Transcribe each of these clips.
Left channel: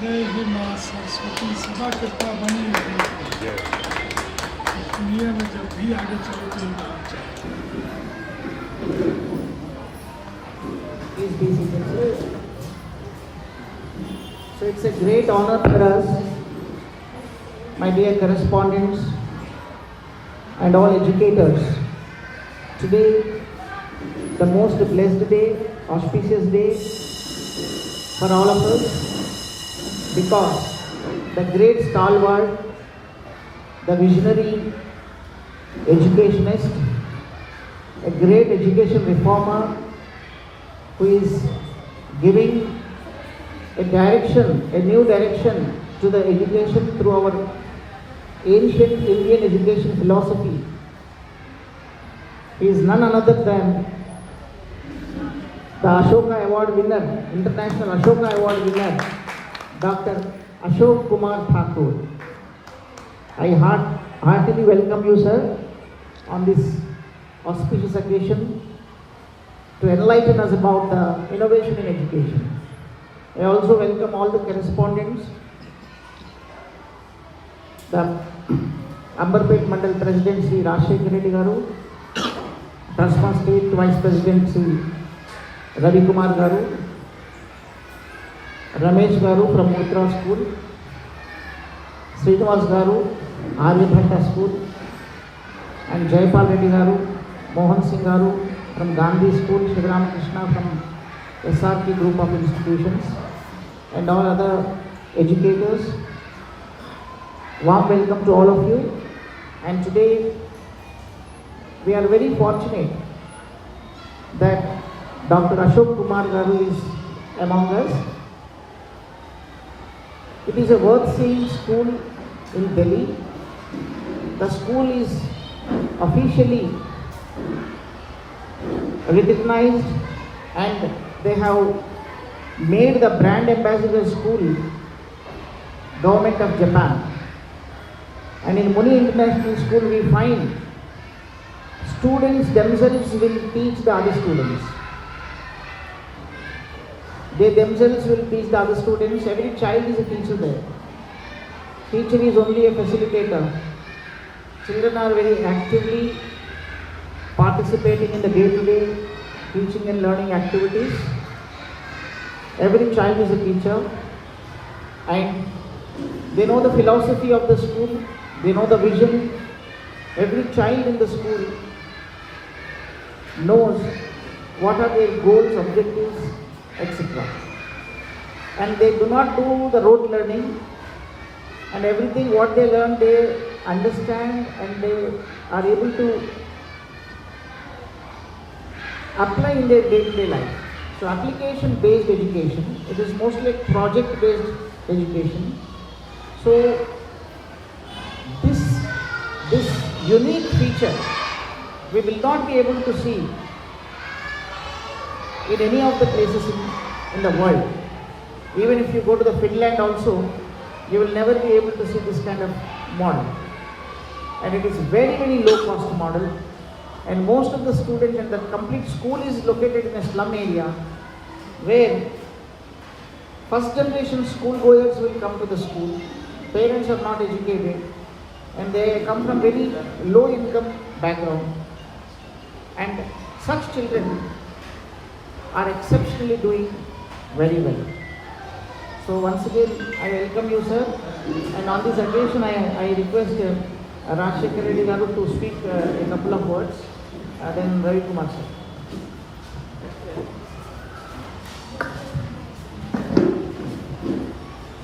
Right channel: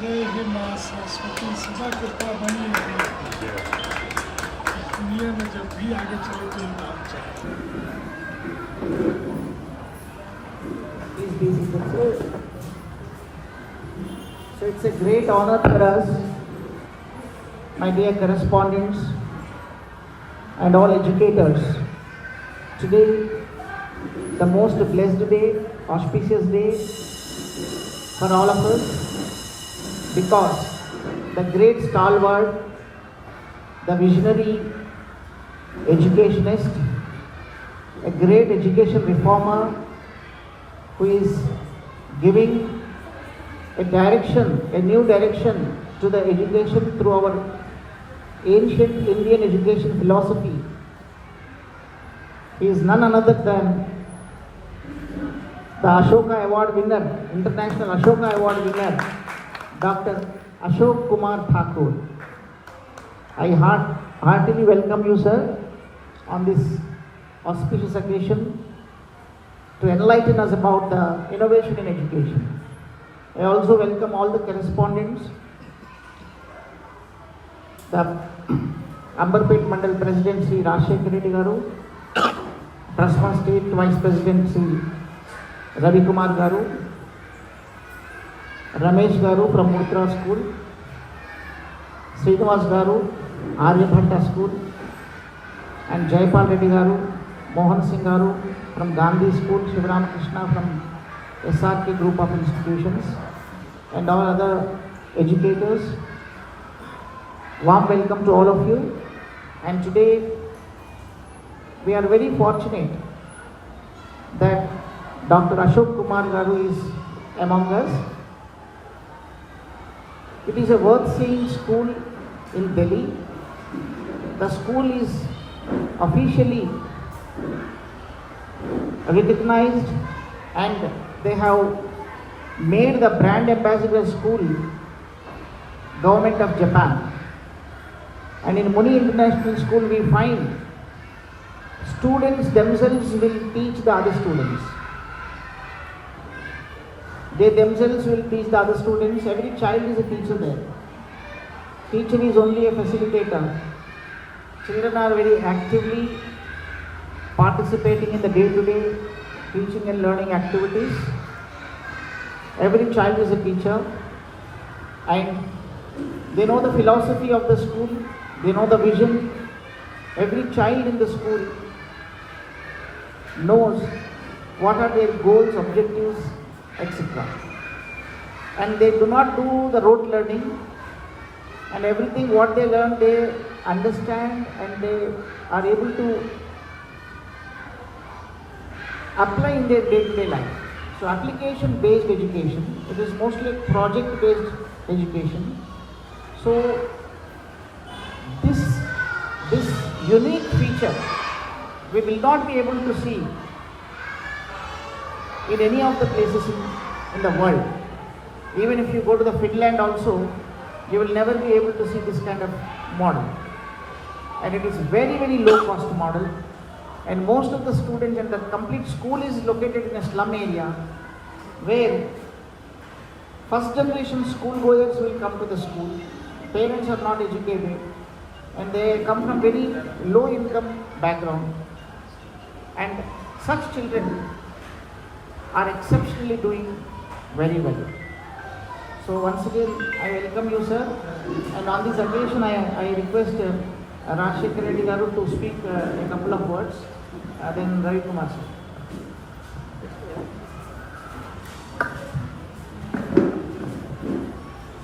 जय हे माँ सरस्वती सदा कृपा बनी रहे। दुनिया में जब भी आगे चले तो ये बात चाहिए। So it's a great honor for us, my dear correspondents and all educators. Today, the most blessed day, auspicious day for all of us, because the great stalwart, the visionary educationist, a great education reformer who is giving a direction, a new direction to the education through our ancient Indian education philosophy. He is none other than the Ashok Award winner, International Ashok Award winner, Dr. Ashok Kumar Thakur. I heartily welcome you, sir, on this auspicious occasion to enlighten us about the innovation in education. I also welcome all the correspondents, the Ambarpet Mandal President Sri Ashok Reddy Garu, Trustman State Vice President Sri Ravi Kumar Garu, Ramesh Garu from Uttara School, Srinivas Garu, R.V. Bhatta School, and Jaypal Reddy Garu, Mohan Singh Garu from Gandhi School, Shivaram Krishna from SRK Group of Institutions, and all other educators. Warm welcome to all of you. And today we are very fortunate that Dr. Ashok Kumar Garu is among us. It is a worth-seeing school in Delhi. The school is officially recognized and they have made the brand ambassador school government of Japan. And in Muni International School we find students themselves will teach the other students. They themselves will teach the other students. Every child is a teacher there. Teacher is only a facilitator. Children are very actively participating in the day-to-day teaching and learning activities. Every child is a teacher and they know the philosophy of the school, they know the vision. Every child in the school knows what are their goals, objectives, etc. And they do not do the rote learning, and everything what they learn they understand and they are able to apply in their day-to-day life. So application-based education, it is mostly project-based education. So this unique feature we will not be able to see in any of the places in the world. Even if you go to the Finland also, you will never be able to see this kind of model. And it is very, very low cost model. And most of the students and the complete school is located in a slum area where first generation school goers will come to the school. Parents are not educated and they come from very low income background. And such children are exceptionally doing very well. So once again, I welcome you, sir. And on this occasion, I request Ashok Reddy Garu to speak a couple of words. Then Ravi Kumar, sir.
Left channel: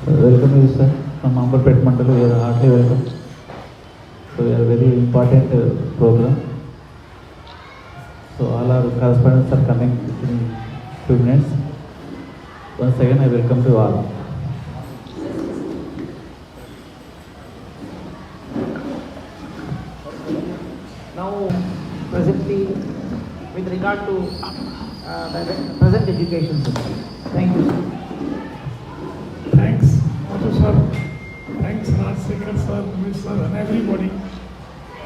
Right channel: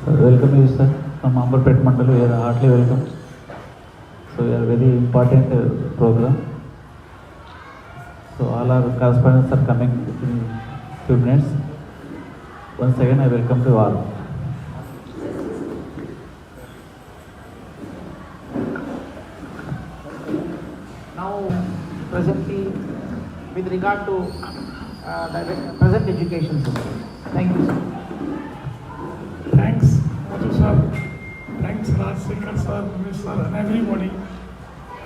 Welcome you, sir. From Ambarpet Mandal, you are heartily welcome. So we are a very important program. So all our correspondents are coming in few minutes. Once again, I welcome you all. Now, presently, with regard to the present education system. Thank you, sir. Thanks, Madhu sir. Thanks, Rajsekhar sir, Ms. sir, and everybody,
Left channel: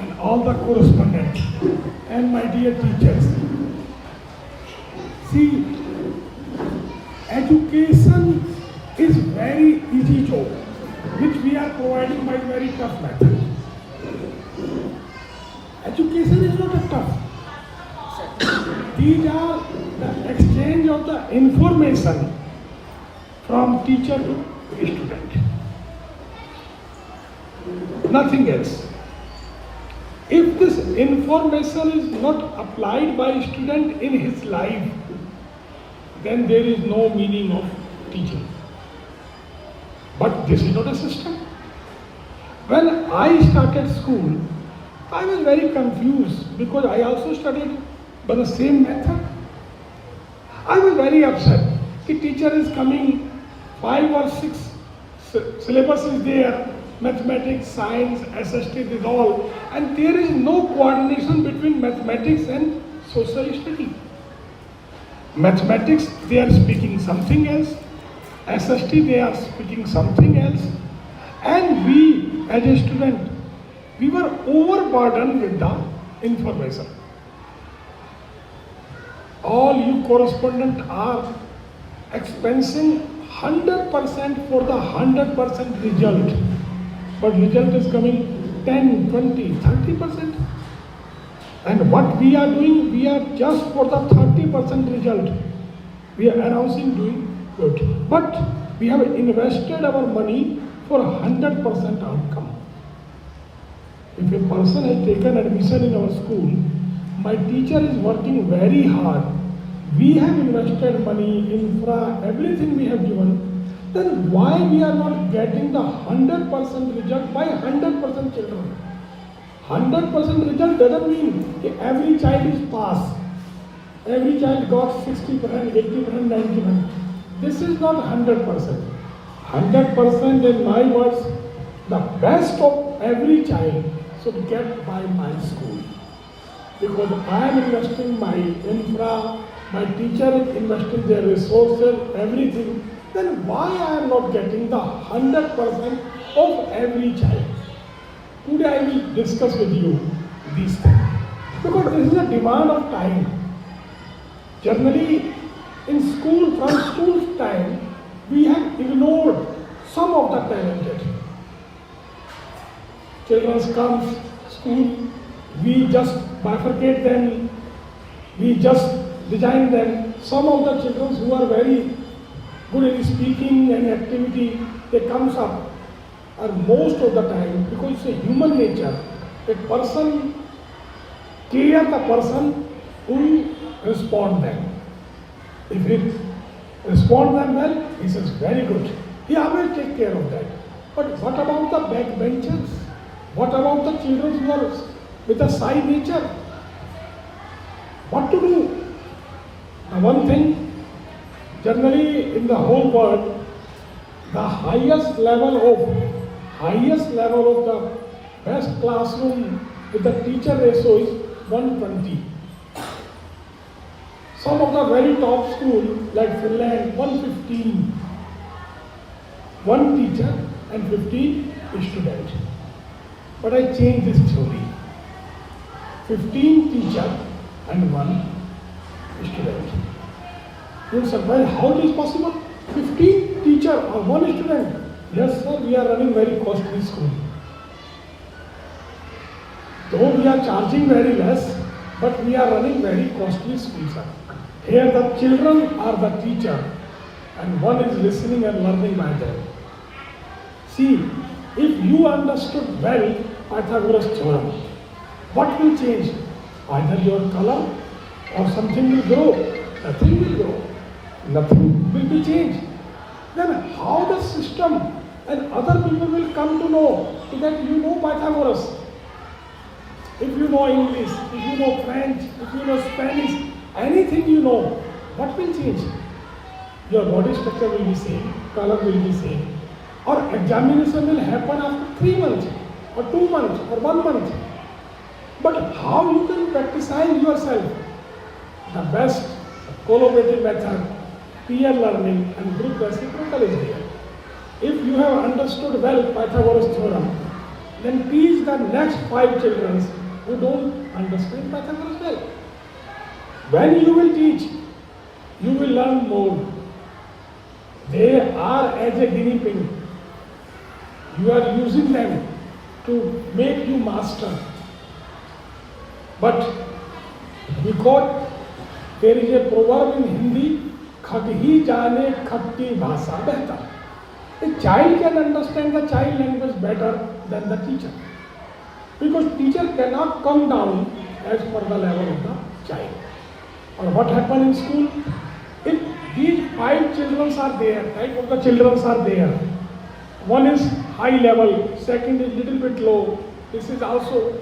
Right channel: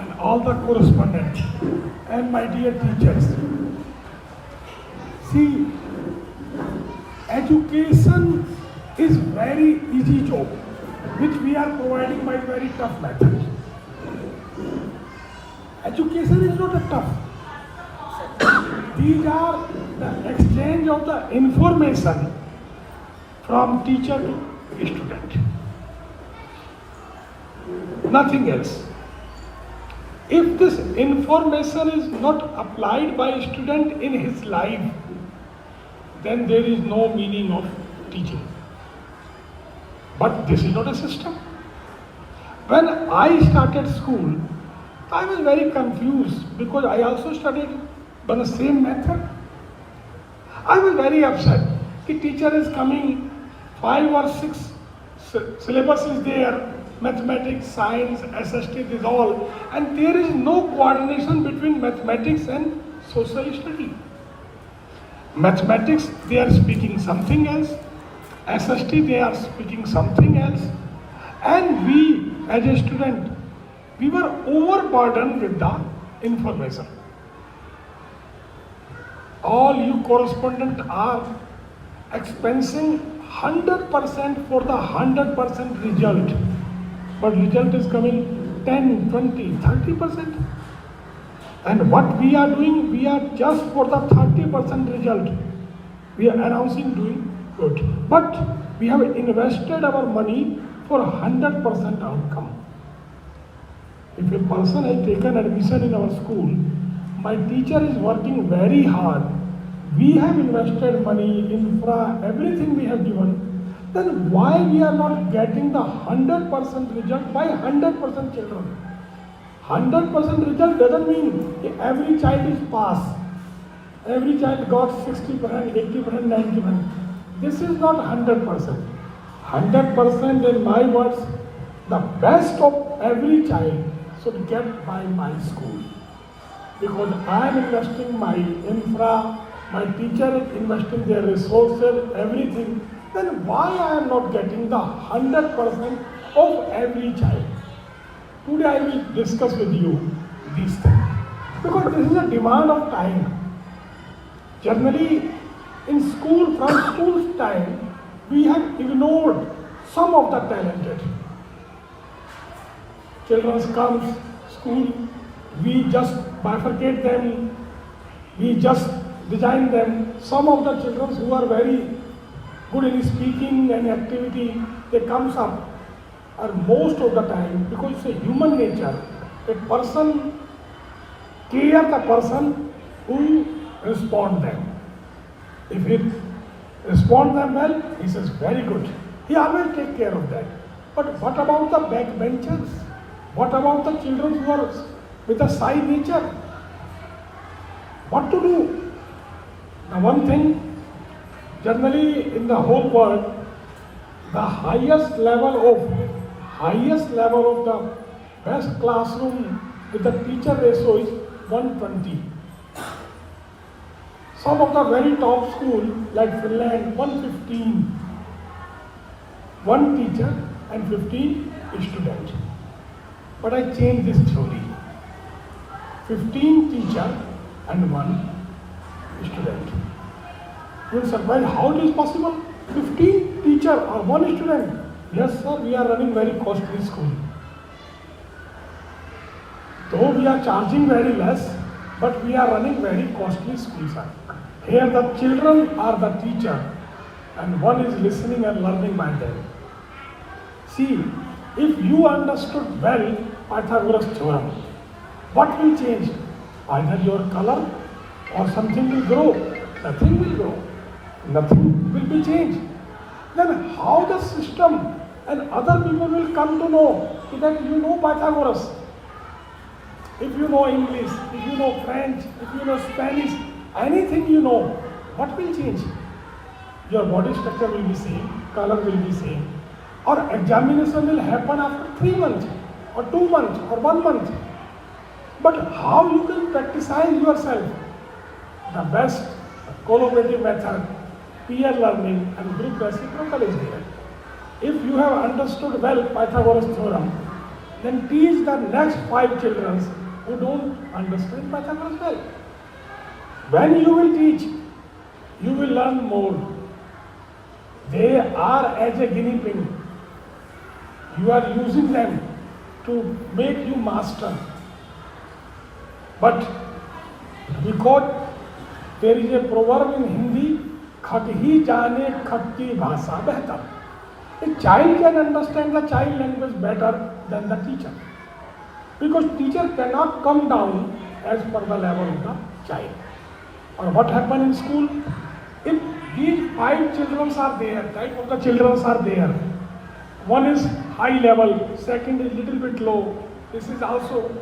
and all the correspondents, and my dear teachers. See, education is very easy job, which we are providing by very tough method. Education is not a tough. These are the exchange of the information from teacher to student. Nothing else. If this information is not applied by a student in his life, then there is no meaning of teaching. But this is not a system. When I started school, I was very confused because I also studied by the same method. I was very upset. The teacher is coming, 5 or 6 syllabus is there, mathematics, science, SST, is all, and there is no coordination between mathematics and social study. Mathematics, they are speaking something else. SST, they are speaking something else. And we, as a student, we were overburdened with the information. All you correspondents are expensing 100% for the 100% result. But result is coming 10, 20, 30%. And what we are doing, we are just for the 30% result. We are announcing doing good. But we have invested our money for 100% outcome. If a person has taken admission in our school, my teacher is working very hard. We have invested money, infra, everything we have given. Then why we are not getting the 100% result by 100% children? 100% result doesn't mean every child is pass. Every child got 60%, 80%, 90%. This is not 100%. 100% in my words, the best of every child should get by my school. Because I am investing my infra, my teacher is investing their resources, everything. Then why I am not getting the 100% of every child? Today I will discuss with you these things. Because this is a demand of time. Generally, in school, from school time, we have ignored some of the talented. Children come school, we just bifurcate them, we just design them. Some of the children who are very good in speaking and activity, they comes up. And most of the time, because it's a human nature, a person care the person who respond them. If he respond them well, he says very good. He always take care of that. But what about the backbenchers? What about the children who are with a shy nature? What to do? The one thing, generally in the whole world, the highest level of the best classroom with the teacher ratio is 120. Some of the very top school like Finland, 115. One teacher and 15 students. But I changed this theory. 15 teacher and 1 student. You say, well, how it is possible? 15 teacher or 1 student? Yes, sir, we are running very costly school. Though we are charging very less, but we are running very costly school, sir. Here the children are the teacher and one is listening and learning by them. See, if you understood well Pythagoras theorem, what will change? Either your color or something will grow. Nothing will grow. Nothing will be changed. Then how the system and other people will come to know that you know Pythagoras? If you know English, if you know French, if you know Spanish, anything you know, what will change? Your body structure will be same, color will be same. Or examination will happen after 3 months, or 2 months, or 1 month. But how you can practice yourself? The best collaborative method, peer learning and group reciprocal is there. If you have understood well Pythagoras theorem, then teach the next 5 children who don't understand Pythagoras well. When you will teach, you will learn more. They are as a guinea pig. You are using them to make you master. But because there is a proverb in Hindi, खग ही जाने खग की भाषा बेहतर. A child can understand the child language better than the teacher. Because teacher cannot come down as per the level of the child. Or what happened in school? If these 5 children are there, type of the children are there. One is high level, second is little bit low. This is also,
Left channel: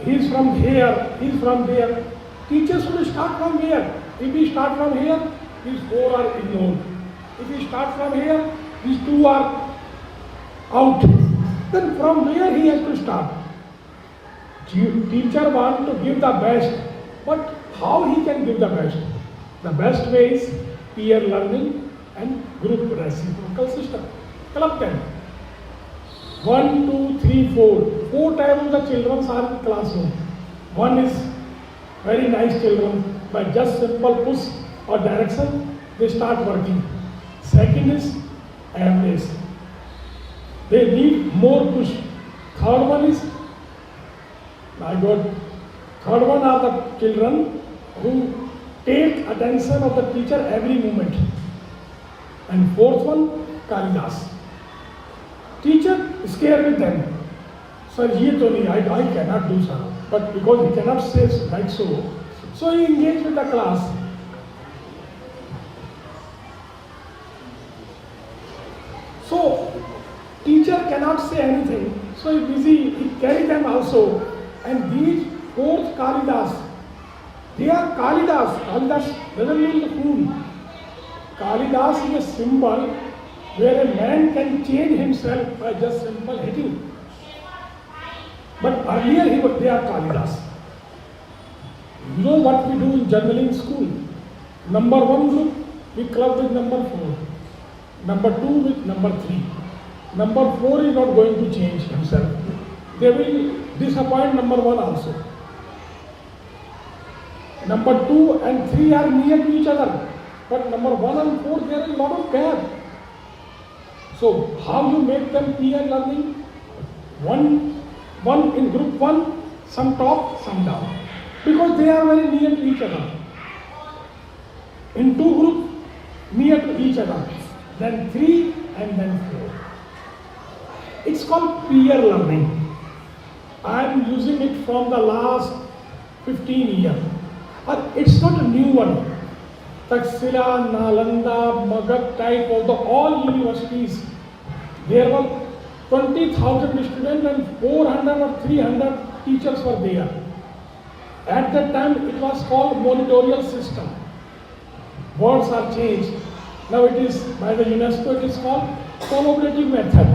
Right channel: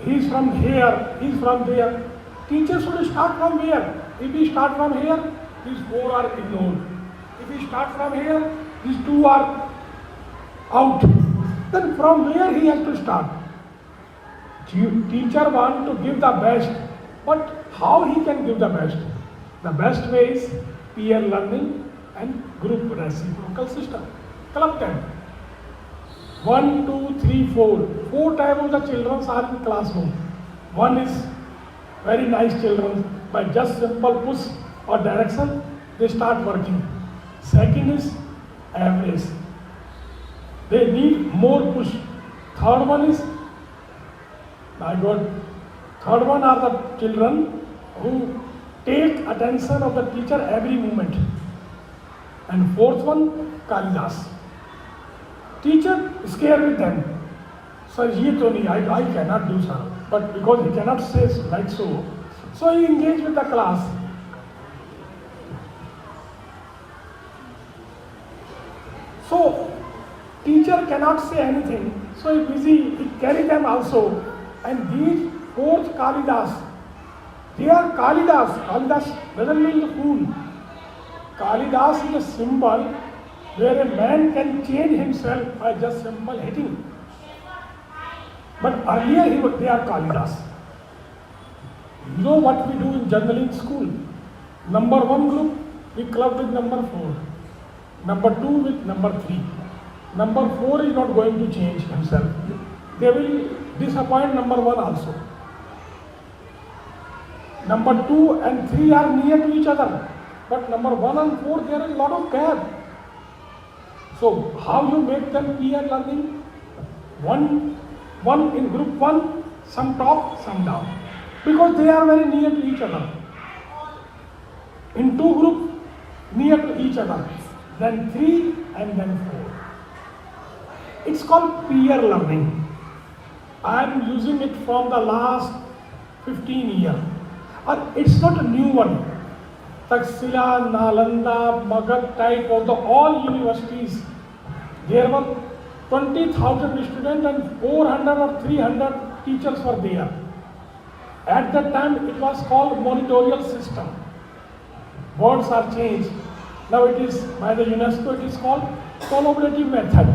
he is from here, he is from there. Teacher should start from here. If he start from here, these 4 are ignored. If he start from here, these 2 are out. Then from where he has to start? Teacher wants to give the best, but how he can give the best? The best way is peer learning and group reciprocal system. Club them. 1, 2, 3, 4. 4 types of the children are in the classroom. One is very nice children, by just simple push or direction, they start working. Second is average. They need more push. Third one is, my God, third one are the children who take attention of the teacher every moment. And fourth one, Kalidas. Teacher scared with them. Sir, ye to nahi, I cannot do sir. But because he cannot say like so he engaged with the class. So teacher cannot say anything. So he busy, he carry them also. And these 4 Kalidas, they are Kalidas. Kalidas doesn't mean fool. Kalidas is a symbol where a man can change himself by just simple hitting. But earlier they are Kalidas. You know what we do generally in school? Number 1 group, we club with number 4. Number 2 with number 3. Number 4 is not going to change himself. They will disappoint number 1 also. Number 2 and 3 are near to each other. But number 1 and 4, there is a lot of gap. So how you make them peer learning? One in group 1, some top, some down. Because they are very near to each other. In 2 groups, near to each other. Then 3 and then 4. It's called peer learning. I am using it from the last 15 years. It's not a new one. Taxila, Nalanda, Magad type of the all universities, there were 20,000 students and 400 or 300 teachers were there. At that time it was called monitorial system. Words are changed. Now it is by the UNESCO, it is called collaborative method,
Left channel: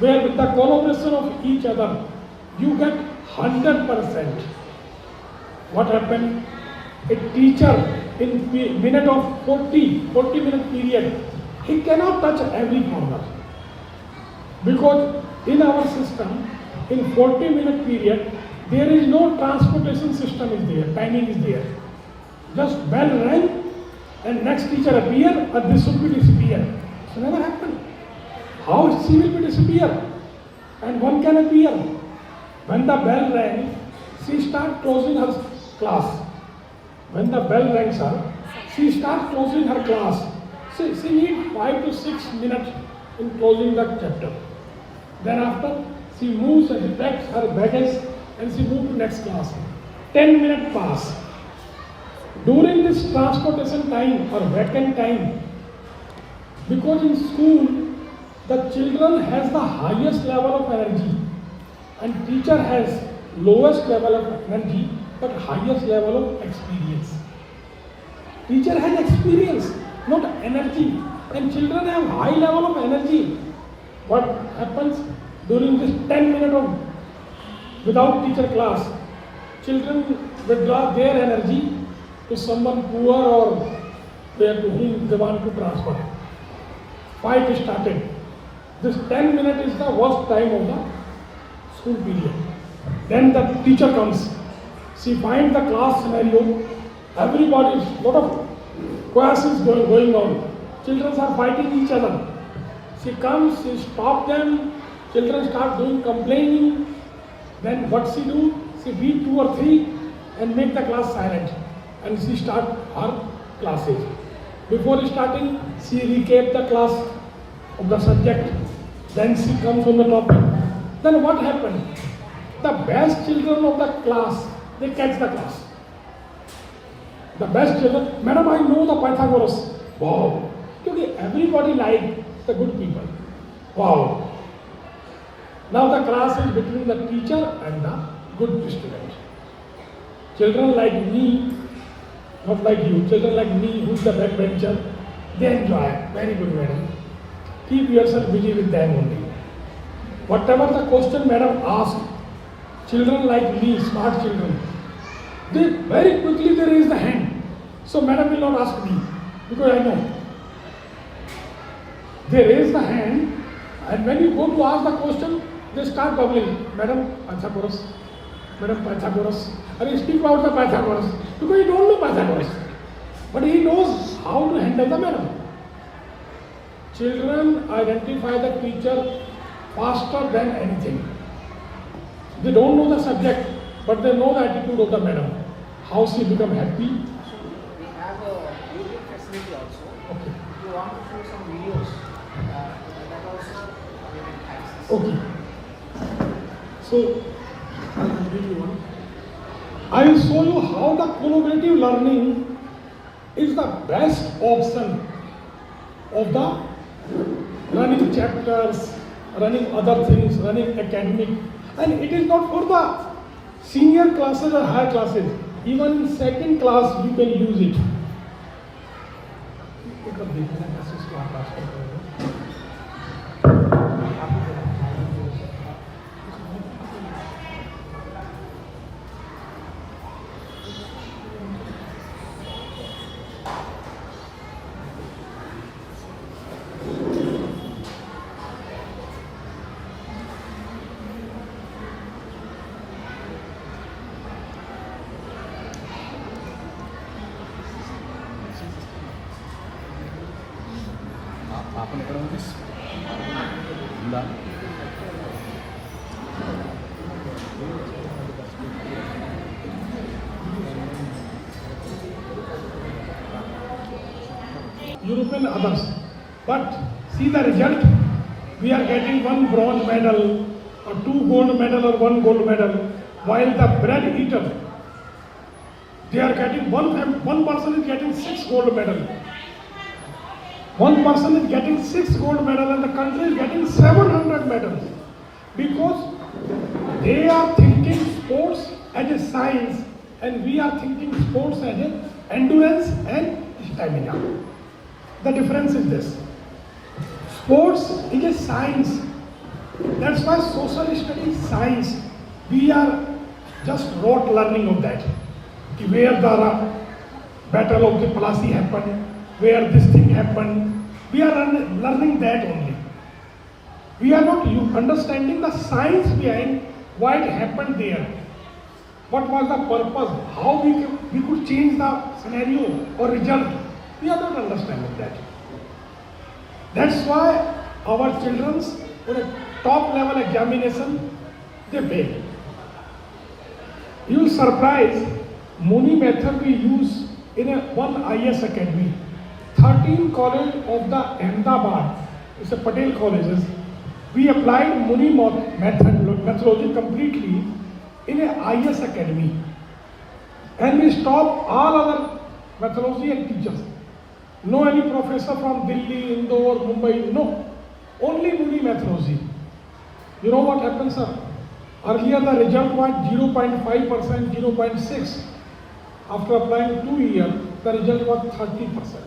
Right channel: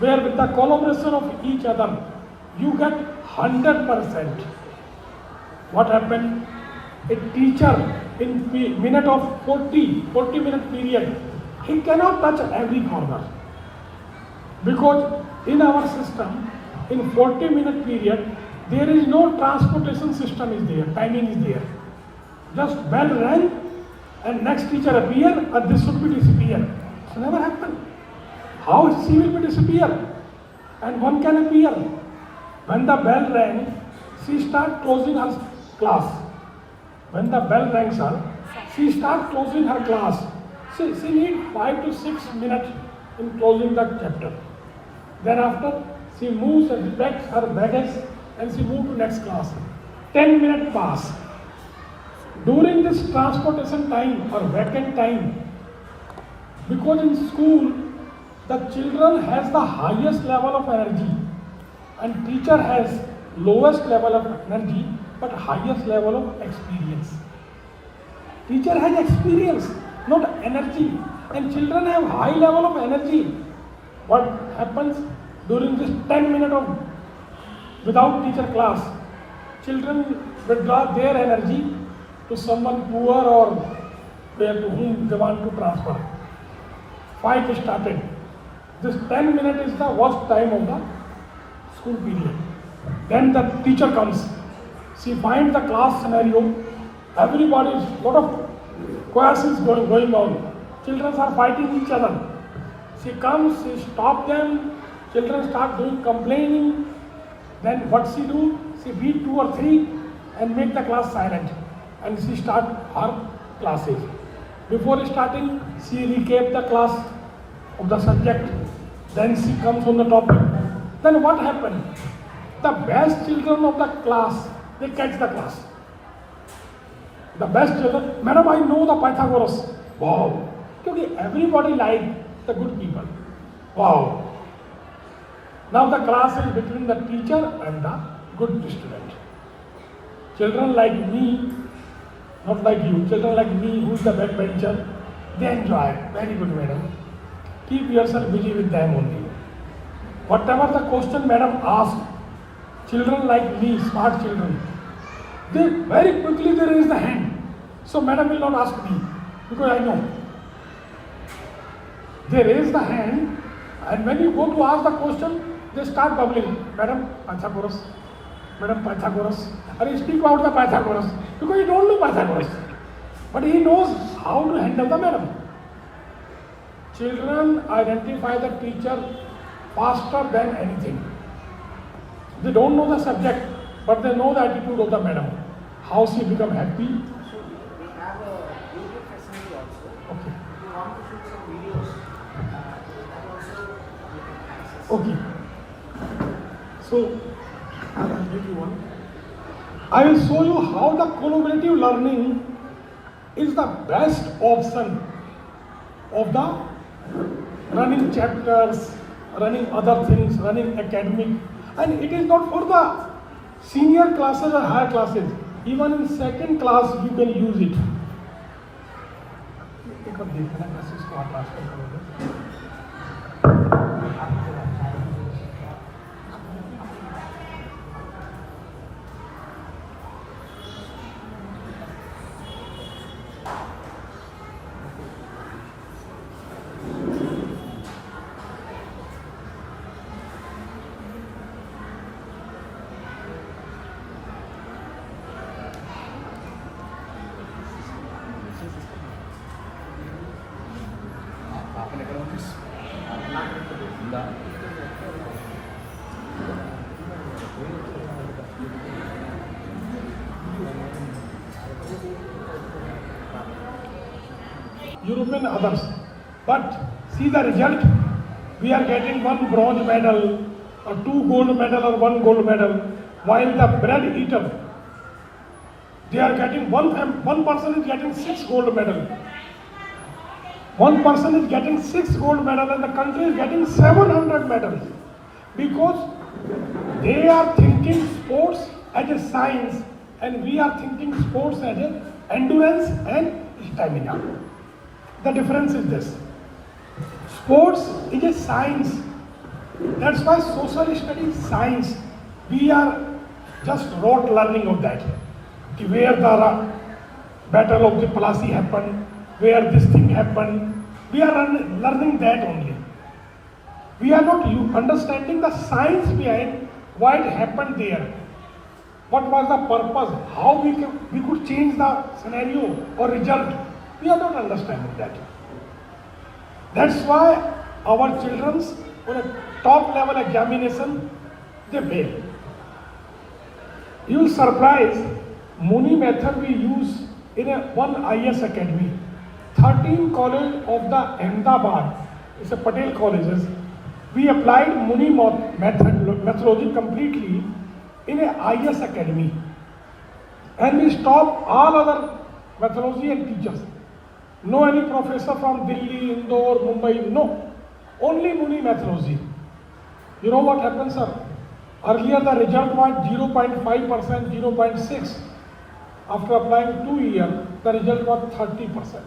where with the collaboration of each other you get 100%. What happened? A teacher in minute of 40 minute period, he cannot touch every corner. Because in our system, in 40 minute period, there is no transportation system is there, timing is there. Just bell rang and next teacher appear and this should be disappear. It's never happened. How she will be disappear? And one can appear. When the bell rang, she start closing her class. When the bell rings her, she start closing her class. She need 5 to 6 minutes in closing the chapter. Then after, she moves and packs her baggage and she moves to next class. 10 minutes pass. During this transportation time or vacant time, because in school, the children has the highest level of energy and teacher has lowest level of energy but highest level of experience. Teacher has experience, not energy, and children have high level of energy. What happens during this 10 minutes of without teacher class? Children withdraw their energy to someone poor or there to whom they want to transfer. Fight started. This 10 minutes is the worst time of the school period. Then the teacher comes. She finds the class scenario. Everybody is lot of classes going on. children are fighting each other. She comes, she stop them, children start doing complaining. Then what she do? She beat 2 or 3 and make the class silent. And she start her classes. Before starting, she recap the class of the subject. Then she comes on the topic. Then what happened? The best children of the class, they catch the class. The best children, Madam, I know the Pythagoras. Wow. Because everybody liked the good people. Wow. Now the class is between the teacher and the good student. Children like me, not like you, children like me, who's the backbencher, they enjoy. Very good, madam. Keep yourself busy with them only. Whatever the question madam asks, children like me, smart children, they very quickly they raise the hand. So madam will not ask me, because I know. They raise the hand, and when you go to ask the question, they start bubbling. Madam, Pythagoras. Madam, Pythagoras. And he speak out the Pythagoras. Because he don't know Pythagoras. But he knows how to handle the madam. Children identify the teacher faster than anything. They don't know the subject, but they know the attitude of the madam. How she become happy. We have a YouTube facility also. Okay. If you want to shoot some videos, that also you can access. Okay. So, I'll give you one. I will show you how the collaborative learning is the best option of the running chapters, running other things, running academic. And it is not for the senior classes or higher classes. Even in second class, you can use it. European others. But see the result. We are getting 1 bronze medal or 2 gold medal or 1 gold medal, while the bread eater, they are getting one person is getting 6 gold medal. One person is getting 6 gold medal and the country is getting 700 medals. Because they are thinking sports as a science and we are thinking sports as a endurance and stamina. The difference is this. Sports is a science. That's why social studies is science. We are just rote learning of that. Where the battle of the Plassey happened, where this thing happened. We are learning that only. We are not understanding the science behind why it happened there. What was the purpose? How we could change the scenario or result. We are not understanding that. That's why our children on a top level examination, they fail. You will surprise, Muni method we use in one IS academy. 13 college of the Ahmedabad, it's a Patel colleges, we applied Muni methodology completely in a IS academy. And we stopped all other methodology and teachers. No any professor from Delhi, Indore, Mumbai, no. Only Muni methodology. You know what happens, sir? Earlier the result was 0.5%, 0.6. After applying 2 years, the result was 30%.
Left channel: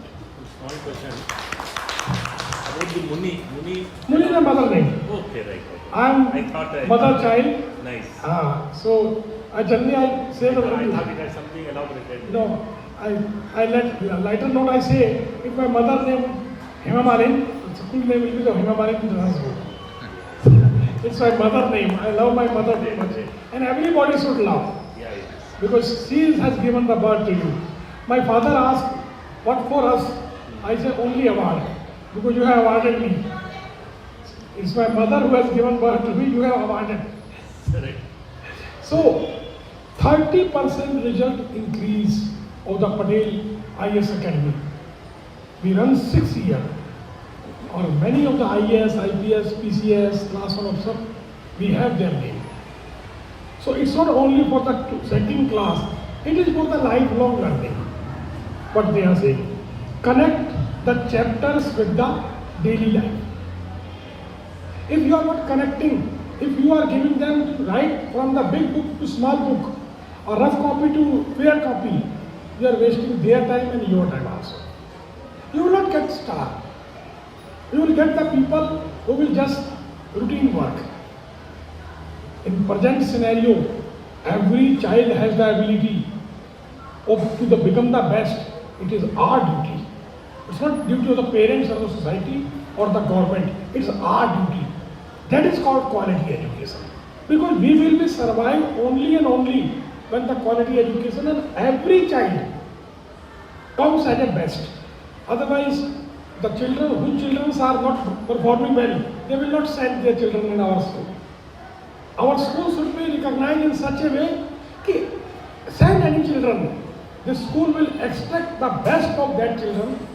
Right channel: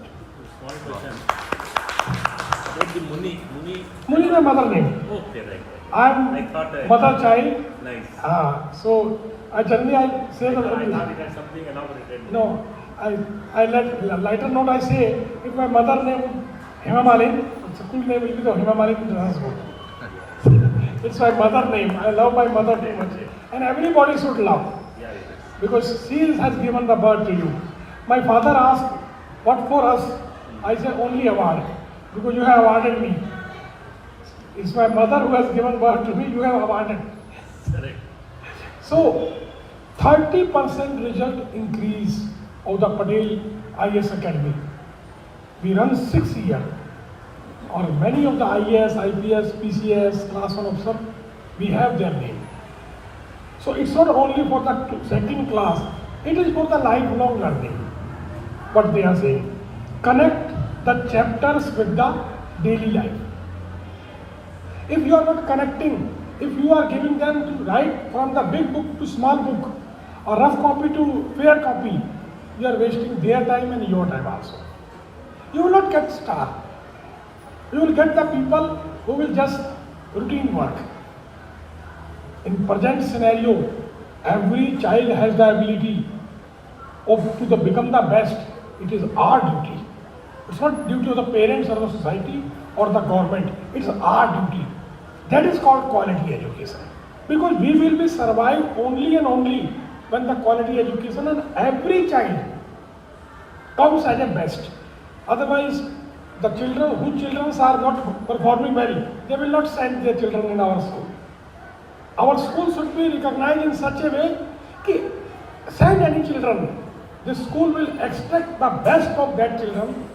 Muni is my mother name. Okay, right. I am mother child. Nice. So generally I say I that. thought it had something elaborated. No, I let lighter note I say, if my mother name Hema Malin, full name will be the Hema Malin. It's my mother name. I love my mother name. And everybody should love. Yeah, it is. Because she has given the birth to you. My father asked, what for us? I say only award, because you have awarded me. It's my mother who has given birth to me, you have awarded. Correct. So, 30% result increase of the Patel IAS Academy. We run 6 years. Or many of the IAS, IPS, PCS, last one of some, we have their name. So it's not only for the second class, it is for the lifelong learning. What they are saying. Connect the chapters with the daily life. If you are not connecting, if you are giving them to write from the big book to small book, or rough copy to fair copy, you are wasting their time and your time also. You will not get star. You will get the people who will just routine work. In present scenario, every child has the ability to become the best. It is our duty. It's not duty of the parents or the society or the government. It's our duty. That is called quality education. Because we will be survive only and only when the quality education and every child comes as a best. Otherwise, the children whose children are not performing well, they will not send their children in our school. Our school should be recognized in such a way that send any children. The school will extract the best of that children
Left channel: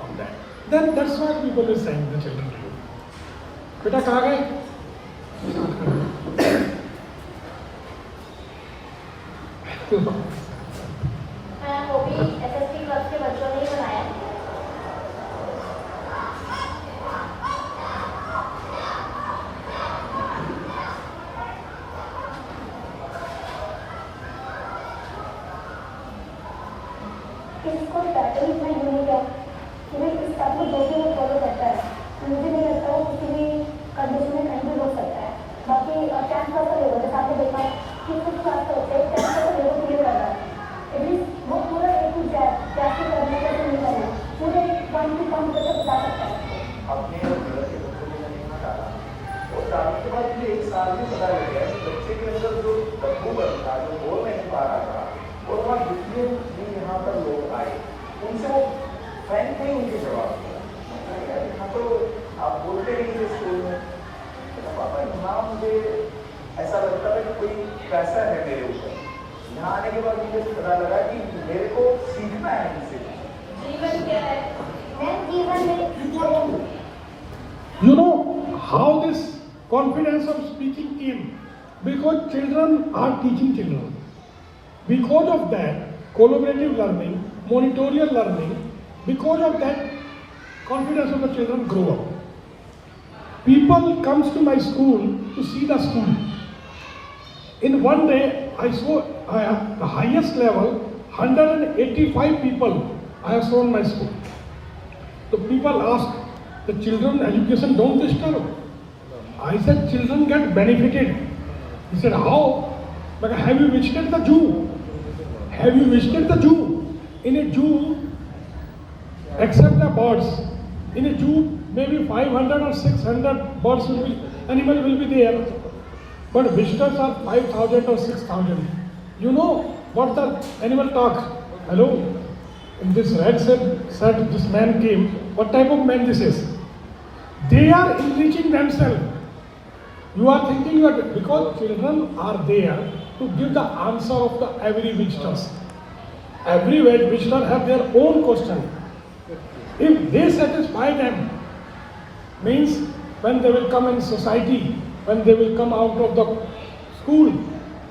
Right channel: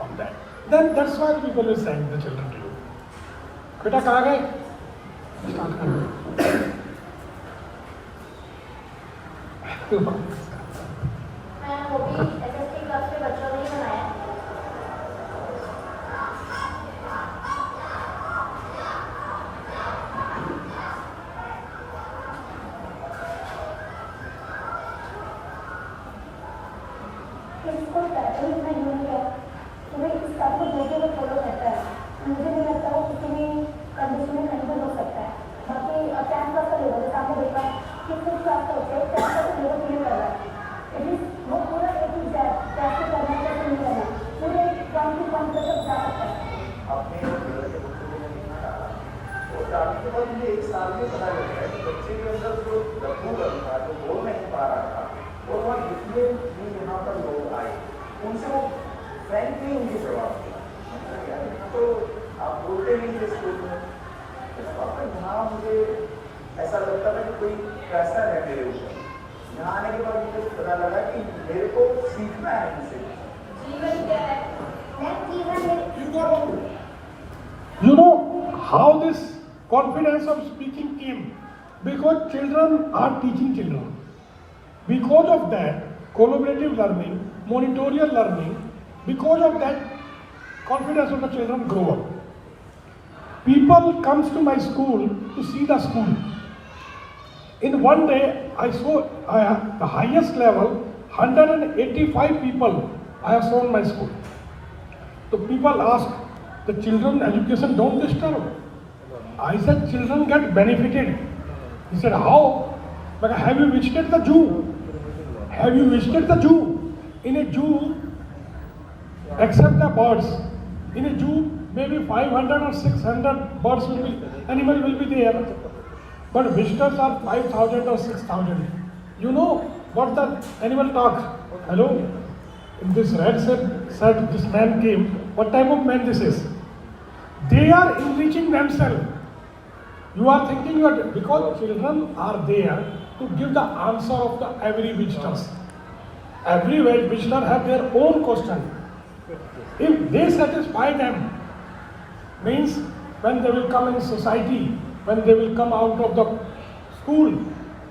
on that. Then that's why people will send the children to you. बेटा कहाँ गए? वो भी SST club के बच्चों ने ही बनाया। इसको पैटर्न इतना यूनिक है कि भाई इस आपको दूसरे को फॉलो करता है। मुझे नहीं लगता वो किसी भी कंडीशन में कहीं भी हो सकता है। बाकी 10 क्लास का लेवल जैसे आपने देखा कि कुछ क्लास होते हैं 10 क्लास का लेवल क्लियर कर रहा है। एटलीस्ट वो पूरा ए टू जेड कैसे करना कैसे नहीं करना पूरे 1 to 1 तक बता सकता है। अपने और लेवल के बच्चों को मैंने यहाँ डाला और डालने के बाद मुझे 1 साल में पता लग गया कि बच्चे के अंदर जो लघुकरण था जो बोल नहीं पा रहा था और वहाँ जितने भी यहाँ पर लोग आए उनसे वो फ्रेंक नहीं उनके जवाब दिया। यहाँ तो आप बोलते नहीं थे स्कूल में तो पापा यहाँ मुझे ऐसा लगता था कि कोई प्रेशर है मेरे ऊपर। यहाँ आने के बाद मुझे पता लगा कि मेरे को सीखना है इनसे। जीवन क्या है? मैं जीवन में You know how this confidence of speaking came? Because children are teaching children. Because of that, collaborative learning, monitorial learning, because of that, confidence of the children grow up. People comes to my school to see the school. In one day, I saw the highest level, 185 people I have shown my school. So people ask, the children education don't disturb. I said, children get benefited. He said, how? But have you visited the zoo? Have you visited the zoo? In a zoo, except the birds, in a zoo, maybe 500 or 600 birds will be, animal will be there. But visitors are 5,000 or 6,000. You know what the animal talk? Hello? This rat said this man came. What type of man this is? They are enriching themselves. You are thinking because children are there to give the answer of the every visitors. Every visitor have their own question. If they satisfy them, means when they will come in society, when they will come out of the school,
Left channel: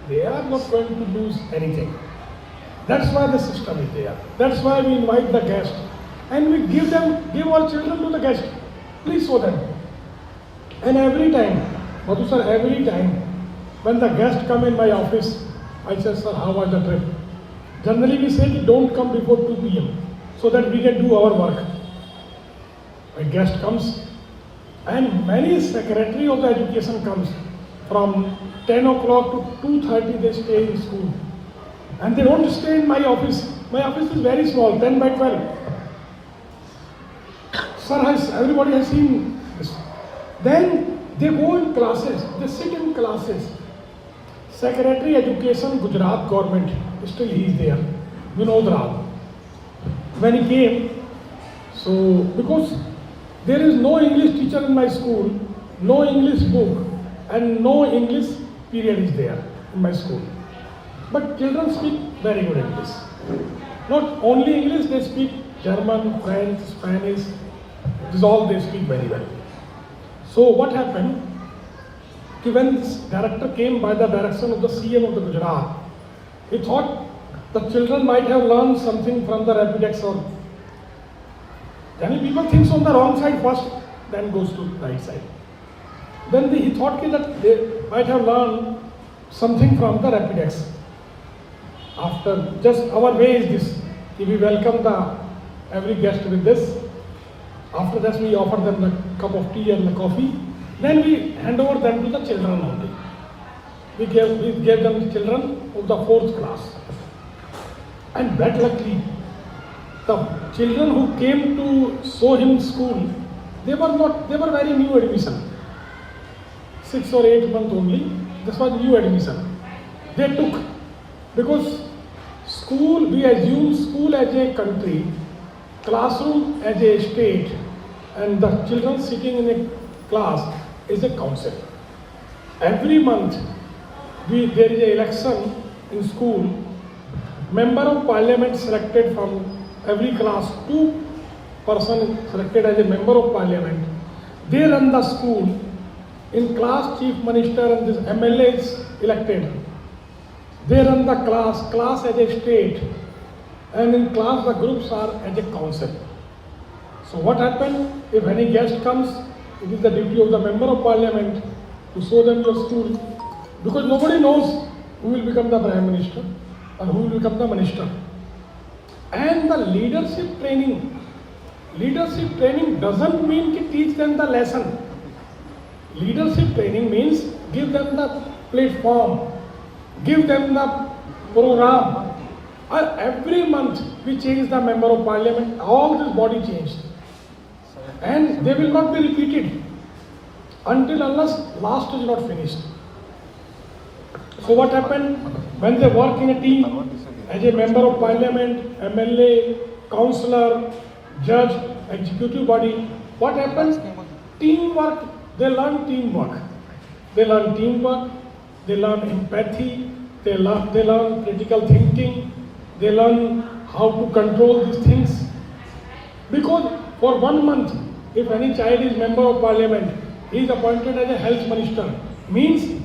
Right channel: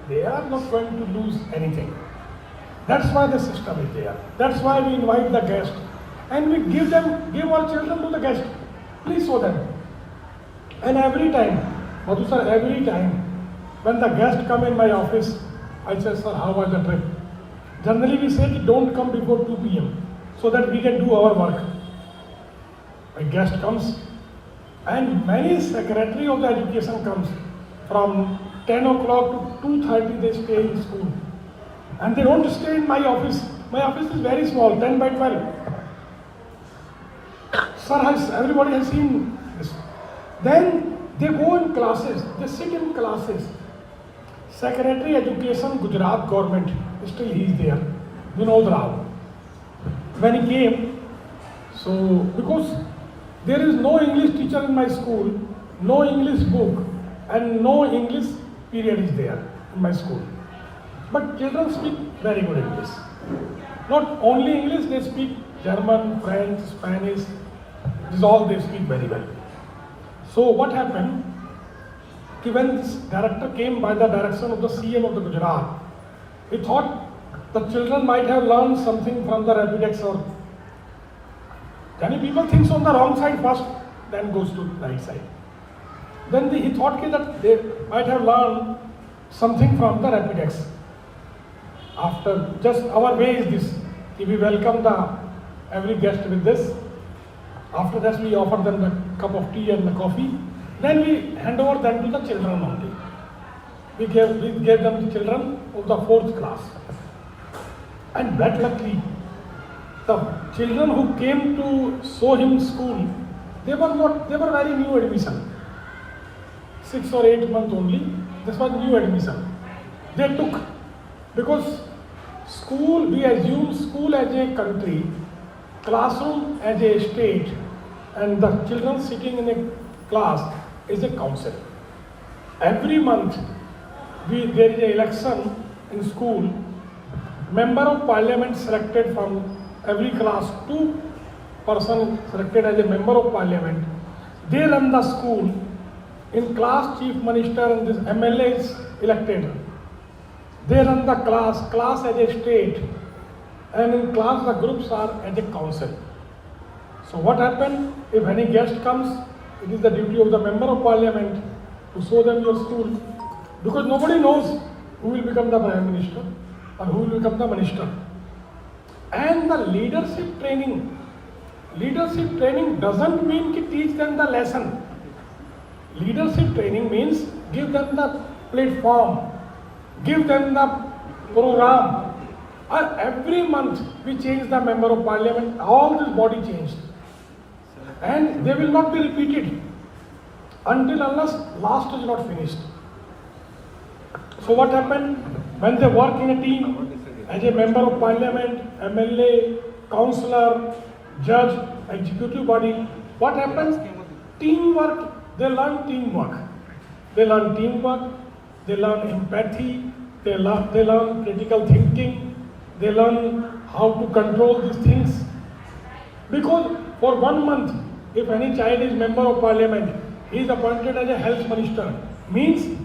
they are not going to lose anything. That's why the system is there. That's why we invite the guest. And we give our children to the guest. Please show them. And every time, Madhu sir, every time, when the guest come in my office, I say, sir, how was the trip? Generally we say, don't come before 2 p.m. so that we can do our work. A guest comes, and many secretary of the education comes from 10 o'clock to 2:30 they stay in school. And they don't stay in my office. My office is very small, 10 by 12. Sir, everybody has seen this. Then they go in classes, they sit in classes. Secretary Education, Gujarat government, still he is there, Vinod Rao. When he came, So, because there is no English teacher in my school, no English book, and no English period is there in my school. But children speak very good English. Not only English, they speak German, French, Spanish. This is all they speak very well. So what happened? When this director came by the direction of the CM of the Gujarat, he thought the children might have learned something from the Rapidex or many people thinks on the wrong side first, then goes to the right side. Then he thought that they might have learned something from the Rapidex. After just our way is this, we welcome every guest with this. After that we offer them the cup of tea and the coffee. Then we hand over them to the children only. We gave them the children of the 4th class. And that luckily, the children who came to show him school, they were very new admission. 6 or 8 months only. This was new admission. They took, because school, we assume school as a country, classroom as a state, and the children sitting in a class is a council. Every month, there is an election in school. Member of Parliament selected from every class, 2 persons selected as a member of Parliament. They run the school. In class, Chief Minister and this MLA is elected. They run the class as a state, and in class the groups are as a council. So what happened? If any guest comes, it is the duty of the member of Parliament to show them your school, because nobody knows who will become the Prime Minister or who will become the Minister. And the leadership training doesn't mean to teach them the lesson. Leadership training means give them the platform, give them the program. And every month we change the member of Parliament, all this body changed. And they will not be repeated until unless last is not finished. So what happened? When they work in a team, as a member of Parliament, MLA, councillor, judge, executive body, what happens? Teamwork. They learn teamwork. They learn teamwork. They learn empathy. They learn critical thinking. They learn how to control these things. Because for 1 month, if any child is member of Parliament, he is appointed as a health minister. Means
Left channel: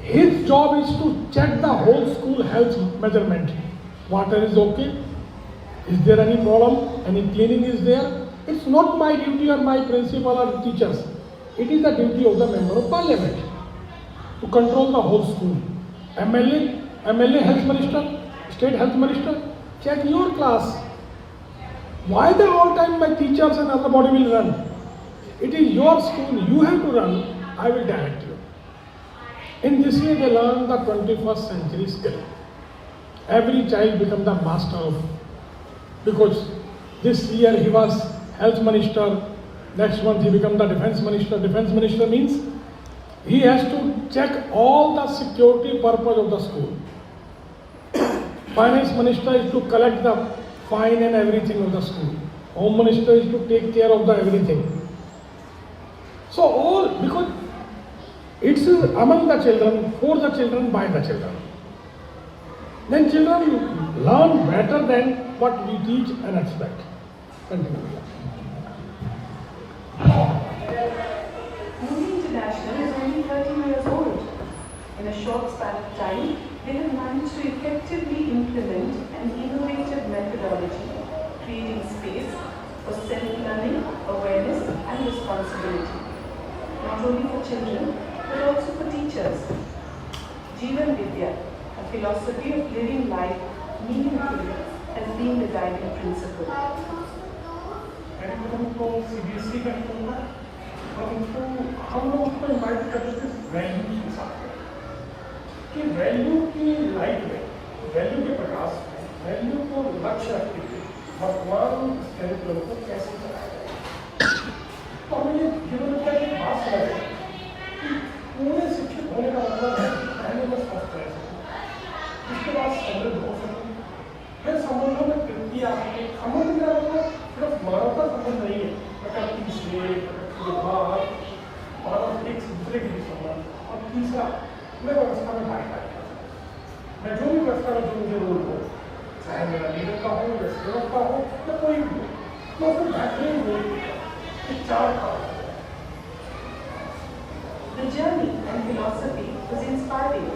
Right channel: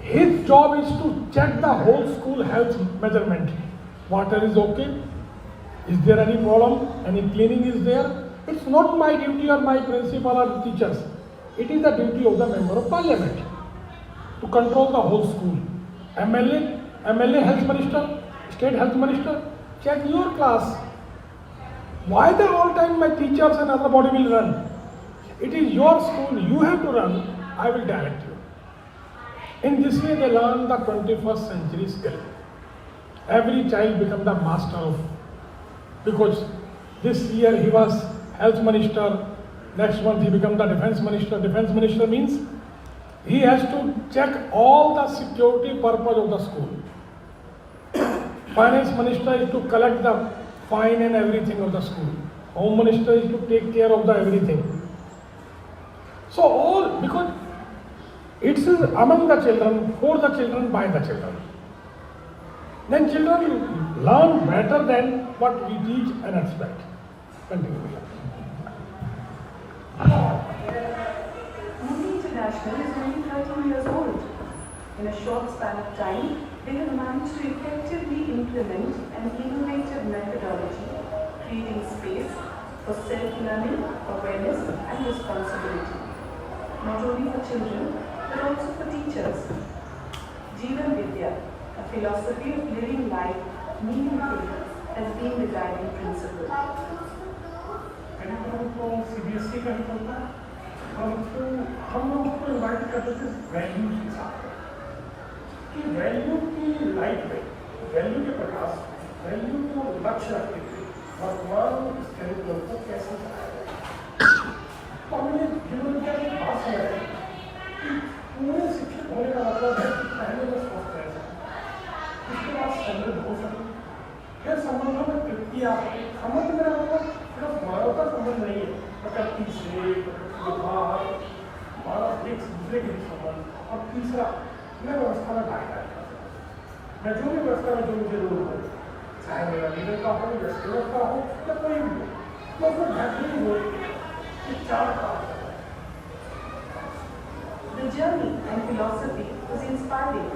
his job is to check the whole school health measurement. Water is okay? Is there any problem? Any cleaning is there? It's not my duty or my principal or teachers. It is the duty of the member of Parliament to control the whole school. MLA health minister, state health minister, check your class. Why the whole time my teachers and other body will run? It is your school, you have to run, I will direct you. In this way they learn the 21st century skill. Every child becomes the master of, because this year he was health minister, next month he becomes the defense minister. Defense minister means he has to check all the security purpose of the school. Finance minister is to collect the fine and everything of the school. Home minister is to take care of the everything. So all, because it's among the children, for the children, by the children. Then children learn better than what we teach and expect. Continue. Muni International is only 13 years old. In a short span of time, they have managed to effectively implement an innovative methodology, creating space for self-learning, awareness and responsibility. Not only for children, but also for teachers. Jeevan Vidya, a philosophy of living life meaningfully, has been the guiding principle. CBSE का ही करना है, हम लोग उसको invite करते the value के साथ कि वैल्यू की लाइट में, वैल्यू के प्रकाश में, वैल्यू को लक्ष्य रखते हुए वर्तमान करिकुलम को कैसे चलाया जाए। तो हमने जीवन का एक बात समझ कि पूरे शिक्षित होने का मतलब है कि पहले मैं स्वस्थ रह सकूँ, उसके बाद समृद्ध हो सकूँ, फिर संबंधों में कृति आ सके। समृद्ध मेरा मतलब सिर्फ मानवता संबंध नहीं है, प्रकृति से, प्रकृति के बाद मानव एक दूसरे के बीच संबंध। और तीसरा, मैं व्यवस्था में भागीदारी करता हूँ। मैं जो भी व्यवस्था में जो मुझे रोल हो, चाहे मेरा लीडर का हो या सेवक का हो या कोई भी हो, मैं उसको बेहतरीन रोल के चार काम करता हूँ। The journey and philosophy was inspiring,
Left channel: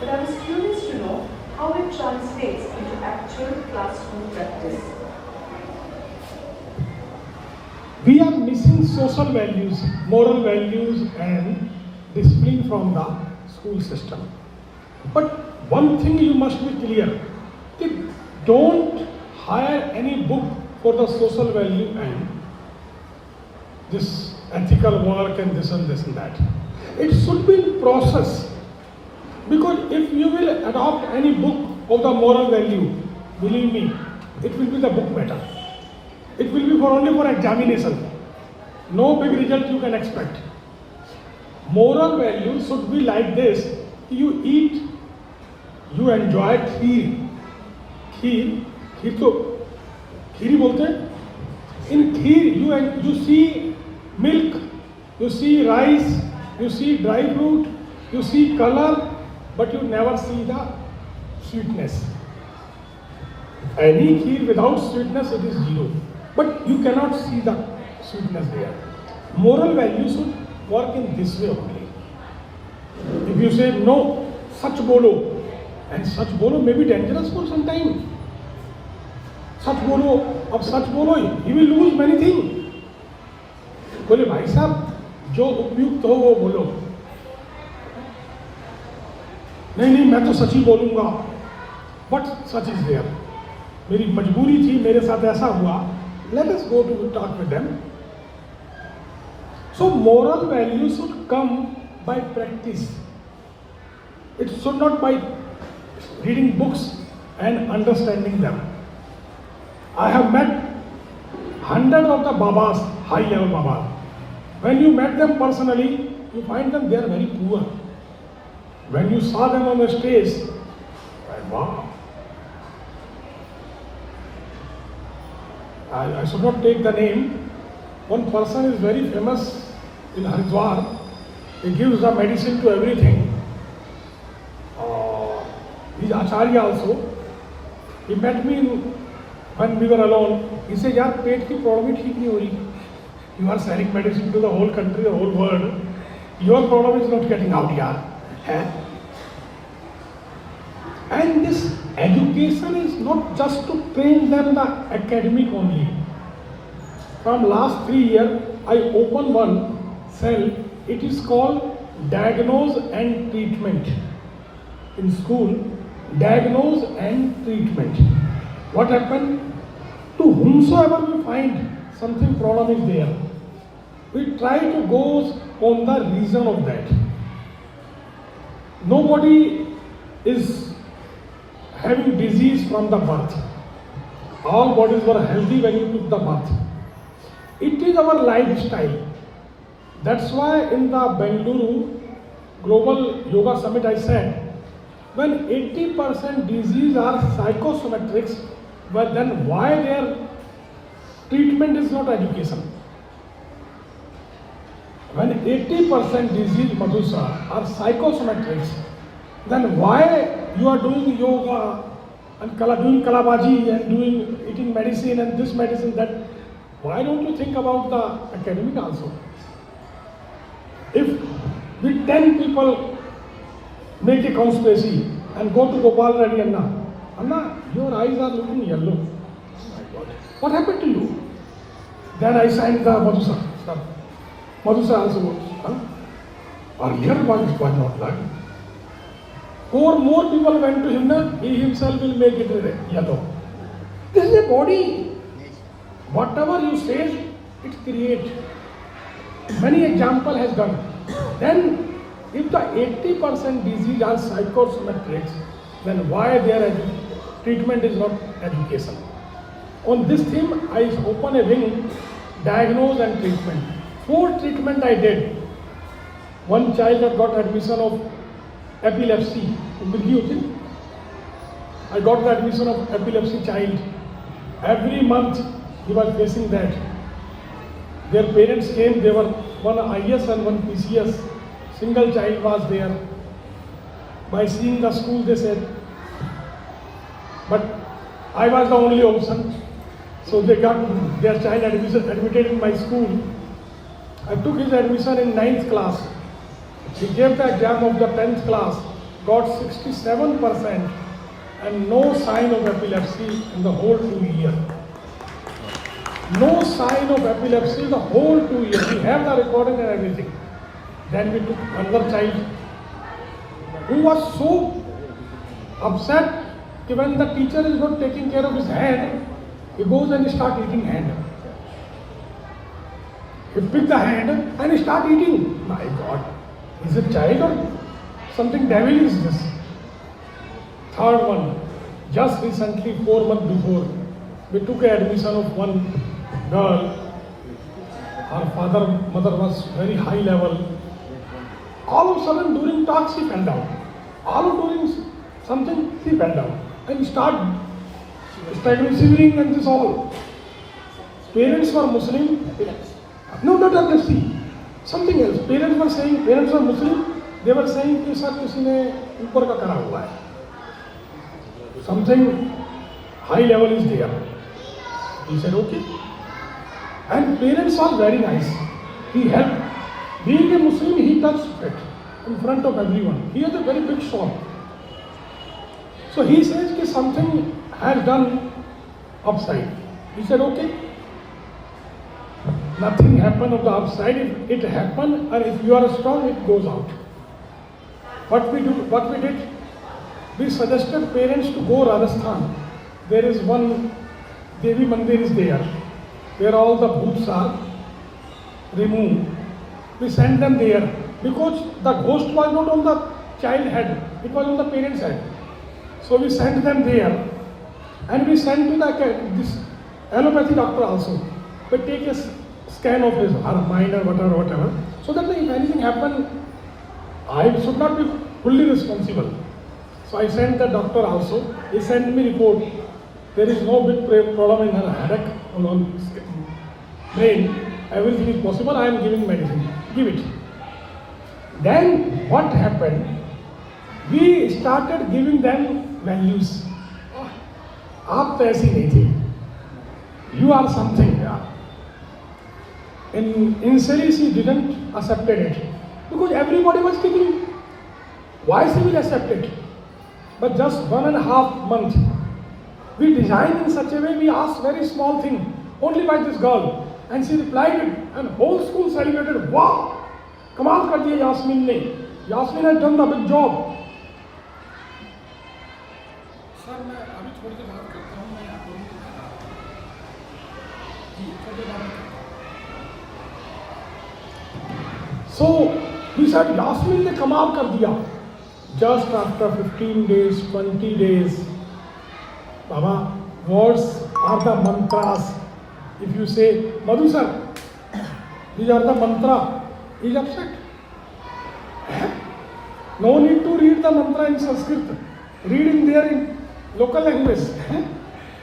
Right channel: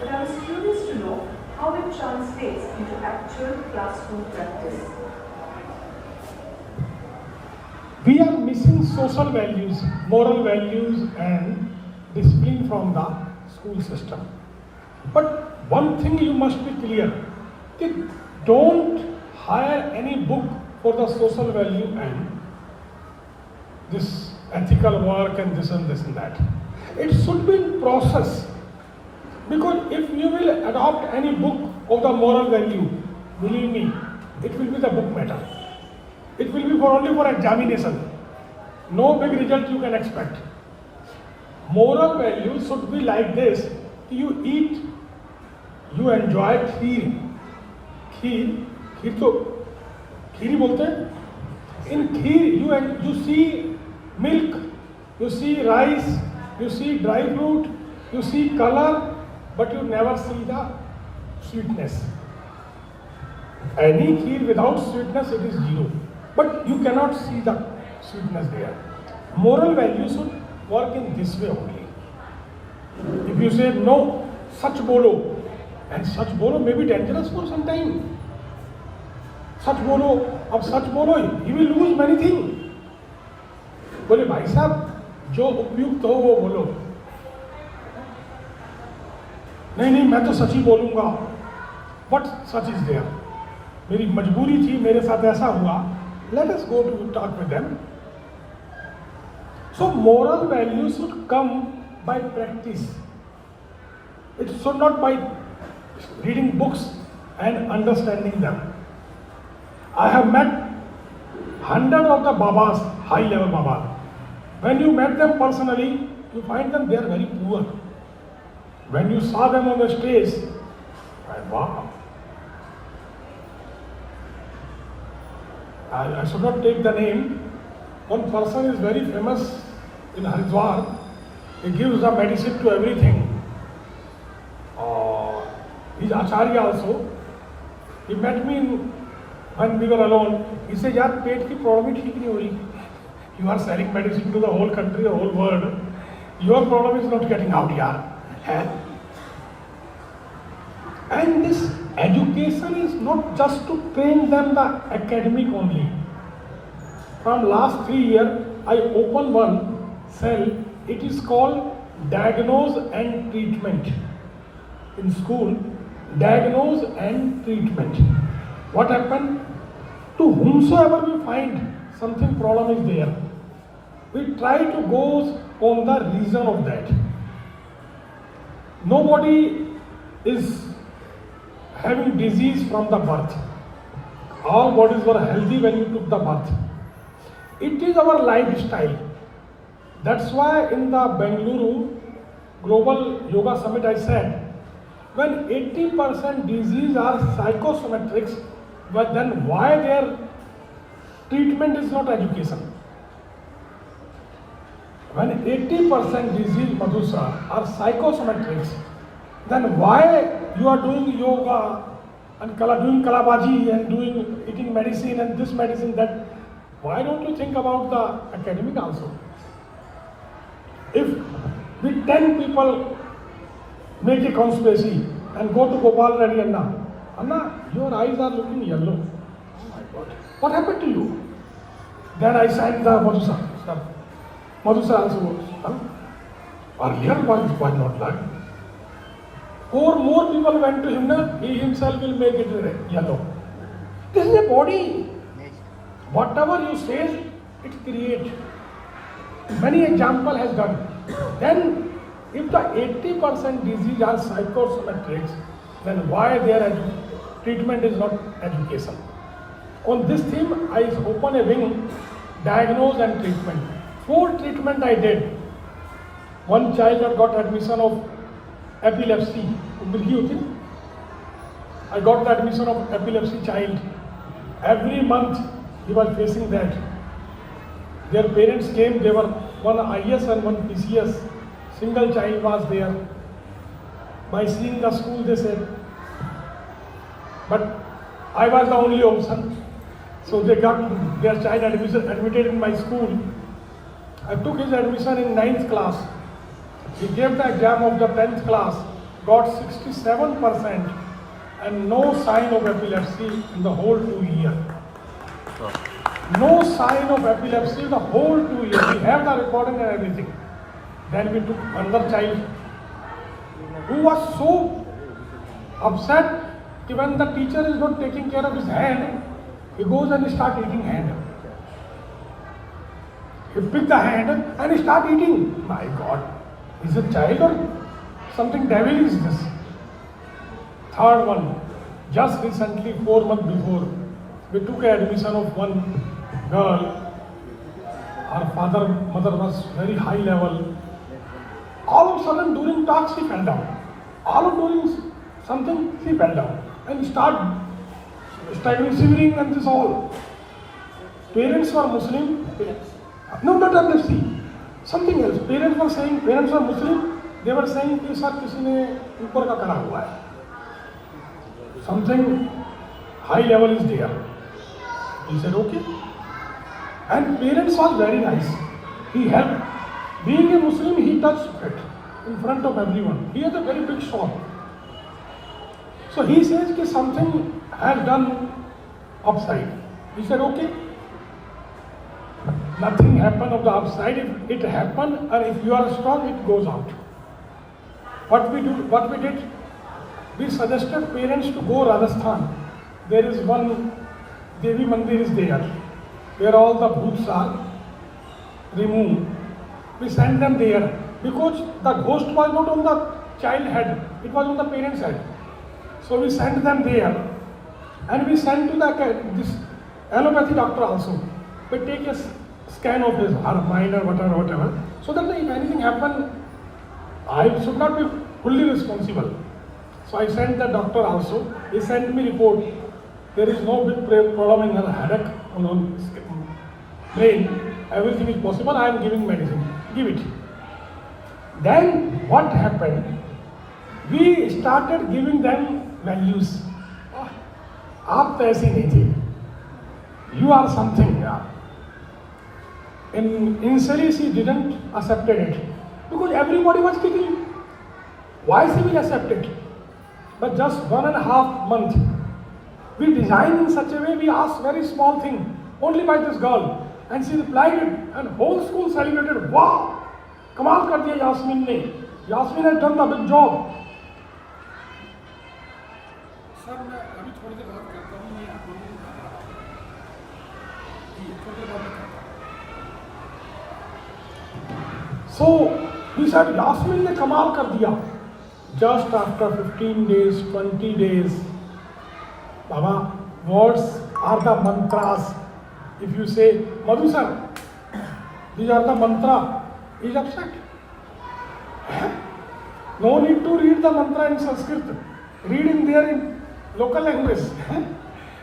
but I was curious to know how it translates into actual classroom practice. We are missing social values, moral values and discipline from the school system. But one thing you must be clear, that don't hire any book for the social value and this ethical work and this and that. It should be in process. Because if you will adopt any book of the moral value, believe me, it will be the book matter. It will be only for examination. No big result you can expect. Moral value should be like this. You eat, you enjoy kheer. Kheer to Kheri बोलते हैं. In kheer you see milk, you see rice, you see dry fruit, you see color, but you never see the sweetness. Any kheer without sweetness, it is zero. But you cannot see the sweetness there. Moral values should work in this way only. If you say no, sach bolo, and sach bolo may be dangerous for some time. सच बोलो, अब सच बोलो, you will lose many things. बोले भाई साहब जो उपयुक्त हो वो बोलो. नहीं मैं तो सच ही बोलूंगा. But such is there. मेरी मजबूरी थी, मेरे साथ ऐसा हुआ. Let us go to talk with them. So moral values should come by practice. It should not by reading books and understanding them. I have met hundreds of the Babas, high level Babas. When you met them personally, you find them they are very poor. When you saw them on the stage, wow. I should not take the name. One person is very famous in Haridwar. He gives the medicine to everything. He's Acharya also. He met me when we were alone. He said, यार पेट की problem ही ठीक नहीं हो रही. You are selling medicine to the whole country, the whole world. Your problem is not getting out, yaar. And this education is not just to train them the academic only. From last 3 years, I opened one cell. It is called diagnose and treatment. In school, diagnose and treatment. What happened? To whomsoever we find something problem is there, we try to go on the reason of that. Nobody is having disease from the birth. All bodies were healthy when you took the birth. It is our lifestyle. That's why in the Bengaluru Global Yoga Summit I said, when 80% disease are psychosomatrics, but then why their treatment is not education? When 80% disease, Madhusa, are psychosomatrics, then why you are doing yoga and doing kalabaji and eating medicine and this medicine, that? Why don't you think about the academic also? If we 10 people make a conspiracy and go to Gopal Reddy Anna, your eyes are looking yellow. What happened to you? Then I signed the Madhusa. Madhusa also was, earlier was not black. 4 more people went to him, he himself will make it yellow. This is a body. Whatever you say, it creates. Many example has done. Then, if the 80% disease are psychosomatrics, then why their treatment is not education? On this theme, I open a wing, diagnose and treatment. 4 treatment I did. One child had got admission of epilepsy. I got the admission of epilepsy child. Every month he was facing that. Their parents came, they were one IS and one PCS. Single child was there. By seeing the school, they said, but I was the only option. So they got their child admitted in my school. I took his admission in 9th class. He gave the exam of the 10th class, got 67% and no sign of epilepsy in the whole 2 years. No sign of epilepsy the whole 2 years. We have the recording and everything. Then we took another child who was so upset that when the teacher is not taking care of his hand, he goes and starts eating hand. He picked the hand and he starts eating. My God, is it child or something devil is this? Third one, just recently, 4 months before, we took an admission of one girl. Her mother was very high level. All of a sudden during talk she fell down. All during something she fell down and started shivering and this all. Parents were Muslim. No, just see. Something else. Parents were Muslim. They were saying कि sir किसी ने ऊपर का करा हुआ है. Something high level is there. He said okay. And parents are very nice. He helped. Being a Muslim, he touched it in front of everyone. He has a very big shop. So he says that something has done upside. He said, okay. Nothing happened of the upside. If it happened, and if you are strong, it goes out. What we did, we suggested parents to go Rajasthan. There is one Devi Mandir is there, where all the bhoots are removed. We sent them there because the ghost was not on the child head, it was on the parent's head. So we sent them there and we sent to this allopathy doctor also. They take a scan of his mind or whatever, so that if anything happened, I should not be fully responsible. So I sent the doctor also. He sent me report. There is no big problem in her headache on brain. Everything is possible. I am giving medicine. Give it. Then what happened? We started giving them values. आप तो ऐसे नहीं थे. You are something. Initially she didn't accept it because everybody was kicking. Why she will accept it? But just 1.5 months, we designed in such a way. We asked very small thing only by this girl. And she replied it, and whole school celebrated. Wow! कमाल कर दिया यास्मीन ने. Yasmin has done the big job. Sir मैं अभी थोड़ी देर बात करता हूँ. मैं आपको जी थोड़ी देर बात करता हूँ. So we said Yasmin ने कमाल कर दिया. Just after 15 days, 20 days, Baba, words are the mantras. If you say, Madhu sir, these are the mantra, he is upset. No need to read the mantra in Sanskrit. Read in there in local language.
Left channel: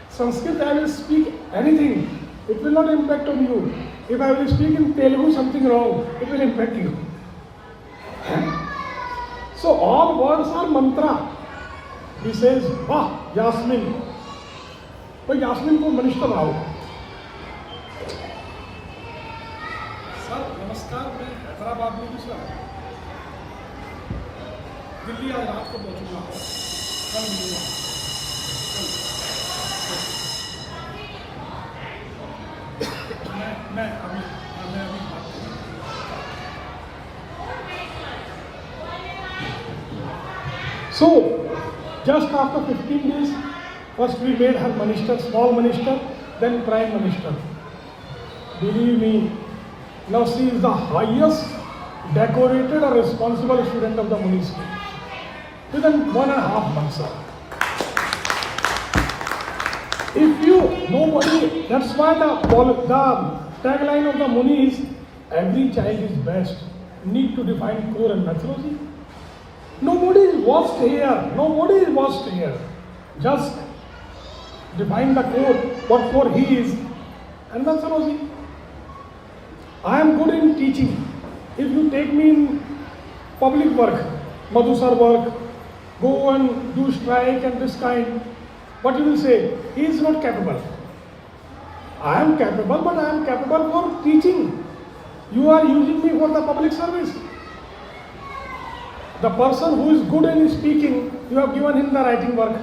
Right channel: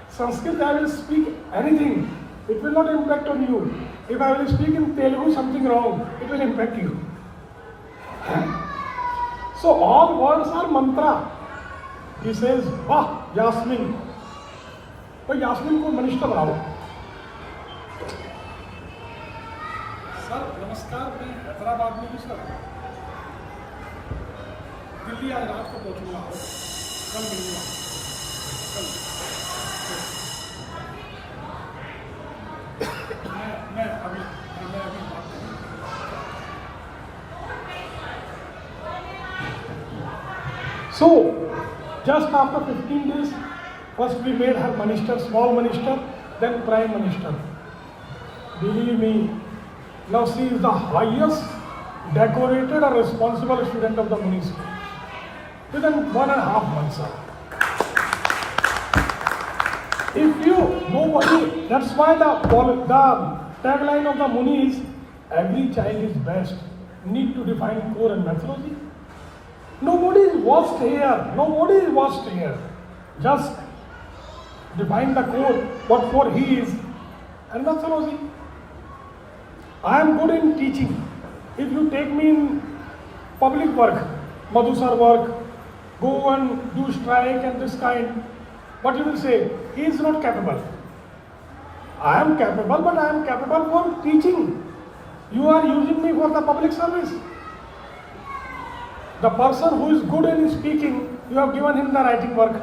Sanskrit, I will speak anything. It will not impact on you. If I will speak in Telugu something wrong, it will impact you. So all words are mantra. He says, Wah, Yasmin. तो यास्मीन को मनिष्ठ लाओ. Sir नमस्कार, मैं हैदराबाद में हूँ sir. Delhi आज रात को पहुँचूंगा. कल मिलूंगा. मैं अभी बात करूँ. So just after 15 days, first we made her minister, small minister, then prime minister. Believe me, now she is the highest decorated and responsible student of the Muni school. Within 1.5 months, sir. If you, nobody, that's why the tagline of the Muni is, every child is best. Need to define core and methodology. Nobody is worst here. Nobody is worst here. Just define the core, what core he is, and methodology. I am good in teaching. If you take me in public work, Madhusar work, go and do strike and this kind, what you will say? He is not capable. I am capable, but I am capable for teaching. You are using me for the public service. The person who is good in speaking, you have given him the writing work.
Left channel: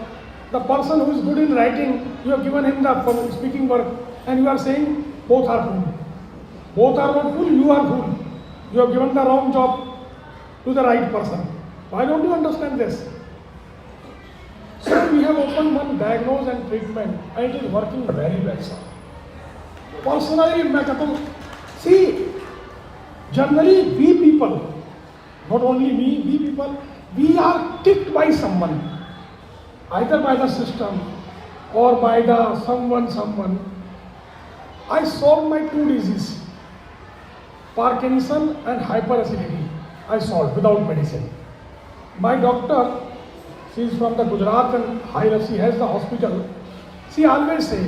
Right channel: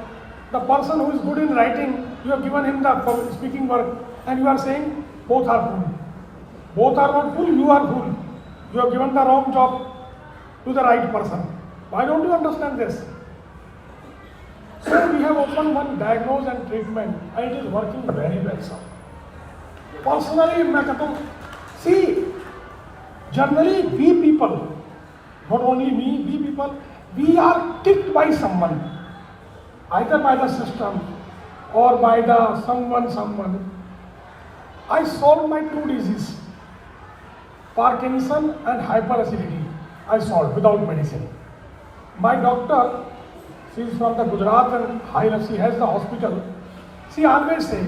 The person who is good in writing, you have given him the speaking work, and you are saying both are fool. Both are not fool, you are fool. You have given the wrong job to the right person. Why don't you understand this? So we have opened one diagnose and treatment, and it is working very well, sir. Personally, see, generally we people, not only me, we people, we are ticked by someone, either by the system or by the someone. I solved my two diseases, Parkinson and hyperacidity. I solved without medicine. My doctor, she is from the Gujarat and she has the hospital. She always say,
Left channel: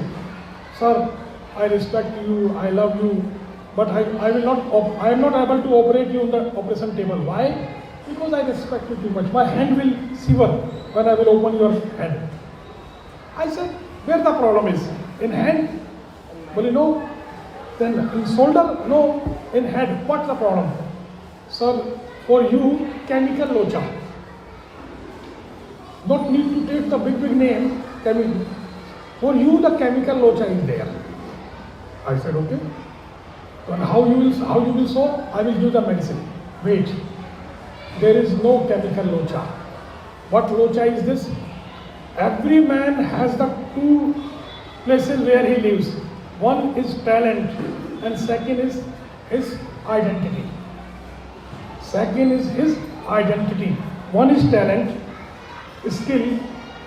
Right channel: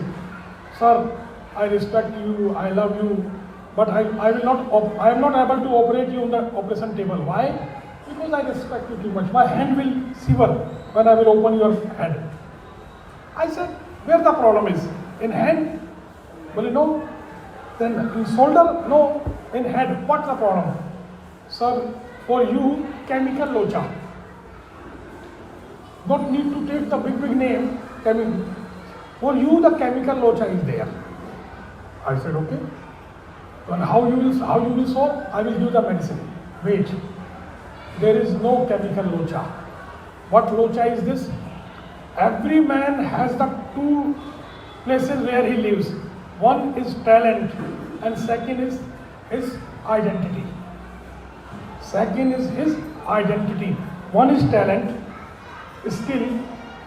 sir, I respect you, I love you, but I am not able to operate you on the operation table. Why? Because I respect you too much. My hand will shiver when I will open your head. I said, where the problem is? In hand? Well, you know, then in shoulder? No. In head, what's the problem? Sir, for you, chemical locha. Not need to take the big name, chemical. For you, the chemical locha is there. I said, okay. And how you will solve? I will give the medicine. Wait. There is no chemical locha. What locha is this? Every man has the two places where he lives. One is talent and second is his identity. Second is his identity. One is talent, skill,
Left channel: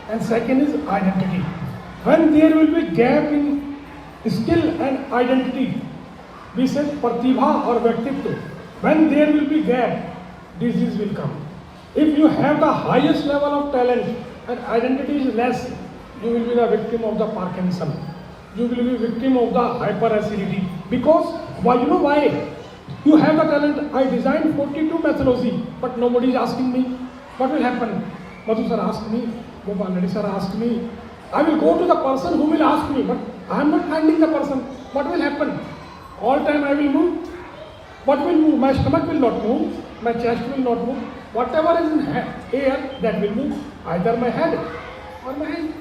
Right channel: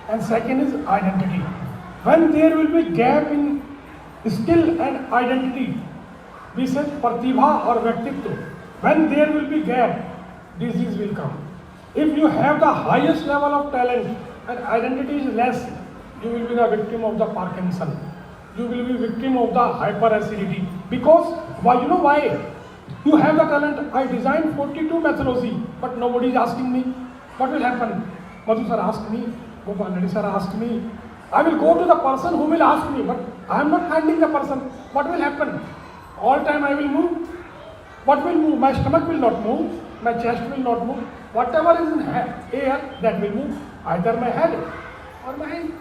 and second is identity. When there will be gap in skill and identity, we say pratibha or vyaktittva. When there will be gap, disease will come. If you have the highest level of talent and identity is less, you will be the victim of the Parkinson. You will be victim of the hyperacidity. Because, well, you know why? You have the talent. I designed 42 methodology, but nobody is asking me. What will happen? Madhu sir asked me, Gopal Reddy sir asked me. I will go to the person who will ask me, but I am not finding the person. What will happen? All time I will move. What will move? My stomach will not move. My chest will not move. Whatever is in air, that will move. Either my head or my hand.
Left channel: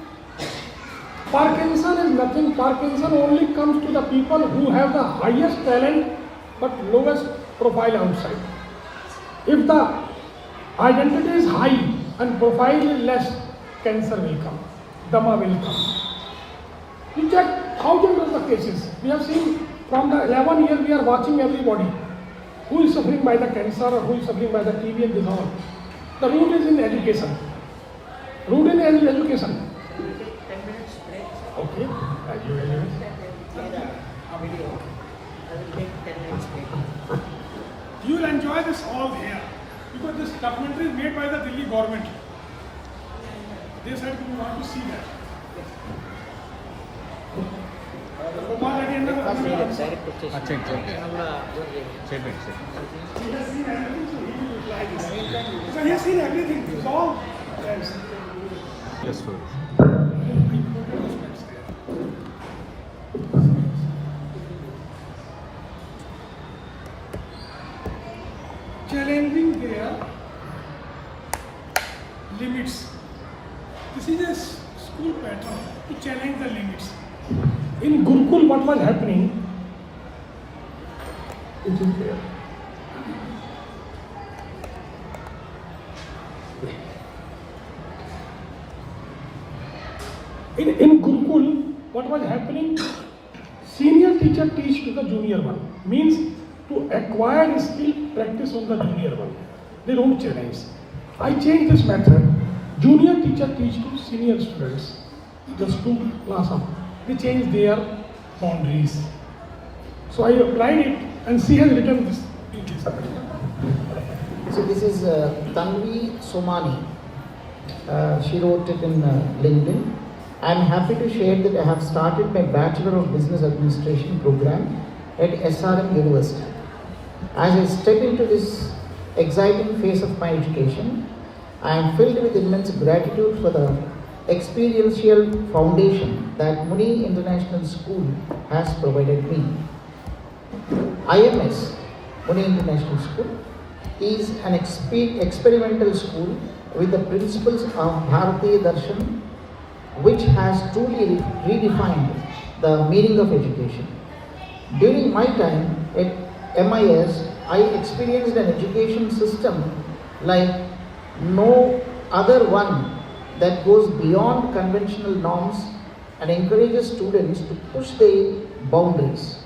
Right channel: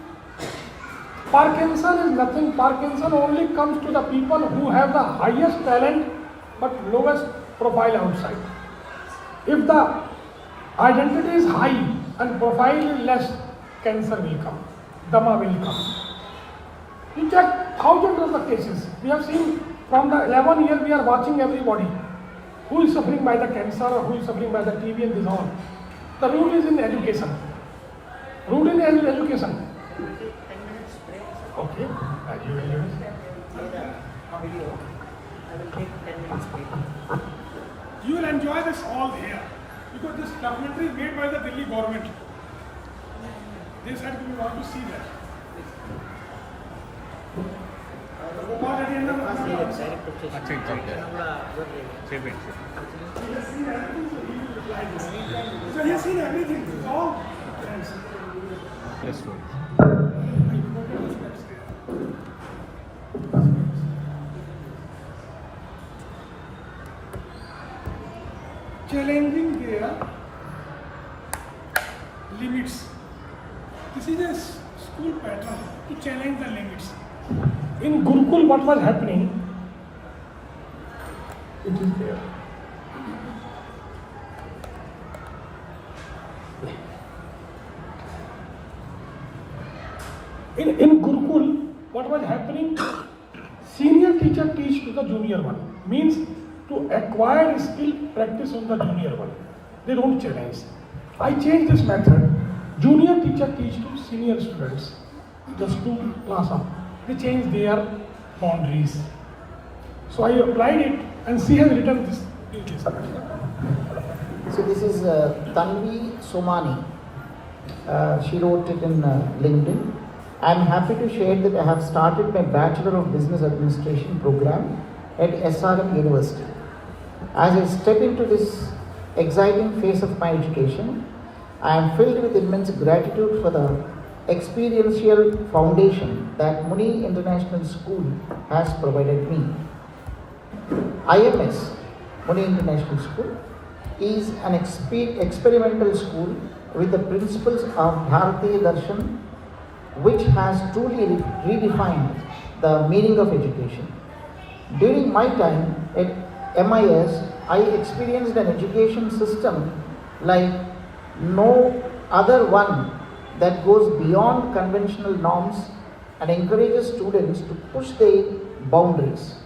Parkinson is nothing. Parkinson only comes to the people who have the highest talent but lowest profile outside. If the identity is high and profile is less, cancer will come. Dama will come. You check thousands of the cases. We have seen from the 11 years we are watching everybody. Who is suffering by the cancer or who is suffering by the TB and this all. The root is in education. Root in education. Okay. You will enjoy this all here because this documentary is made by the Delhi government. They said we want to see that. Kumar again. So he has seen everything. It's all. Yes. Challenging their limits. This is a school pattern to challenge the limits. In Gurukul, what was happening? It is there. In Gurukul, what was happening? Senior teacher teach to the junior one. Means to acquire skill, practice on the junior one. They don't challenge. I changed this method. Junior teacher teach to senior students. Just two class up. They change their boundaries. So I applied it and she has written this. So this is Tanvi Somani. She wrote it in LinkedIn. I am happy to share that I have started my Bachelor of Business Administration program at SRM University. As I step into this exciting phase of my education, I am filled with immense gratitude for the experiential foundation that Muni International School has provided me. IMS, Muni International School, is an experimental school with the principles of Bharatiya Darshan, which has truly redefined the meaning of education. During my time at MIS, I experienced an education system like no other one that goes beyond conventional norms and encourages students to push their boundaries.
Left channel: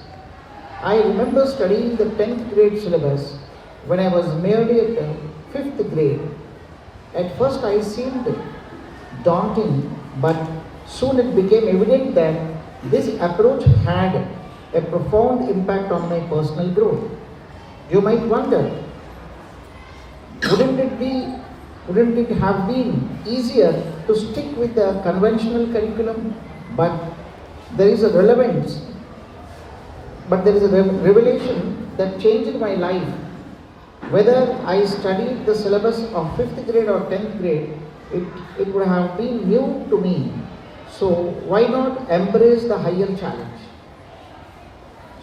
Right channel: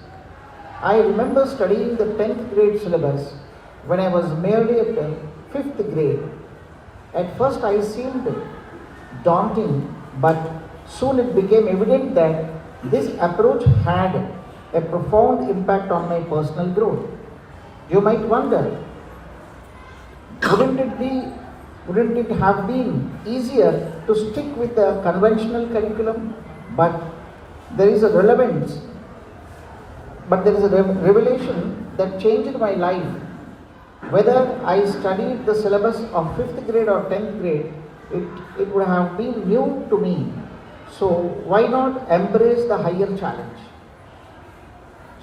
I remember studying the 10th grade syllabus when I was merely at the 5th grade. At first I seemed daunting, but soon it became evident that this approach had a profound impact on my personal growth. You might wonder, wouldn't it have been easier to stick with the conventional curriculum? But there is a revelation that changed my life. Whether I studied the syllabus of 5th grade or 10th grade, it would have been new to me. So why not embrace the higher challenge?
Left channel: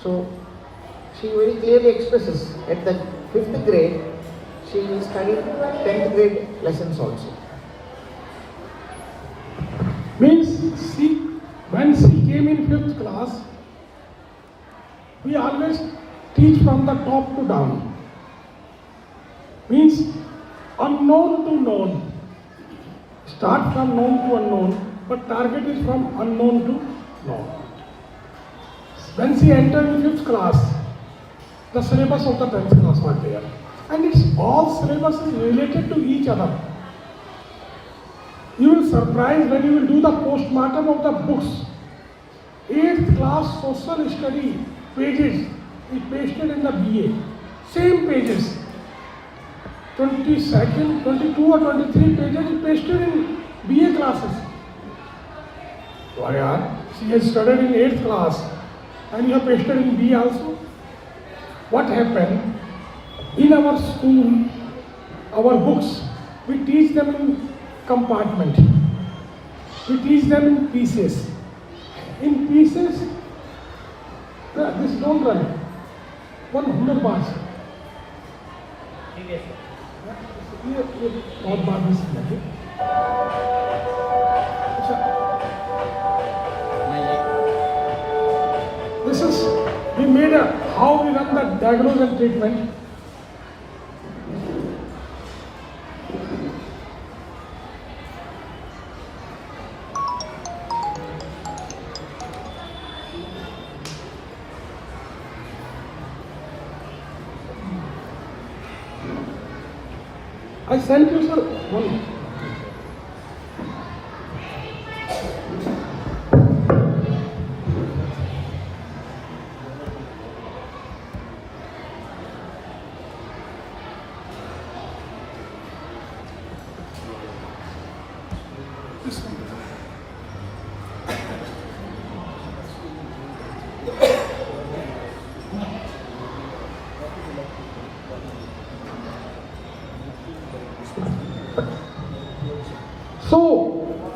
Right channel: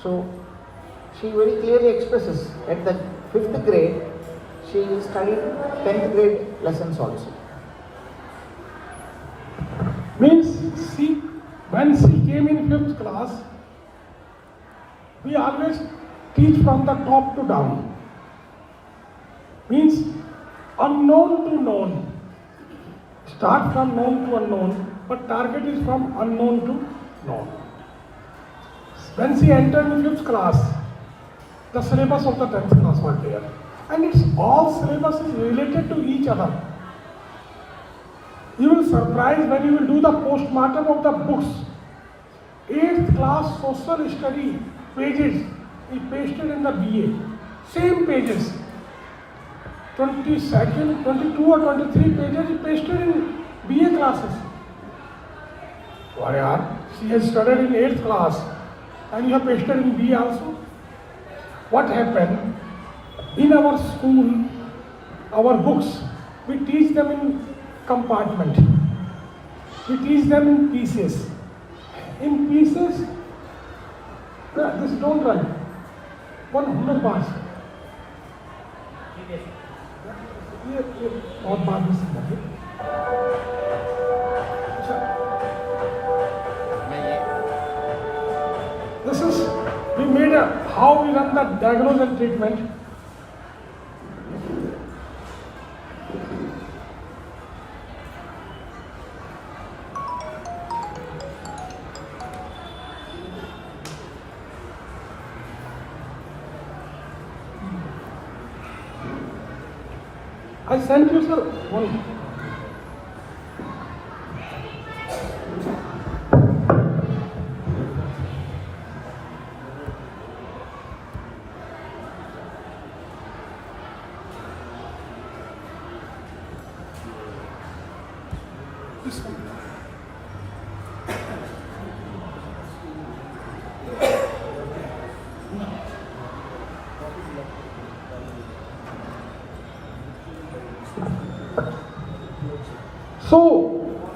So she very clearly expresses at the 5th grade, she studied 10th grade lessons also. Means when she came in 5th class, we always teach from the top to down. Means unknown to known. Start from known to unknown, but target is from unknown to known. When she entered in 5th class, the syllabus of the 10th class was there. And it's all syllabuses related to each other. You will surprise when you will do the postmortem of the books. 8th class social study pages we pasted in the BA. Same pages. 22nd, 22 or 23 pages we pasted in BA classes. Why are? She has studied in 8th class and you have pasted in BA also. What happened? In our school, our books, we teach them in compartment. We teach them in pieces. In pieces, no, this don't run. 100 bars. This is, we made how we run the diagnosis and treatment. I sent you one. This one. So,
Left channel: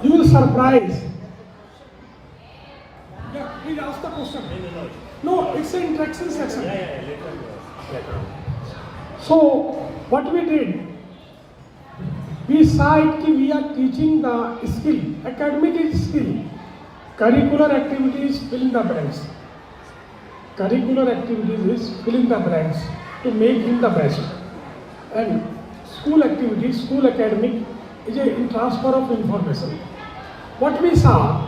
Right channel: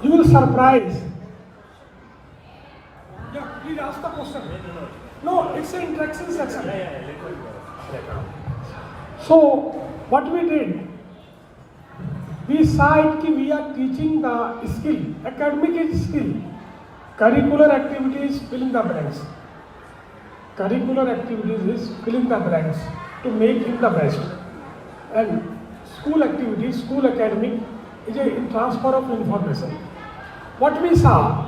you will surprise. Yeah, please ask the question. No, it's an interaction section. So, what we did, we saw it that we are teaching the skill, academic is skill, curricular activities fill the blanks. Curricular activities is filling the blanks to make him the best. And school activities, school academic is a transfer of information. What we saw,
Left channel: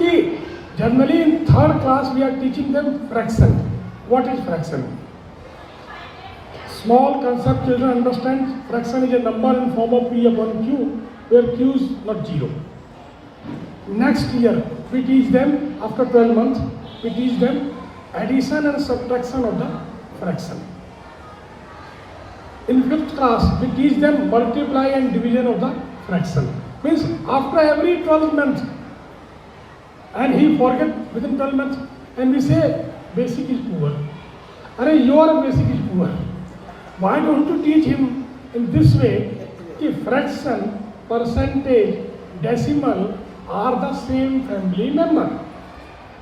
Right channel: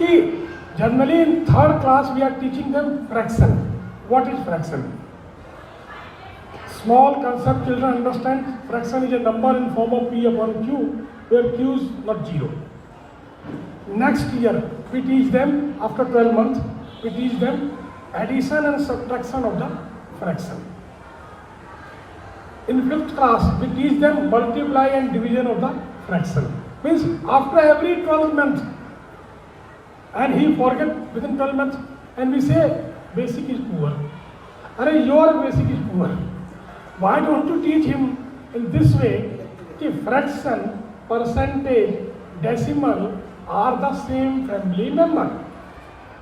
that generally in 3rd class we are teaching them fraction. What is fraction? Small concept children understand. Fraction is a number in form of P upon Q, where Q is not 0. Next year we teach them, after 12 months, we teach them addition and subtraction of the fraction. In 5th class, we teach them multiply and division of the fraction. Means after every 12 months, and he forget within 12 months, and we say basic is poor. Arey, your basic is poor. Why don't you teach him in this way? If fraction, percentage, decimal are the same family member.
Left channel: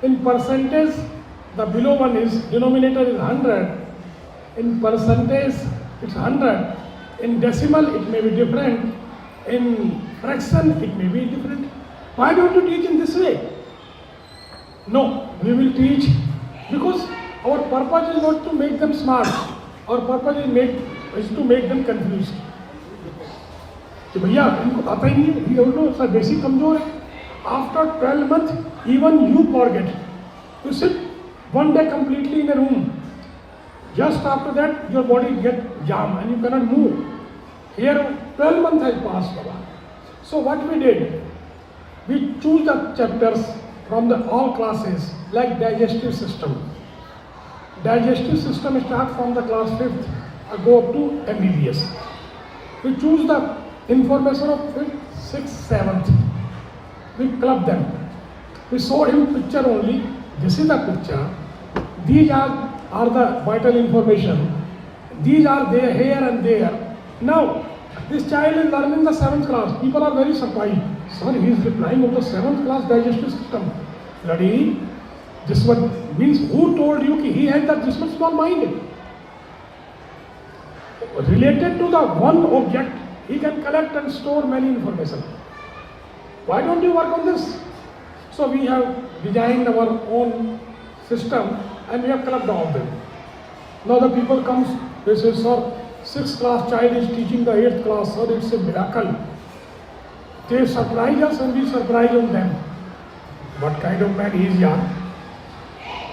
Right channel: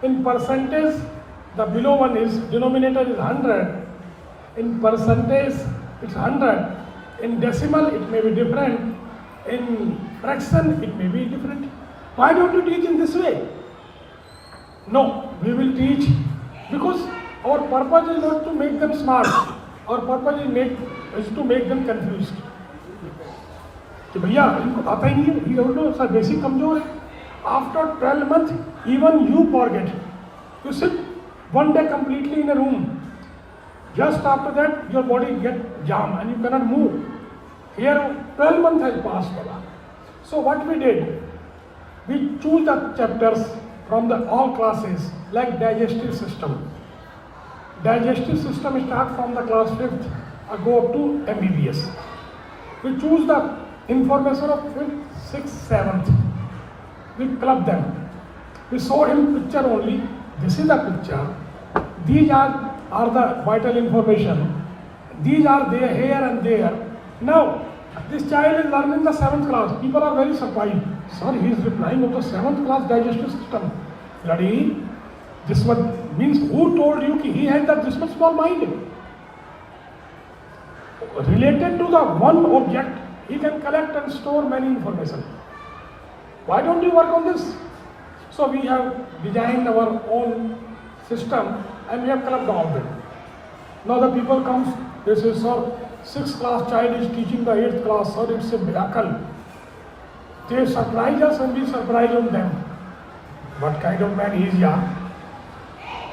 In percentage, the below one is denominator is 100. In percentage, it's 100. In decimal, it may be different. In fraction, it may be different. Why don't you teach in this way? No, we will teach because our purpose is not to make them smart. Our purpose is to make them confused. कि भैया आता ही नहीं, ये तो sir basic कमजोर है. After 12 months, even you forget. You sit one day completely in a room. Just after that, your body gets jammed and you cannot move. Here, 12 months has passed. So what we did, we choose the chapters from the all classes like digestive system. Digestive system starts from the class 5th, go up to MBBS. We choose the information of 5th, 6th, 7th. We club them. We showed him picture only. This is the picture. These are the vital information. These are there, here and there. Now, this child is learning the 7th class. People are very surprised. Sir, he is replying of the 7th class digestive system. Bloody, this one means who told you that he has this much small mind? Related to the one object, he can collect and store many information. Why don't you work on this? So we have designed our own system and we have clubbed all them. Now the people comes, they say, sir, 6th class child is teaching the 8th class, sir, it's a miracle. They surprise us and we surprise on them. What kind of man he is, yeah?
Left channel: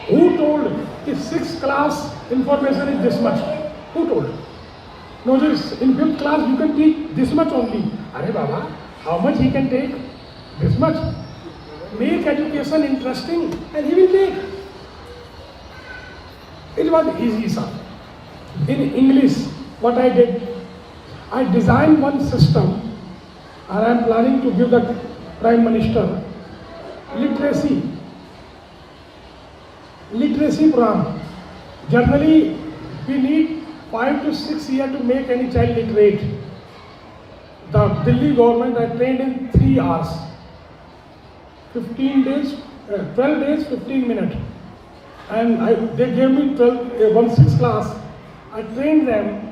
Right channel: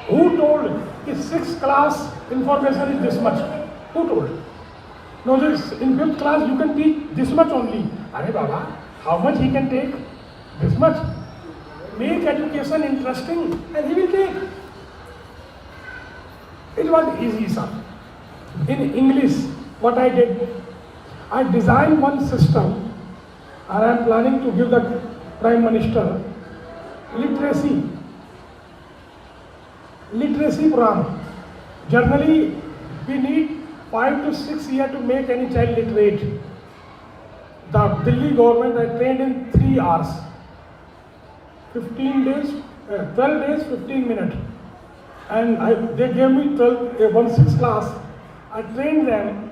Who told if 6th class information is this much? Who told? No, this in 5th class you can teach this much only. Arey Baba, how much he can take? This much. Make education interesting and he will take. It was easy, sir. In English, what I did, I designed one system and I am planning to give the Prime Minister literacy program. Generally, we need 5 to 6 years to make any child literate. The Delhi government had trained in 3 hours. 15 days, 12 days, 15 minutes. And they gave me 1/6 class. I trained them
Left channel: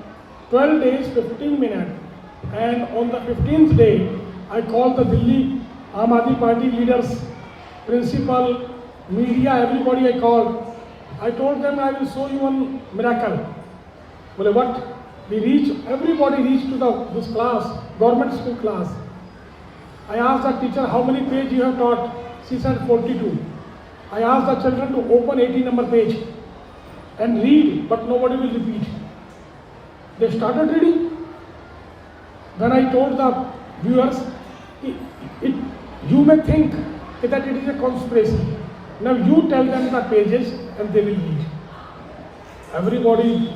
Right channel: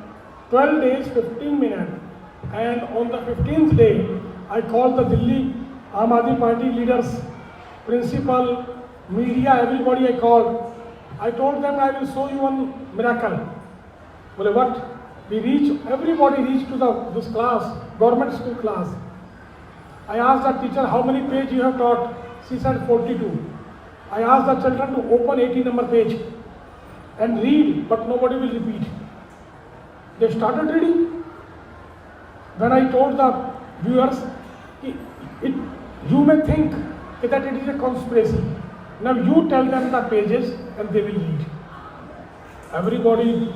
12 days, 15 minutes. And on the 15th day, I called the Delhi Aam Aadmi Party leaders, principal, media, everybody I called. I told them I will show you one miracle. Well, what? Everybody reached to this class, government school class. I asked the teacher, how many pages you have taught? She said 42. I asked the children to open 18 number page and read, but nobody will repeat. They started reading. Then I told the viewers, you may think that it is a conspiracy. Now you tell them the pages and they will read. Everybody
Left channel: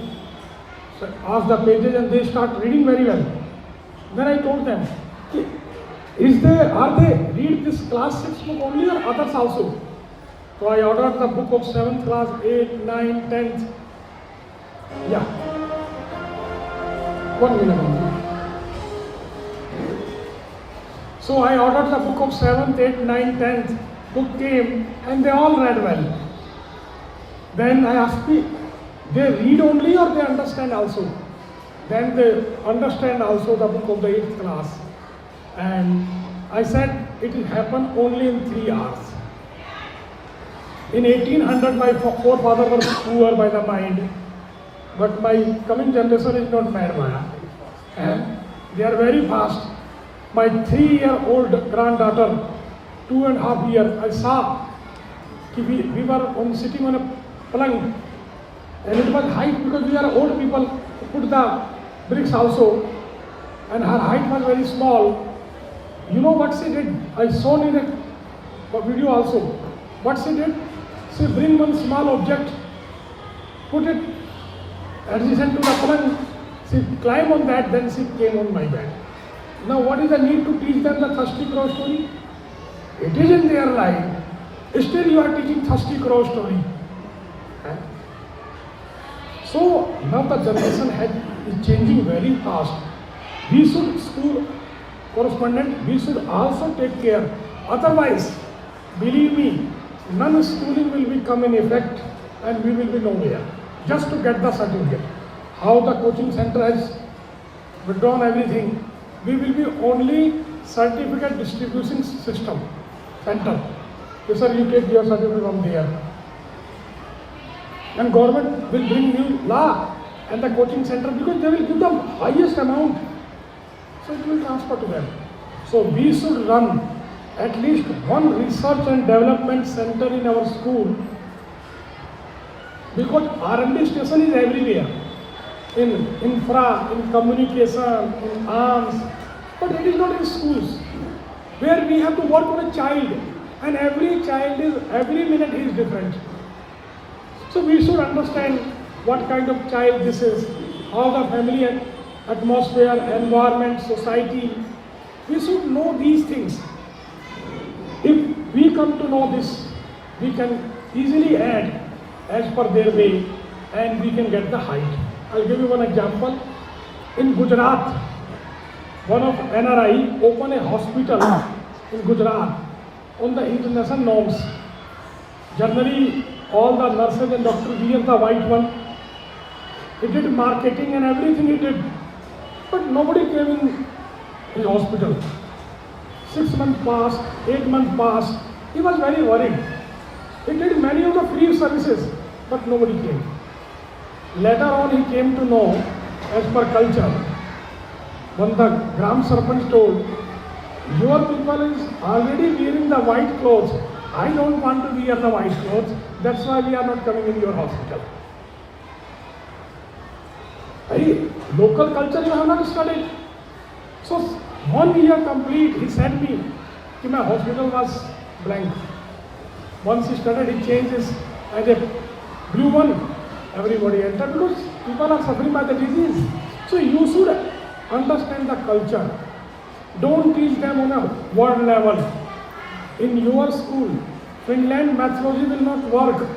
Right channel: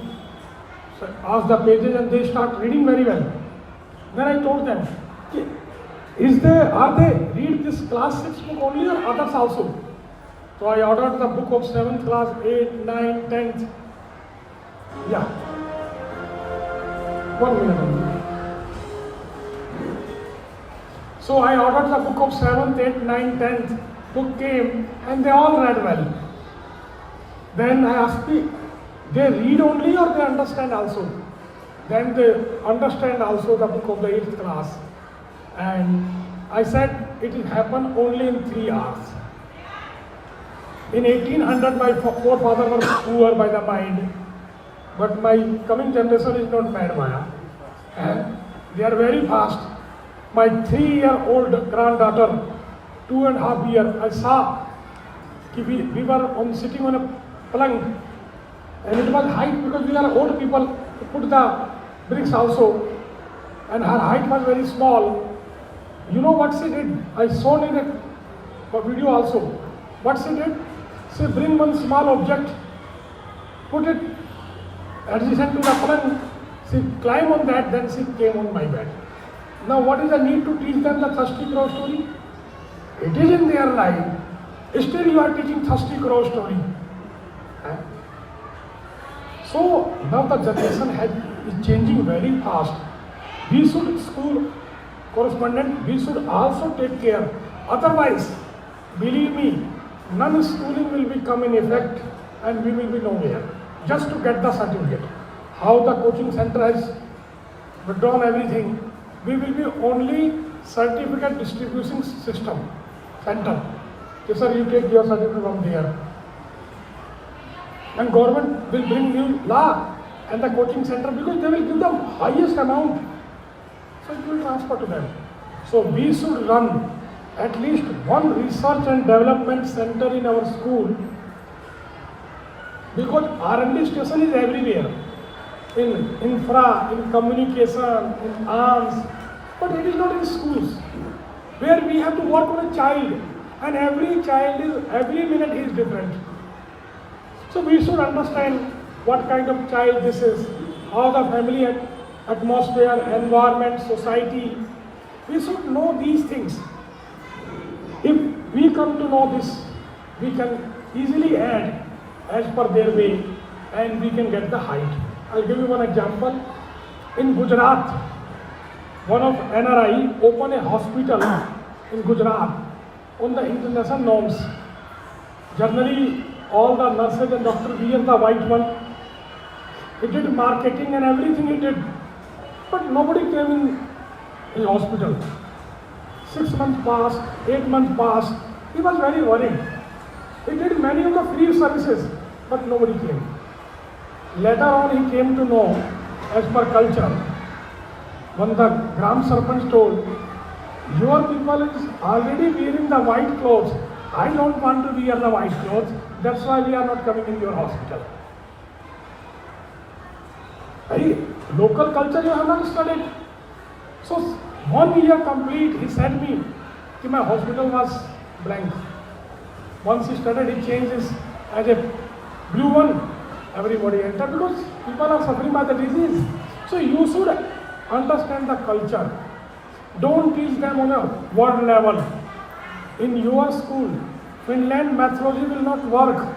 asked the pages and they start reading very well. Then I told them, are they read this class 6 book only or others also? So I ordered the book of 7th class, 8th, 9th, 10th. Yeah. 1 minute. So I ordered the book of 7th, 8th, 9th, 10th. Book came and they all read well. Then I asked me, they read only or they understand also? Then they understand also the book of the 8th class. And I said it will happen only in 3 hours. In 1800 my forefather was poor by the mind, but my coming generation is not bad man. And they are very fast. My 3-year-old granddaughter, 2.5 years, I saw we were sitting on a palang, and it was height because we are old people, put the bricks also, and her height was very small. You know what she did? I saw in a video also. What she did? She bring one small object, put it adjacent to the palang. She climbed on that, then she came on my bed. Now what is the need to teach them the thirsty crow story? It is in their life. Still you are teaching thirsty crow story. So now the generation is changing very fast. We should, school correspondent, we should also take care. Otherwise, believe me, none schooling will become in effect and we will be nowhere. Just to get the certificate. How the coaching center has withdrawn everything, we will be only certificate distribution system center. So sir, you take your certificate from there. And government will bring new law and the coaching center because they will give the highest amount. So it will transfer to them. So we should run at least one research and development center in our school because R&D station is everywhere. In infra, in communication, in arms, but it is not in schools where we have to work on a child and every child is, every minute is different. So we should understand what kind of child this is, how the family atmosphere, environment, society, we should know these things. If we come to know this, we can easily add as per their way and we can get the height. I'll give you one example. In Gujarat, one of NRI opened a hospital in Gujarat on the international norms. Generally, all the nurses and doctors wear the white one. He did marketing and everything he did. But nobody came in his hospital. 6 months passed, 8 months passed. He was very worried. He did many free services, but nobody came. Later on he came to know, as per culture, when the Gram Sarpanch told, your people is already wearing the white clothes. I don't want to wear the white clothes. That's why we are not coming in your hospital. Hey, local culture you have not studied. So 1 year complete, he said me, that my hospital was blank. Once he started, he changed his as a blue one. Everybody entered because people are suffering by the disease. So you should understand the culture. Don't teach them on a world level. In your school, Finland methodology will not work.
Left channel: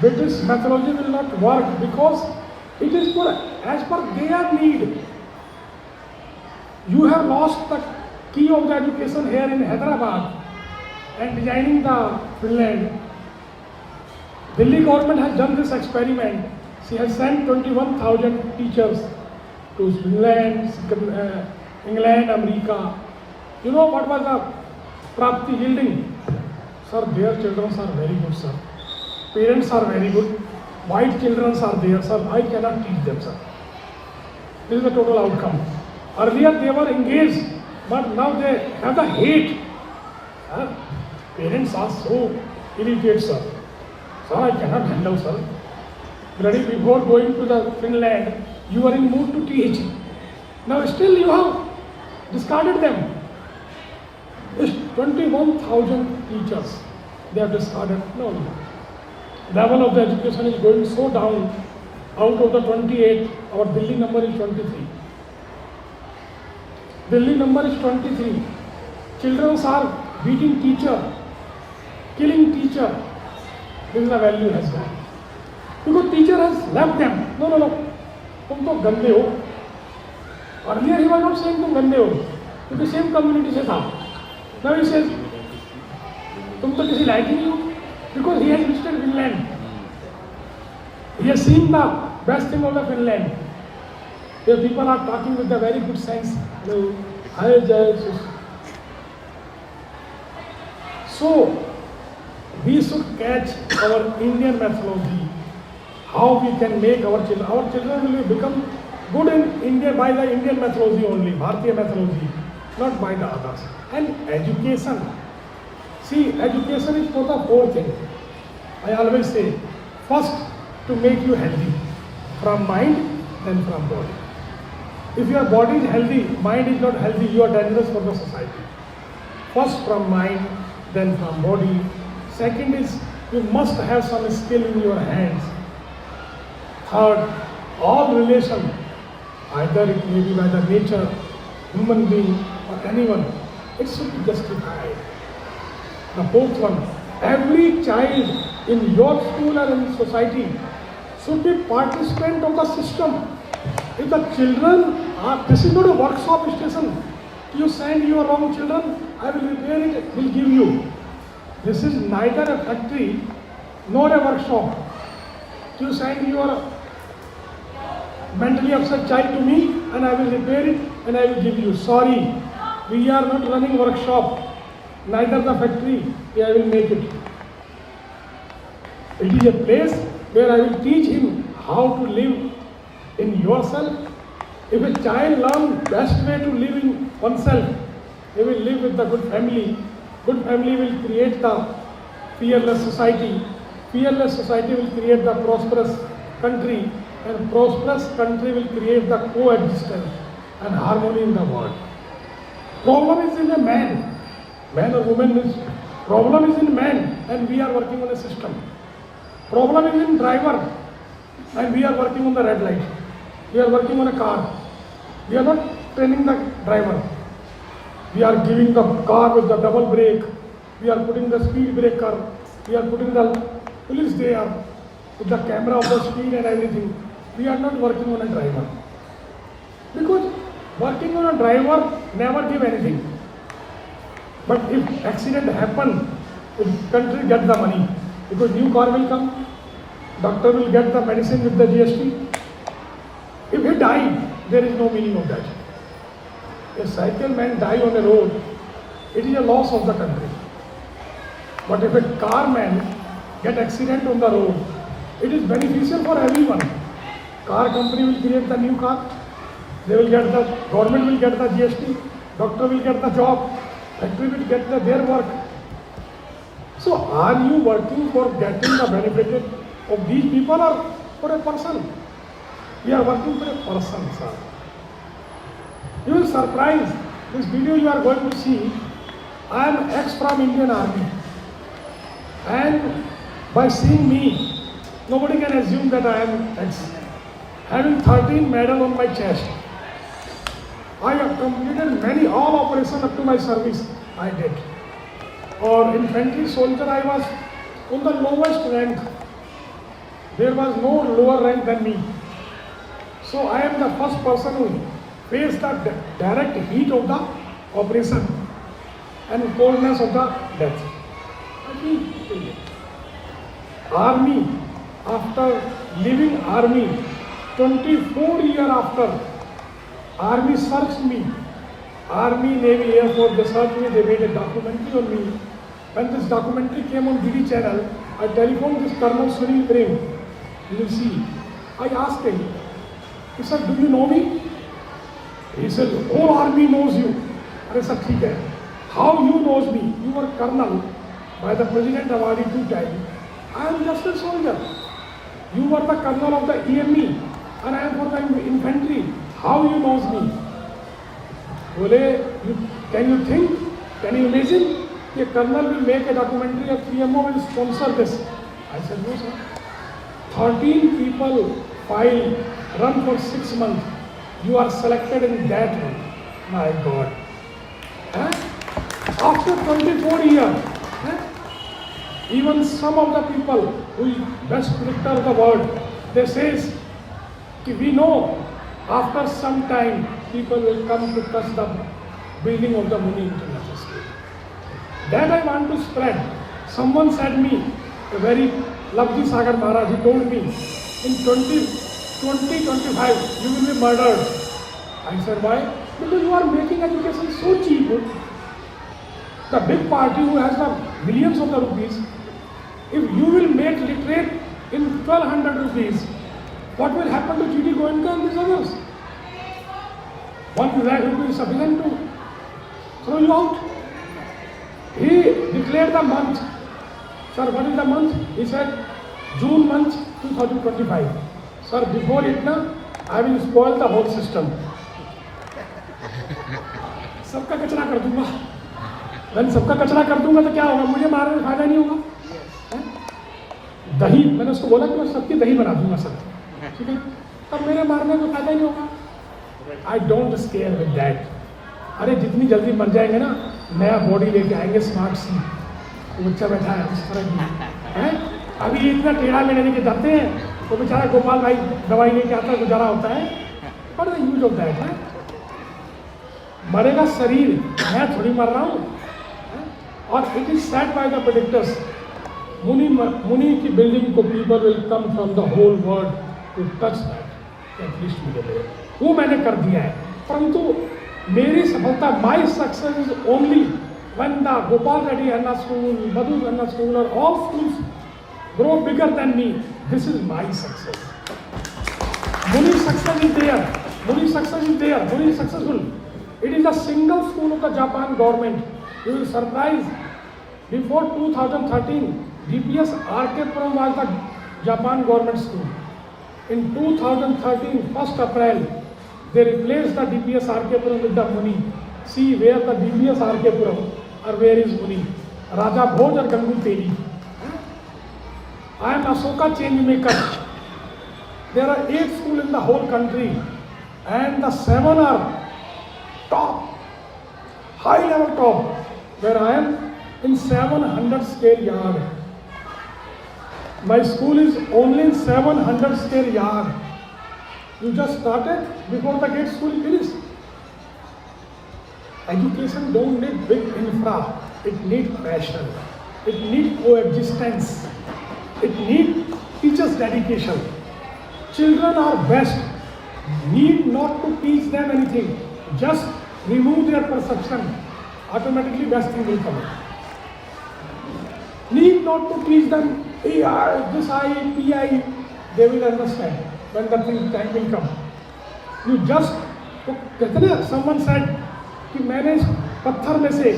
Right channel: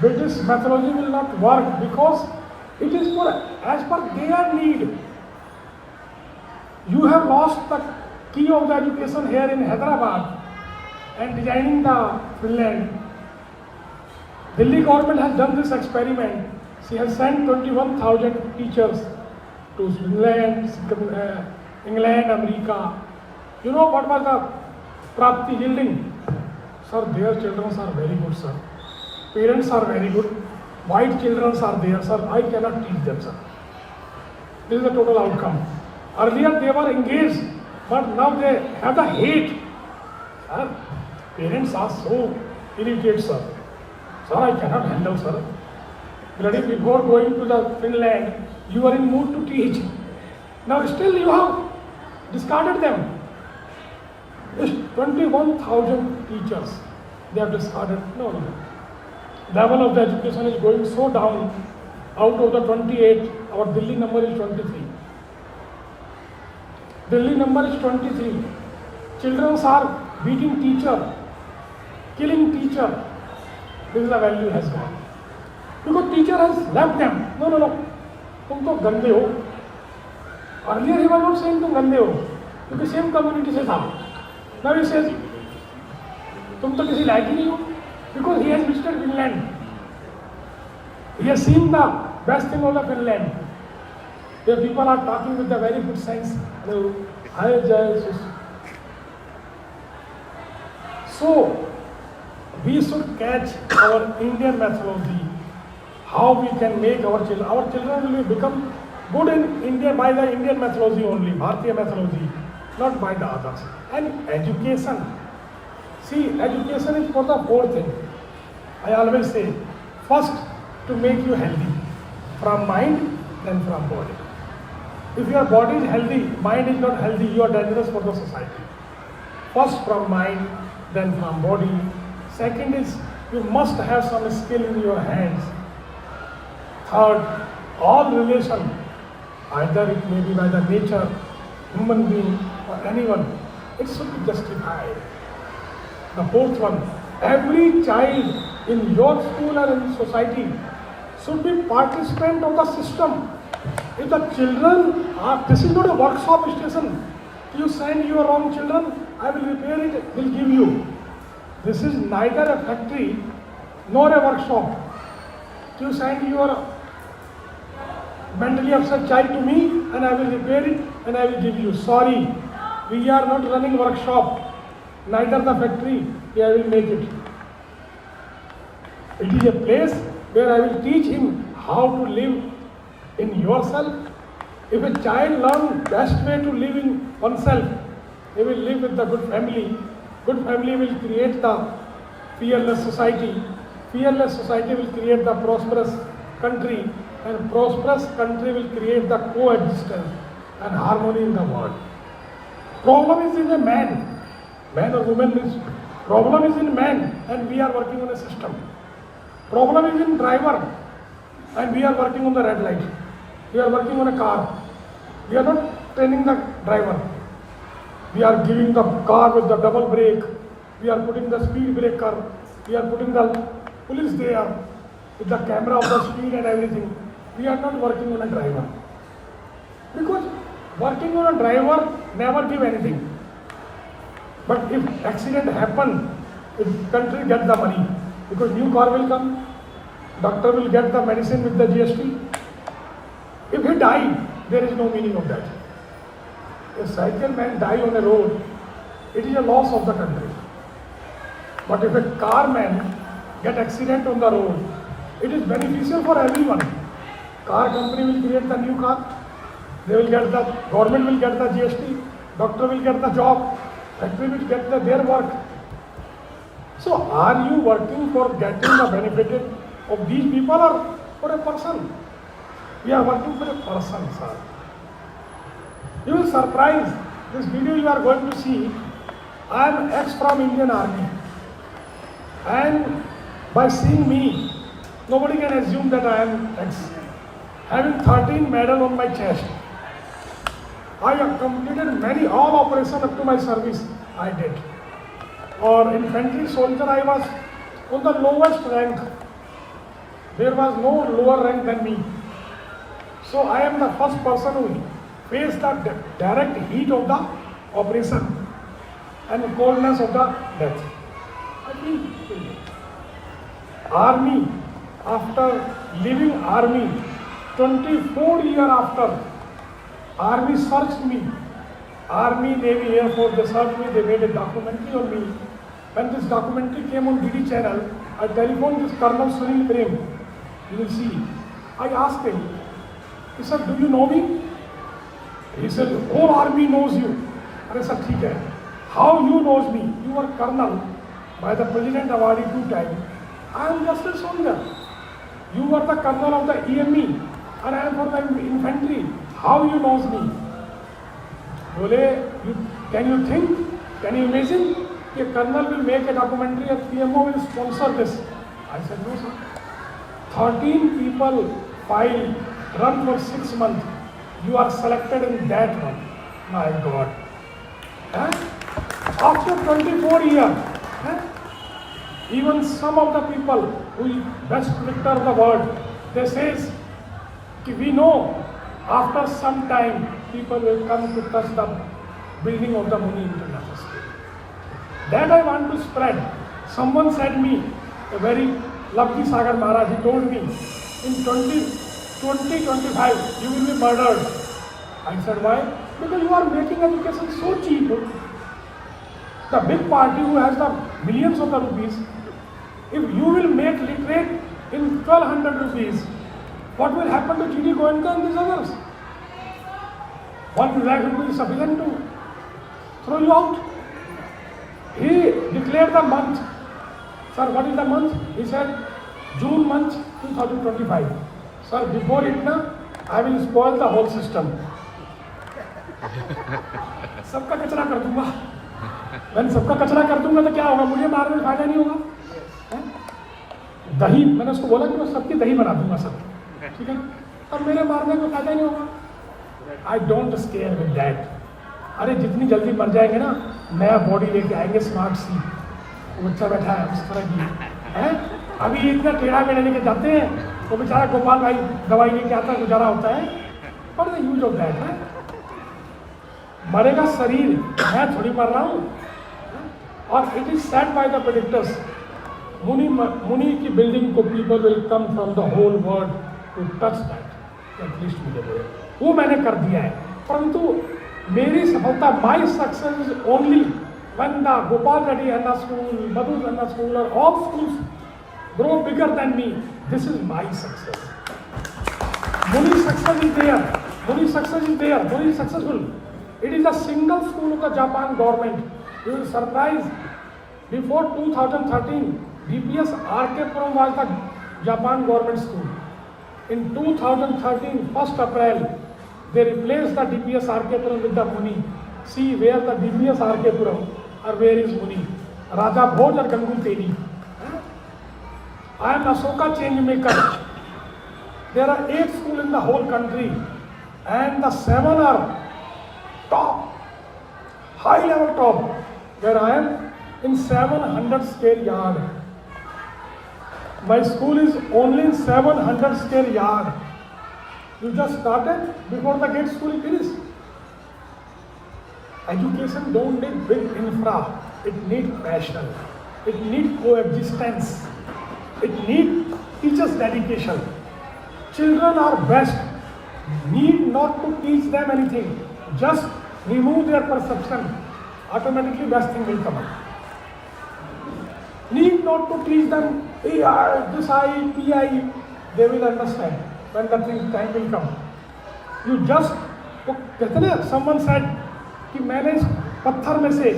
British methodology will not work because it is for as per their need. You have lost the key of the education here in Hyderabad and designing the Finland. Delhi government has done this experiment. She has sent 21,000 teachers to England, America. You know what was the Pragati yielding? Sir, their children are very good, sir. Parents are very good. White children are there, sir. I cannot teach them, sir. This is the total outcome. Earlier they were engaged, but now they have the hate. Sir, parents are so irritated, sir. Sir, I cannot handle, sir. Bloody before going to the Finland, you are in mood to teach. Now still you have discarded them. 21,000 teachers, they have discarded. No. Level of the education is going so down. Out of the 28, our Delhi number is 23. Delhi number is 23. Children are beating teacher, killing teacher. This is the value has gone. Because teacher has left them. No. तुम तो गंदे हो. Earlier he was not saying तुम गंदे हो. क्योंकि same community से था. Now he says तुम तो किसी लायक ही नहीं हो. Because he has visited Finland. He has seen the best thing of the Finland. Where people are talking with a very good sense. So we should catch our Indian methodology. How we can make our children will become good in India by the Indian methodology only, Bharatiya methodology, not by the others. And education. See, education is for the four things. I always say, first to make you healthy, from mind, then from body. If your body is healthy, mind is not healthy, you are dangerous for the society. First from mind, then from body. Second is, you must have some skill in your hands. Third, all relation, either it may be by the nature, human being, or anyone, it should be justified. The fourth one, every child in your school and in society should be participant of the system. If the children are, this is not a workshop station. You send your own children, I will repair it, will give you. This is neither a factory nor a workshop. You send your mentally upset child to me and I will repair it and I will give you. Sorry, we are not running workshop, neither the factory, I will make it. It is a place where I will teach him how to live in yourself. If a child learns best way to live in oneself, he will live with the good family. Good family will create the fearless society. Fearless society will create the prosperous country, and prosperous country will create the coexistence and harmony in the world. Problem is in a man. Man or woman is, problem is in man and we are working on a system. Problem is in driver and we are working on the red light. We are working on a car. We are not training the driver. We are giving the car with the double brake. We are putting the speed breaker. We are putting the police there with the camera of the speed and everything. We are not working on a driver. Because working on a driver never give anything. But if accident happen, the country get the money. Because new car will come, doctor will get the medicine with the GST. If he die, there is no meaning of that. A cycle man die on a road, it is a loss of the country. But if a car man get accident on the road, it is beneficial for everyone. Car company will create the new car, they will get the, government will get the GST, doctor will get the job, factory will get their work. So are you working for getting the benefit of these people or for a person? We are working for a person, sir. You will surprise, this video you are going to see, I am ex from Indian Army. And by seeing me, nobody can assume that I am ex. Having 13 medals on my chest, I have completed many, all operations up to my service, I did. Or infantry soldier, I was on the lowest rank. There was no lower rank than me. So I am the first person who faced the direct heat of the operation and coldness of the death. Army, after leaving army, 24 years after, army searched me. Army, Navy, Air Force, they searched me, they made a documentary on me. When this documentary came on DD channel, I telephoned this Colonel Sunil Prem. You will see. I asked him, he said, do you know me? He said, whole army knows you. I said, okay. How you knows me? You were colonel by the President awarded 2 times. I am just a soldier. You were the colonel of the EME and I am for the infantry. How you knows me? Can you think? Can you imagine? A colonel will make a documentary, a PMO will sponsor this. I said, no sir. 13 people file, run for 6 months. You are selected in that one. My God. After 24 years, even some of the people who best predictor of the world, they says, we know after some time people will come to touch the building of the Muni International School. That I want to spread. Someone said me, a very lovely Sagar Maharaj, he told me, in 2025 you will be murdered. I said, why? Because you are making education so cheap. The big party who has the millions of the rupees, if you will make literate in 1200 rupees, what will happen to GD Goenka and these others? 1 lakh rupees is sufficient to throw you out. He declared the month. Sir, what is the month? He said, June month 2025. Sir, before it, I will spoil the whole system. सबका कचरा कर दूंगा. मैंने सबका कचरा कर दूंगा तो क्या होगा? मुझे मारने में फायदा नहीं होगा. दही, मैंने उसको बोला कि मैं सबकी दही बना दूंगा सर. ठीक है? तब मेरे मारने में फायदा नहीं होगा. I don't scare with that. अरे जितनी जल्दी मर जाएंगे ना, नया बॉडी लेके आएंगे स्मार्ट सी. वो बच्चा बैठा है उस तरह की है। अभी ये इतना टेढ़ा मेढ़ा लेके जाते हैं तो बेचारा गोपाल भाई दवाई लेके आता है, गुजारा होता है। बट यूज ऑफ दैट है, मरेगा शरीर, मैं थोड़ी मर रहा हूँ। और it is said by the predictors, मुनि की बिल्डिंग को people will come from the whole world to touch that, at least वो मैंने कर दिया है। परंतु मेरी सफलता, my success is only when the Gopal Reddy Anna School, Madhu Anna School, or all schools grow bigger than me. This is my success. Muni's success is there. Muni's success is there. Muni is successful. It is a single school of the Japan government. You will surprise. Before 2013, DPS Arkepuram was the Japan government school. In 2013, 1st April, they replaced the DPS Arkepuram with the Muni. See where the DPS Arkepuram or where is Muni? Raja Bhoj or Gangu Teri. I am Ashoka change maker. There are 8 schools in the whole country and the 7 are top, high level top, where I am in 700 square yard. My school is only in 700 square yard. You just started before the gate school finished. Education don't need big infra, it needs passion, it needs coexistence, it needs teachers' dedication. Children are best, need not to teach them anything, just remove their perception, automatically best thing will come. Need not to teach them, this I, PI, they will understand when the time will come. You just, someone said, कि मैंने इस पत्थर में से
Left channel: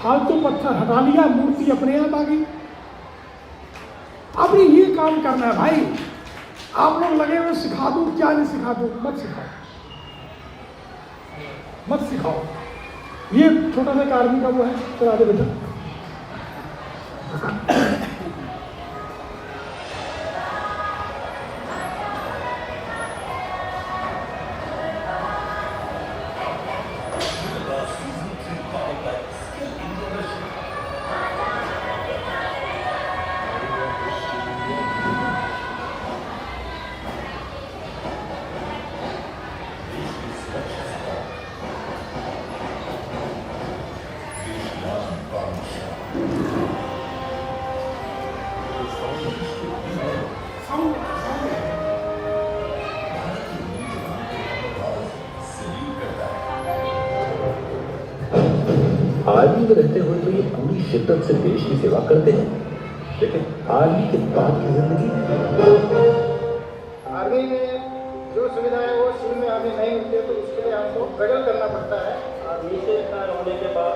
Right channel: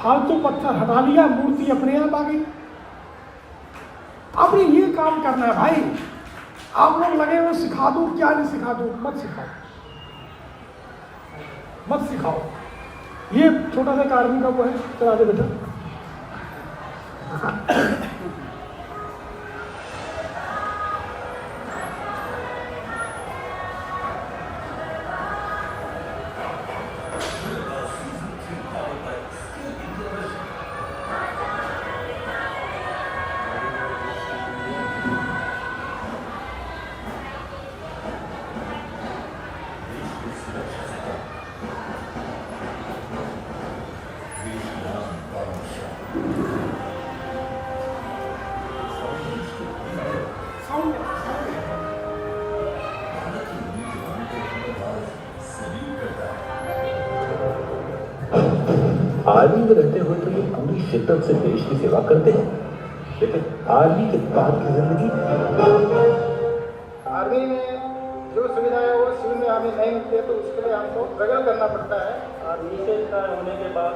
फालतू पत्थर हटा लिया, मूर्ति अपने आप आ गई। अब ये काम करना है भाई। आप लोग लगे हुए सिखा दूं, क्या नहीं सिखा दूं, मत सिखाओ, मत सिखाओ। ये छोटा सा आदमी का वो है, चला दे बेटा। आर्मी में रहते हुए तो ये पूरी शिद्दत से देश की सेवा करते हैं, लेकिन आर्मी के बाद की जिंदगी, आर्मी में जो सुविधाएं वो शुरू में हमें नहीं मिलती, तो उसके लिए हमको स्ट्रगल करना पड़ता है। और नीचे होने के बाद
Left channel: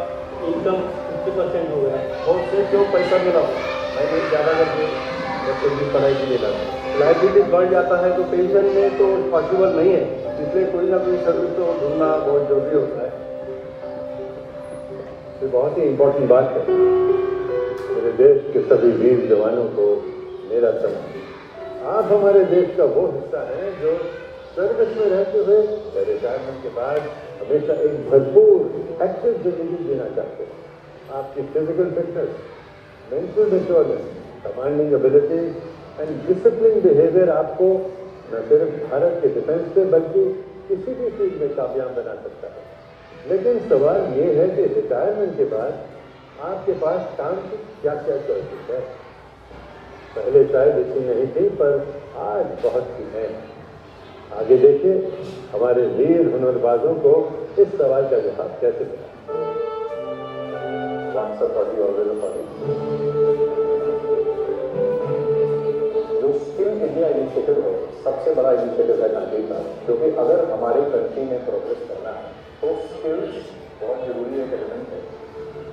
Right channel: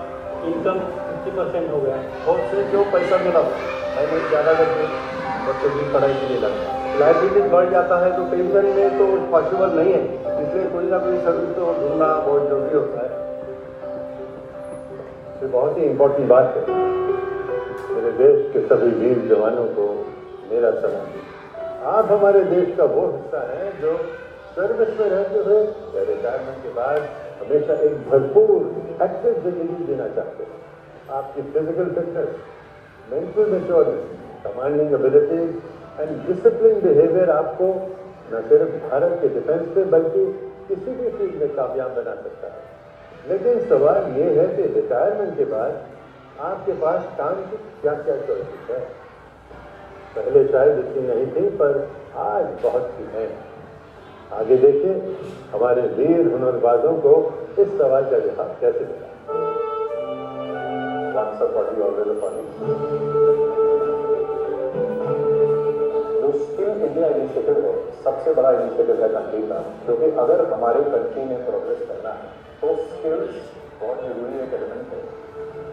इनकम 50% हो गया, और फिर जो पैसा मिला और ज़्यादा बच्चे की पढ़ाई के लिए लगा, लाइबिलिटीज बढ़ जाता है तो पेंशन में तो पॉसिबल नहीं है, इसलिए कोई ना कोई सर्विस को ढूंढना बहुत जरूरी होता है। तो बहुत ही इम्पोर्टेंट बात है। मेरे देश के सभी वीर जवानों को मेरा सलाम। आप हमारे देश का वो हिस्सा है जो सर्विस में रहते हुए रिटायरमेंट के बाद हमेशा एक भरपूर एक्टिव जिंदगी जीना चाहते हैं। आपकी physical fitness, mental maturity, commanding ability and discipline behaviour आपको न सिर्फ भारत के डिफेंस पे बल्कि किसी भी फील्ड में कामयाब बना सकता है। लेकिन सवाल ये है कि रिटायरमेंट के बाद आपके पास काम की क्या क्या चॉइसेस है। पहले शायद इतनी नहीं थी, पर आज बहुत सी है। आगे देखिए हमारे वीर हुनरबाजों को इस सवाल का जवाब कैसे दें। जो स्किल इंडिया इनिशिएटिव है, सबसे बड़ा इनिशिएटिव है गांधी का, क्योंकि अगर हमारे कंट्री में प्रोग्रेस करना है तो स्किल्स बहुत जरूरी एक एलिमेंट है।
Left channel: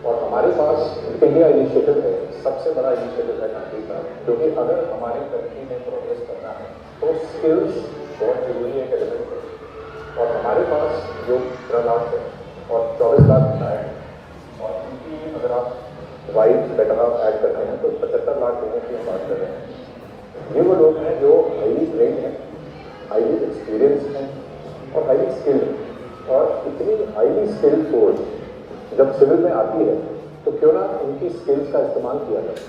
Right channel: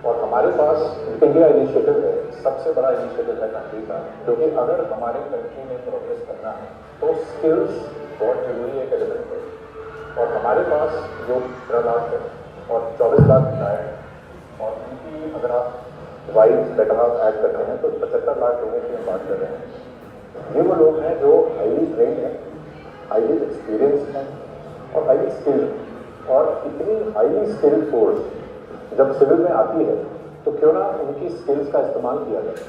और हमारे पास इंडिया इनिशिएटिव है, सबसे बड़ा इनिशिएटिव है गांधी का, क्योंकि अगर हमारे कंट्री में प्रोग्रेस करना है तो स्किल्स बहुत जरूरी एक एलिमेंट है। और हमारे पास जो 13 लाख है और 24 लाख है, और उनकी अगर आप वाइज बेटा ऐड करते हैं तो 75 लाख लोगों की बात कर रहे हैं। ये वो लोग हैं जो हाईली ट्रेंड हैं, हाईली एक्सपीरियंस हैं और हाईली स्किल्ड। और इतनी हाईली स्किल्ड फोर्स जब सिविल में आती है तो क्यों ना उनकी स्किल्स का इस्तेमाल किया जाए।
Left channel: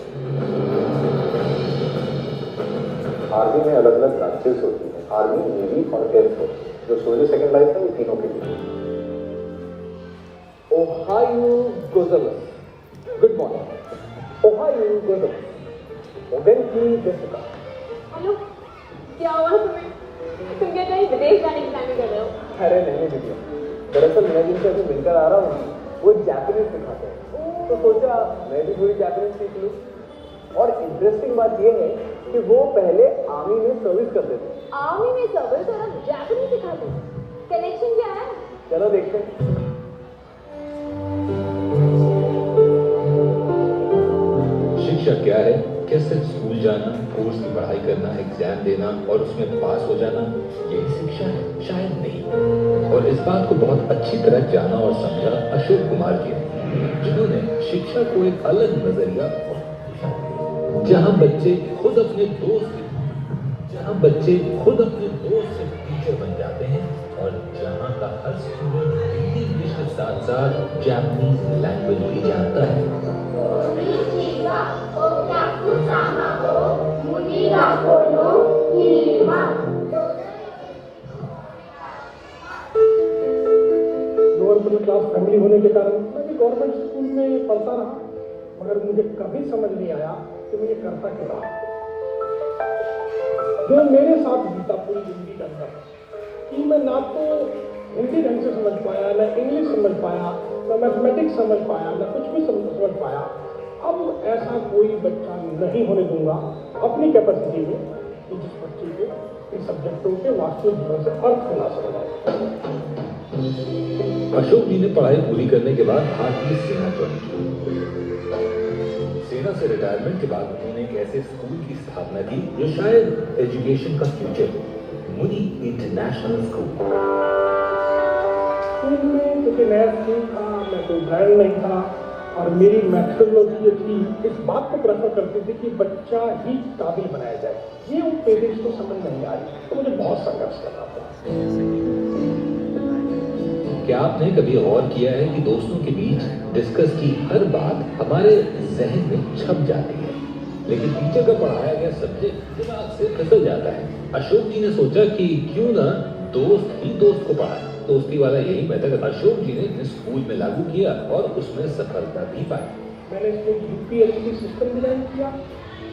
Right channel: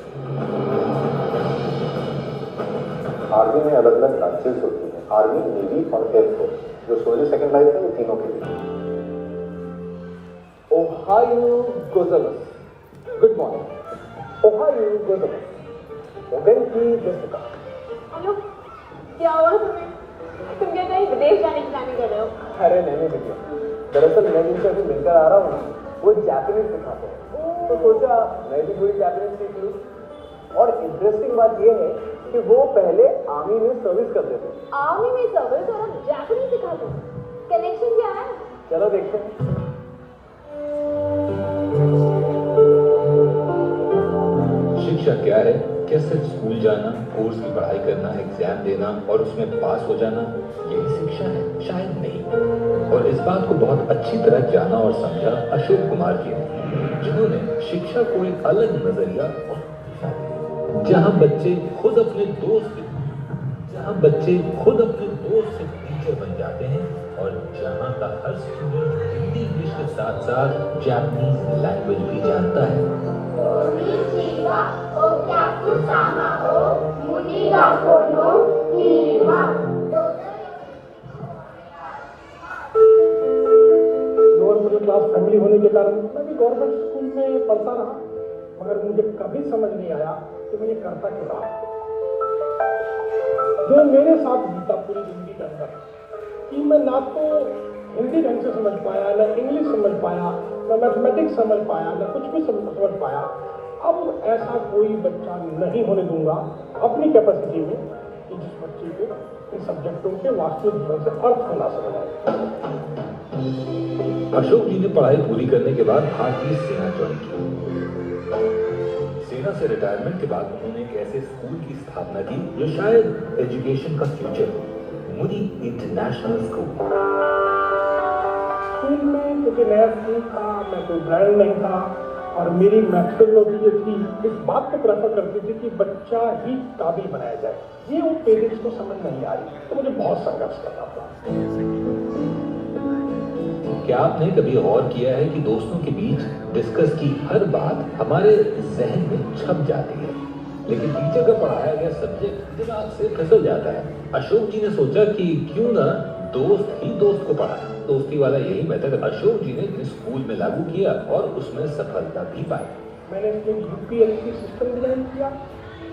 आर्मी में अलग अलग ब्रांचेस होती हैं, आर्मी, नेवी और एयरफोर्स। जो सोनी सेकंड लाइफ है, ये तीनों के लिए। ओहायो गोजल्स, गुड मॉर्निंग। ओहायो गोजल्स, होटल की जैसा। हेलो, क्या हुआ तुम्हें? तुम क्या कहीं विदेश जाने की प्लानिंग कर रहे हो? अरे नहीं बेटे, दरअसल मैं जिनसे अभी मिलकर आ रहा हूँ ना, वो जापानीज सिखाते हैं, तो सोचा मैं भी थोड़ी जापानीज सीख लूँ। और इंटरेस्टिंग बात ये है कि वो पहले आर्मी में सर्विस करते थे। आर्मी में सर्विस और जापानीज सिखाते हैं, कनेक्शन क्या है? चलो देखते हैं। शिक्षा क्या है? क्या सिर्फ स्कूल जाना, कोर्स की पढ़ाई करना, एग्जाम देना और उसमें पास हो जाना, यही शिक्षा है? शायद नहीं। और इस बात को बहुत अच्छी तरह जाना और समझा अशोक कुमार जी ने, जिन्होंने शिक्षा को एक अलग नजरिया और दिशा दी। जहां बच्चे खुद अपने दोस्त से टीचर बन जाते हैं और जहां का हर स्टूडेंट हिंदी इंग्लिश के साथ साथ जापानीज लैंग्वेज भी जानता है। लोअर मिडिल क्लास फैमिली होने के कारण मैं भी गवर्नमेंट स्कूल में पढ़ता रहा, मगर मुझे कभी समझ नहीं आया कि मुझे करता क्या। जो मेरे साथ बीता पूरी जिंदगी के अंदर कि मैं ना तो हिंदी ढंग से समझ पाया, ना इंग्लिश समझ पाया, ना मैथमेटिक्स समझ पाया, ना कुछ भी समझ पाया। अब ऐसा कोई बच्चा नहीं होने दूंगा अपनी कैपेसिटी में कि जिस बच्चे को इन सब्जेक्टों के वास्तविक जीवन से अर्थ को ना समझ आए। अशोक जी ने पढ़ाई पूरी करने के बाद भारतीय सेना ज्वाइन की। सेना से रिटायरमेंट के बाद उन्होंने एक ऐसे स्कूल की स्थापना की जो शायद एजुकेशन का फ्यूचर हो, मुनी इंटरनेशनल स्कूल। स्कूल में क्योंकि नया स्कूल था, मैं कोई ब्रांड नहीं था और मेरी मैथोलॉजी जो थी इस बात को प्रेफर करती थी कि बच्चा ही काबिल बनाया जाए। ये उन पेरेंट्स को समझ नहीं आई, तो मुझे बहुत संघर्ष करना पड़ा। क्या आपने कभी और किया है कि दोस्तों के बीच डिस्कस की हर बात हमारे जहन में छप जाती है, लेकिन टीचर का पढ़ाया गया सब्जेक्ट दिमाग से फिसल जाता है। अशोक जी ने सोचा कि क्यों ना दोस्त ही दोस्त को पढ़ाए। दोस्ती वाला यही मेथड अशोक जी ने अपने स्कूल में लागू किया और उसमें सफलता भी पाई। मैंने इसमें यूपीएससी सिस्टम डिजाइन किया।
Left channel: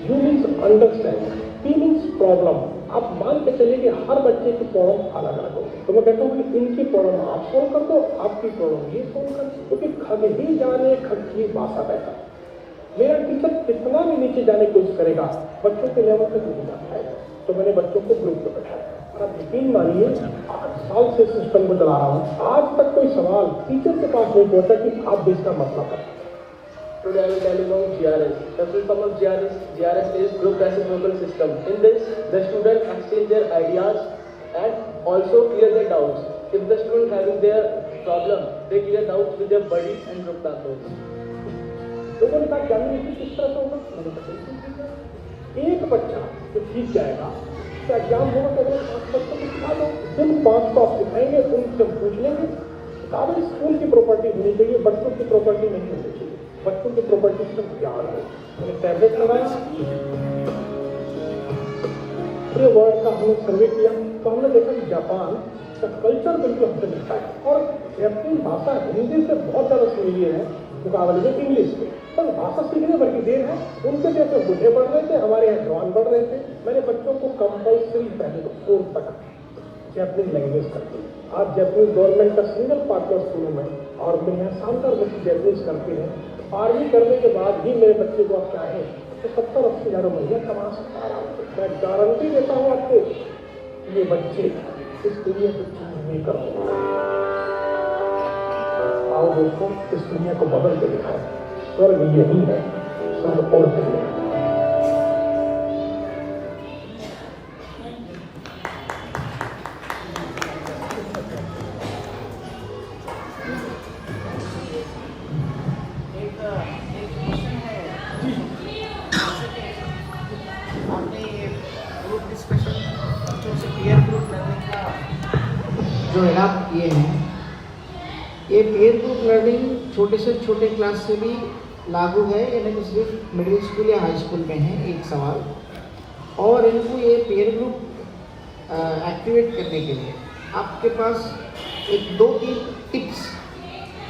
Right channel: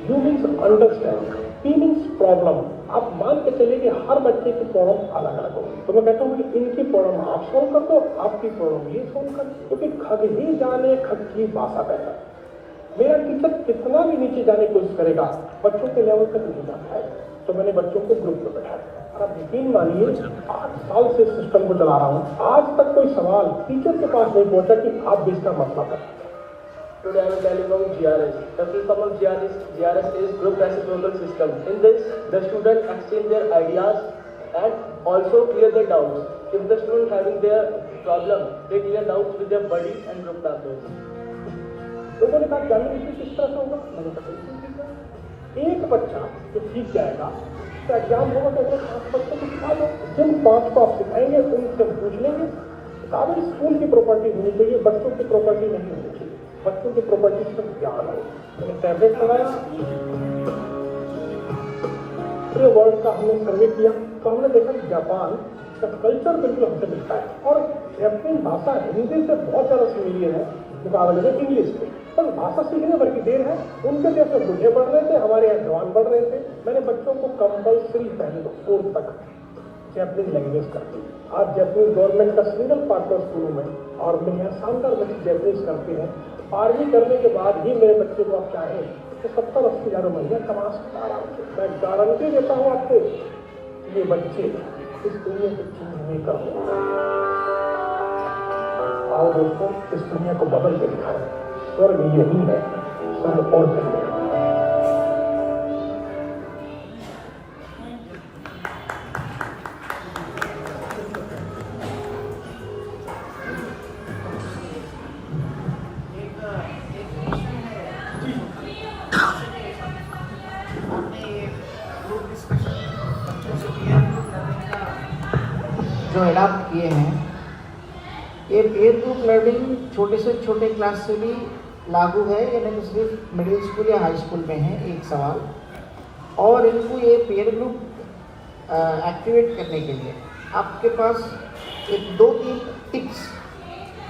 You means understand, P means problem. आप मान के चलिए कि हर बच्चे की प्रॉब्लम अलग अलग हो, तो मैं कहता हूँ कि इनकी प्रॉब्लम आप सॉल्व कर दो, आपकी प्रॉब्लम ये सॉल्व कर दो, क्योंकि खग ही जाने खग की भाषा बैठा। मेरा टीचर कितना भी नीचे जाने की कोशिश करेगा, बच्चों के लेवल तक नहीं जा पाएगा। तो मैंने बच्चों को ग्रुप में बैठाया। आप यकीन मानिए 8 साल से सिस्टम को चला रहा हूँ, आज तक कोई सवाल टीचर के पास नहीं पहुंचा कि आप देश का मसला करें। Today I will tell you about GRS. The full form of GRS is Group Reciprocal System. In this, the student exchange their ideas and also clear their doubts. If the student having their problem, they clear doubts with their buddies and group classes. तो मैंने कहा जानने की किस तरह से होगा? एक बच्चा जो सीख जाएगा, उसका एग्जाम होगा तो बच्चे को सिखा लो। जिन 5 को आप सिखाएंगे उनसे पूछ लेंगे। किताबें स्कूल की प्रॉपर्टी होनी चाहिए, बच्चों की प्रॉपर्टी नहीं होनी चाहिए। बच्चों की प्रॉपर्टी सिर्फ ज्ञान हो। मैंने टैबलेट लगाया, पूरे वर्ल्ड का हमने सर्वे किया, तो हमने देखा जापान का कल्चर बिल्कुल हमसे मिलता है और अपनी भाषा हिंदी से बहुत ज़्यादा सिमिलर है मुकाबले में इंग्लिश में। पर भाषा सीखने भर की देर है। उनके जैसे बूढ़े बढ़ रहे थे, हमारे यहाँ जवान बढ़ रहे थे। मैंने बच्चों को कंपल्सरी पहले 4 तक जैपनीज लैंग्वेज करती। आज जैपनीज गवर्नमेंट का सिंगल पार्टनर स्कूल में और मेरे यहाँ शानदार बच्चे जैपनीज करते हैं। 12वीं करने के बाद ही मेरे बच्चे को आप चाहें तो 70-80 हज़ार महीने कमा सकता है। मैं गारंटी देता हूँ आपको, ये बच्चे इस दुनिया को चीज नहीं कर। आओ दोस्तों, इस दुनिया को बदल के दिखाएं। स्वर्ग यही है, स्वर्ग और कहीं नहीं। जो आप किए हैं, ये पेयर ग्रुप लर्निंग छोटे से छोटे क्लास से भी लागू है, यानी तो सिर्फ मिडिल स्कूल या हाई स्कूल में है एक सवाल। और इनको ये पीयर ग्रुप एक्टिवेट करने के लिए आपके पास एक 2-3 टिप्स,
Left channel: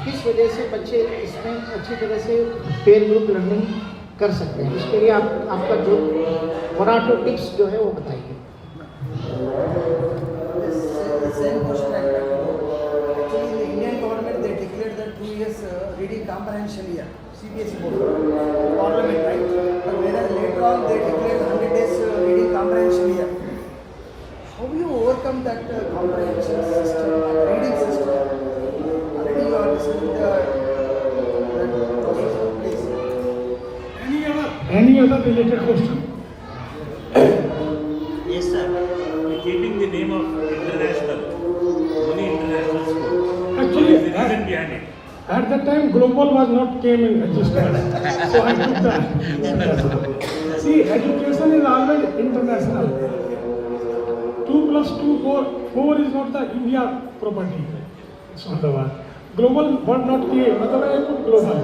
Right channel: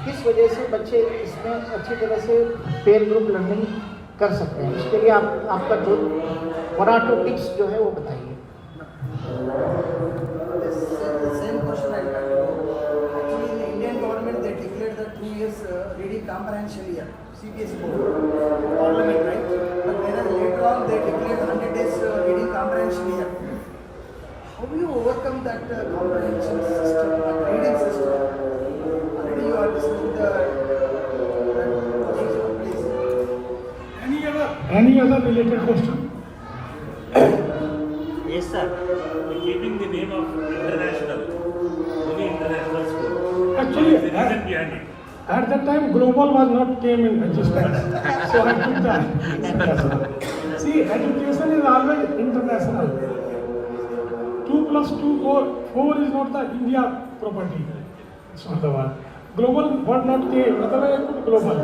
किस वजह से बच्चे इसमें अच्छी तरह से पेयर ग्रुप लर्निंग कर सकते हैं, इसके लिए आपका जो 1 or 2 टिप्स जो है वो बताइए। Same question I had. Actually, the Indian government they declared the 2 years reading comprehension year, CBSE board, parliament, right? But whereas later on they declared 100 days reading comprehension year. How do you overcome that comprehension system, that reading system? How do you understand the please? Any other related question? Yes, sir. Keeping the name of international, Muni International School. Actually, What is the reason behind it? At that time, global was not came in existence. So I took that. See, education is always international. 2 plus 2, 4. 4 is not the India property. It's not the one. Global was not came. Otherwise, I put global.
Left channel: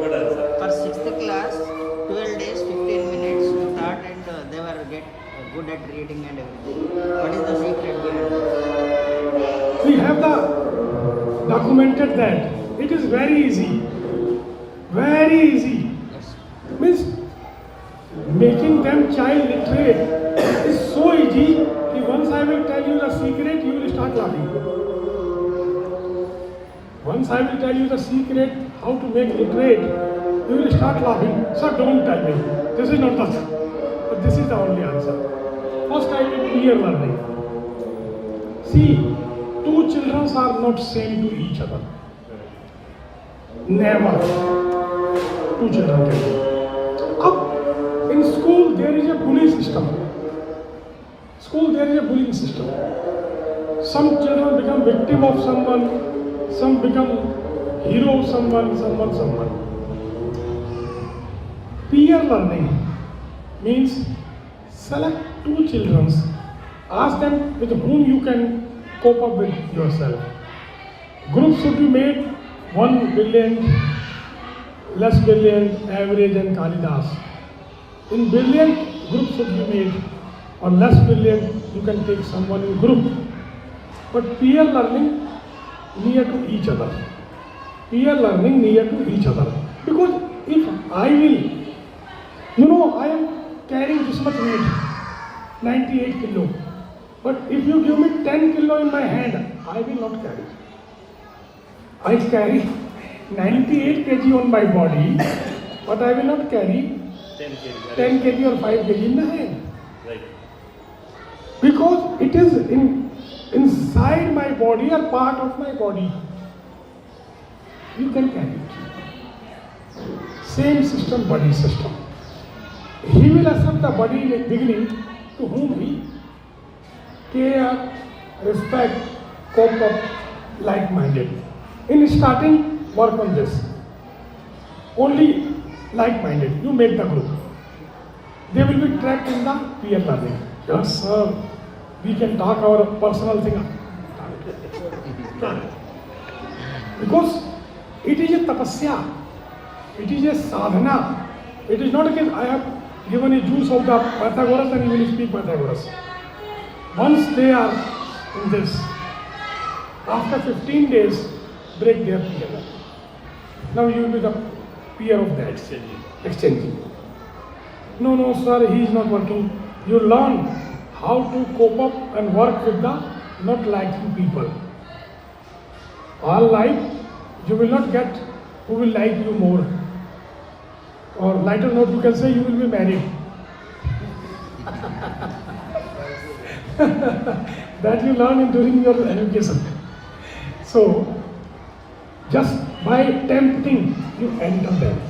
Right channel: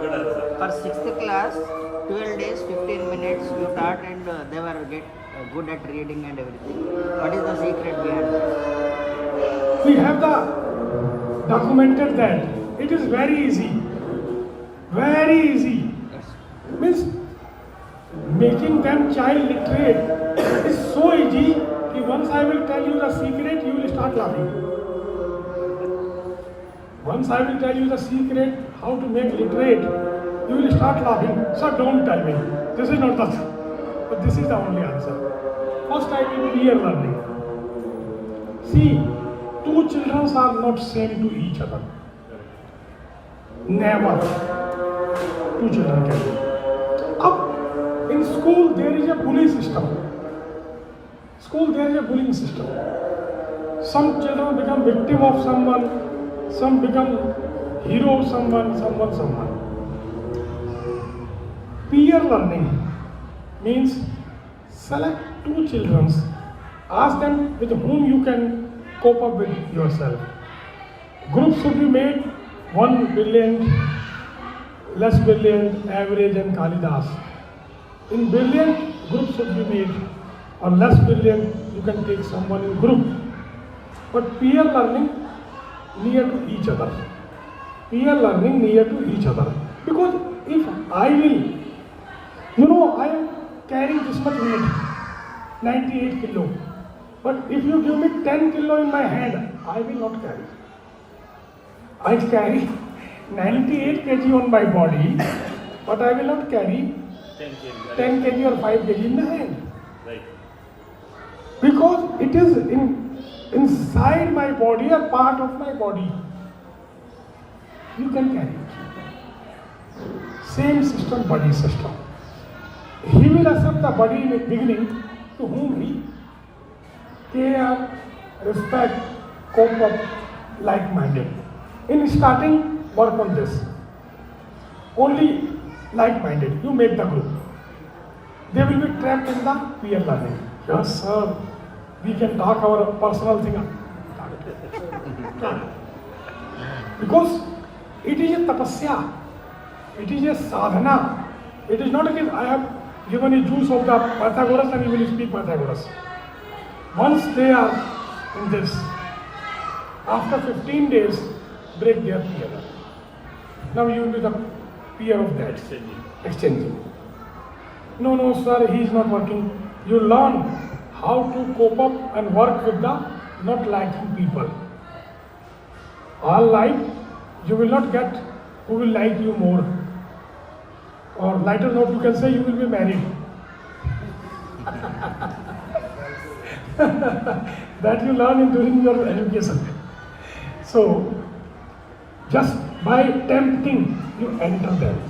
Good answer. For 6th class, 12 days, 15 minutes we thought, and they were good at reading and everything. What is the secret behind it? We have the documented that. It is very easy. Very easy. Means making them child literate is so easy that once I will tell you the secret, you will start laughing. Once I will tell you the secret how to make literate, you will start laughing. So don't tell me. This is not the thing. But this is the only answer. First I will peer learning. See, 2 children are not same to each other. Never. 2 children can be. Up in school there is a bully system. School there is a bullying system. Some children become victim of someone, some become hero of someone. Peer learning means select 2 children, ask them with whom you can cope up with yourself. Groups should be made 1 brilliant, less brilliant, average and Kalidas. In brilliant, groups should be made, or less brilliant, you can take someone in group. But peer learning near to each other. Peer learning near to each other. Because if I will, I am carrying this much weight, 98 kilo. But if you give me 10 kilo in my hand, I will not carry. I carry 98 kg on my body, but I will not carry 10 kg or 5 kg in the hand. Right. Because it is inside my body, a part of my body. You can carry it. Same system, body system. He will accept the body in the beginning to whom he care, respect, cope up, like-minded. In starting, work on this. Only like-minded. You make the group. They will be trapped in the peer learning. Yes, sir. We can talk our personal thing. Because it is a tapasya. It is a sadhana. It is not that I have given a juice of the Pythagoras and you will speak Pythagoras. Once they are in this, after 15 days, break their peer. Now you will be the peer of that. Exchanging. No, sir, he is not working. You learn how to cope up and work with the not liking people. All like, you will not get who will like you more. Or lighter note, you can say you will be married. That you learn during your education. So, just by tempting, you enter them.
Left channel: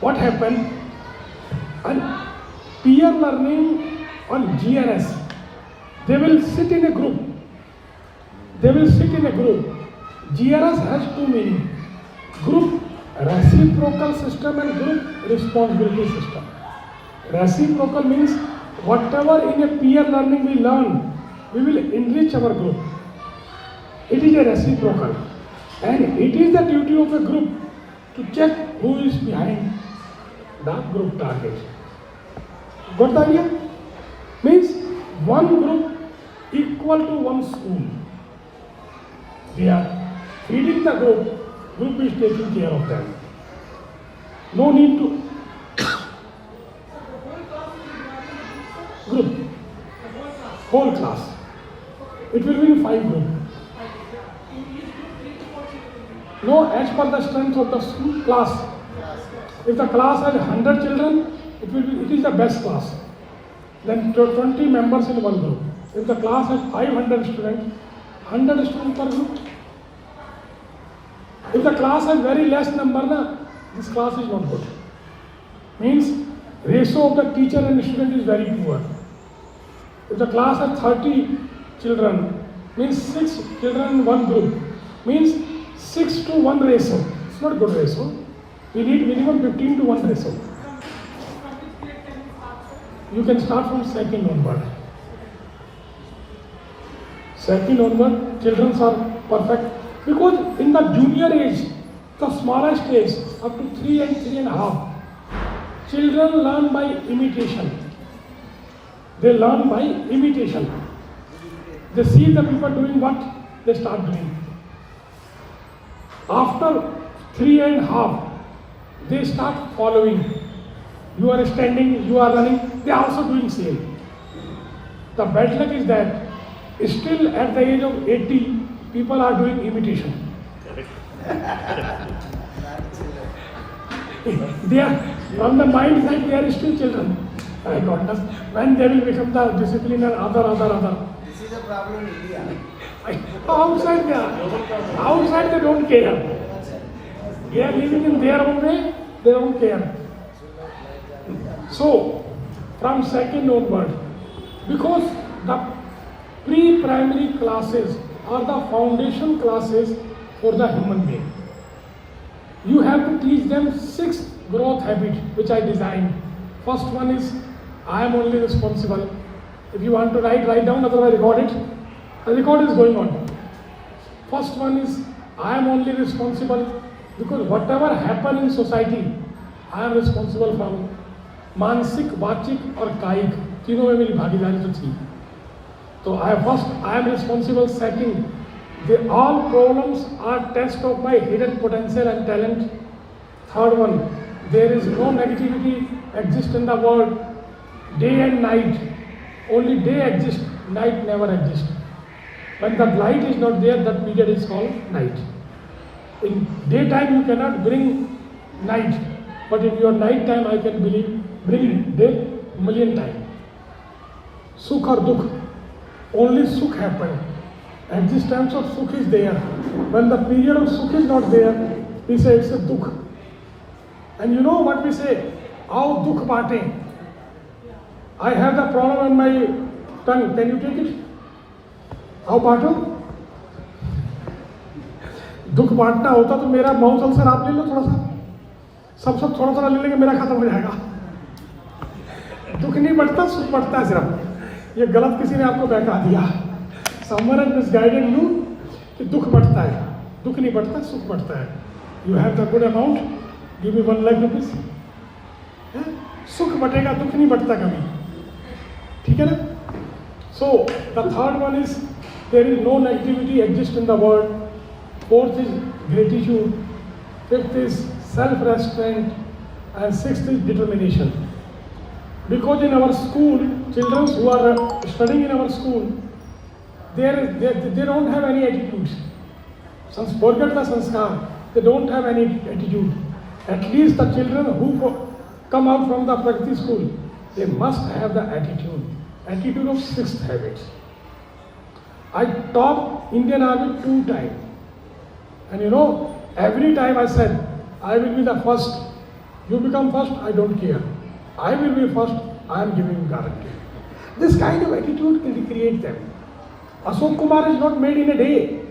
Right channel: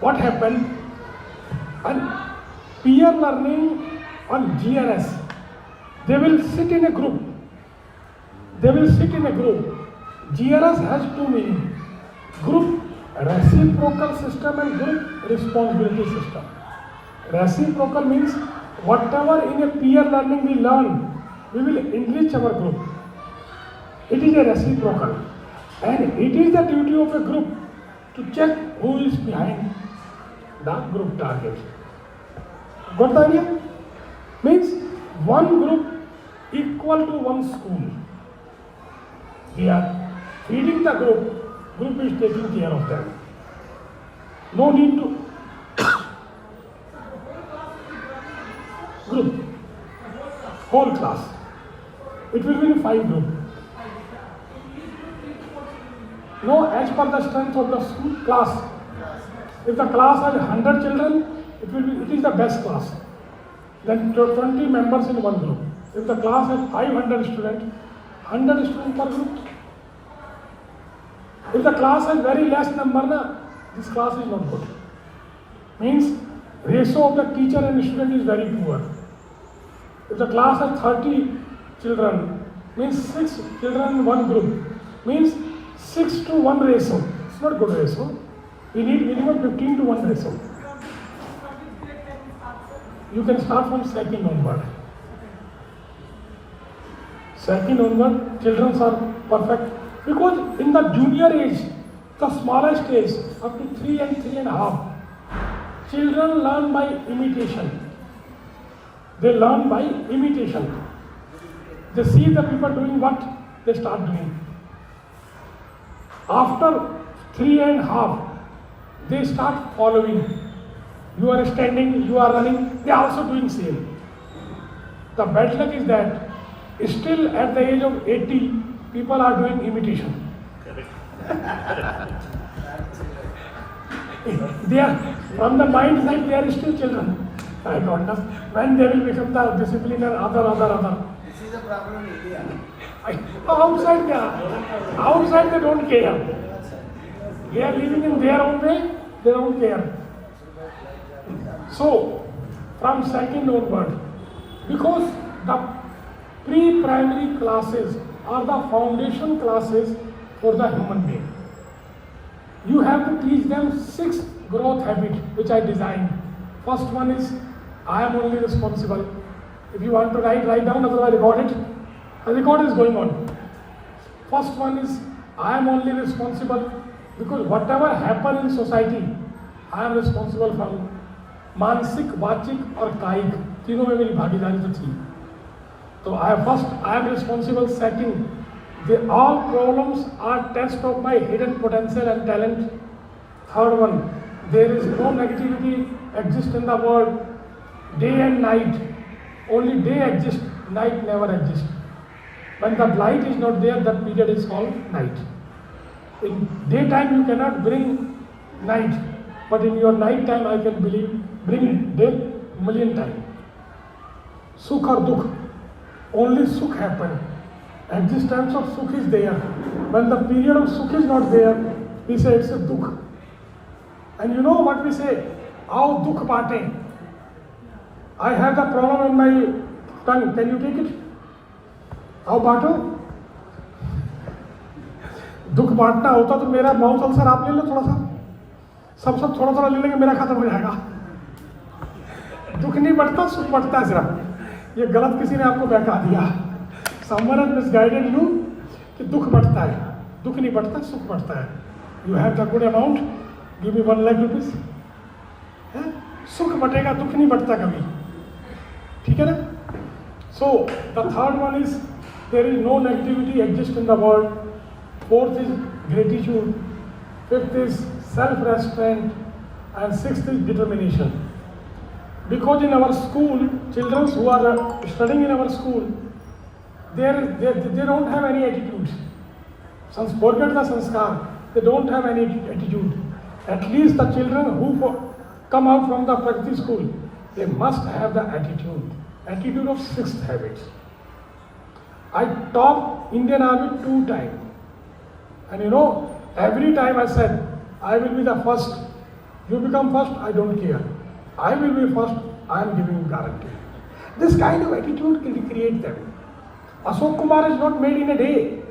What happened? And peer learning on GRS, they will sit in a group. GRS has 2 meanings. Group reciprocal system and group responsibility system. Reciprocal means whatever in a peer learning we learn, we will enrich our group. It is a reciprocal. And it is the duty of a group to check who is behind the group target. Got the idea? Means one group equal to one school. We are feeding the group is taking care of them. No need to group, whole class. It will be in 5 groups. No, as per the strength of the school class. If the class has 100 children, it is the best class. Then 20 members in one group. If the class has 500 students, 100 students per group. If the class has very less number, this class is not good. Means ratio of the teacher and student is very poor. If the class has 30 children, means 6 children in one group, means 6 to 1 ratio. It's not good ratio. We need minimum 15 to 1 ratio. You can start from second onward. Second onward, children are perfect. Because in the junior age, the smallest age, up to 3 and 3.5, children learn by imitation. They learn by imitation. They see the people doing what, they start doing. After 3.5, they start following. You are standing, you are running, they are also doing same. The bad luck is that still at the age of 80, people are doing imitation. They are on the mind that they are still children. I don't know when they will become the discipline and other. This is a problem in India. Outside they don't care. They are living in their own way, they don't care. So, from second onward, because the pre-primary classes are the foundation classes for the human being. You have to teach them 6 growth habits which I designed. First one is, I am only responsible. If you want to write down, otherwise record it. The record is going on. First one is, I am only responsible because whatever happens in society, I am responsible for. मानसिक, वाचिक और कायिक तीनों में मेरी भागीदारी तो थी. So I am responsible. Second, all problems are test of my hidden potential and talent. Third one, there is no negativity exists in the world. Day and night, only day exists, night never exists. When the light is not there, that period is called night. In daytime you cannot bring night, but in your night time I can bring day million times. Sukh or dukh, only sukh happen. Existence of sukh is there. When the period of sukh is not there, we say it's a dukh. And you know what we say? How dukh baate. I have the problem in my tongue. Can you take it? How बांटो? दुख बांटना होता तो मेरा mouth ulcer आप ले लो थोड़ा सा. सब थोड़ा ले लेंगे, मेरा खत्म हो जाएगा. दुख नहीं बढ़ता, सुख बढ़ता है सिर्फ. ये गलत किसी ने आपको बहका दिया. Someone has misguided you कि दुख बढ़ता है. दुख नहीं बढ़ता, सुख बढ़ता है. You have the good amount, give me 1 lakh rupees. सुख बढ़ेगा, दुख नहीं बढ़ता कभी. ठीक है ना? So the third one is, there is no negativity exists in the world. Fourth is gratitude. Fifth is self-restraint. And sixth is determination. Because in our school, children who are studying in our school, they don't have any attitudes. Forget the sanskar. They don't have any attitude. At least the children who come out from the Pragati school, they must have the attitude. Attitude of 6th habit. I taught Indian Army 2 times. And you know, every time I said, I will be the first. You become first, I don't care. I will be first, I am giving guarantee. This kind of attitude can create them. Ashok Kumar is not made in a day.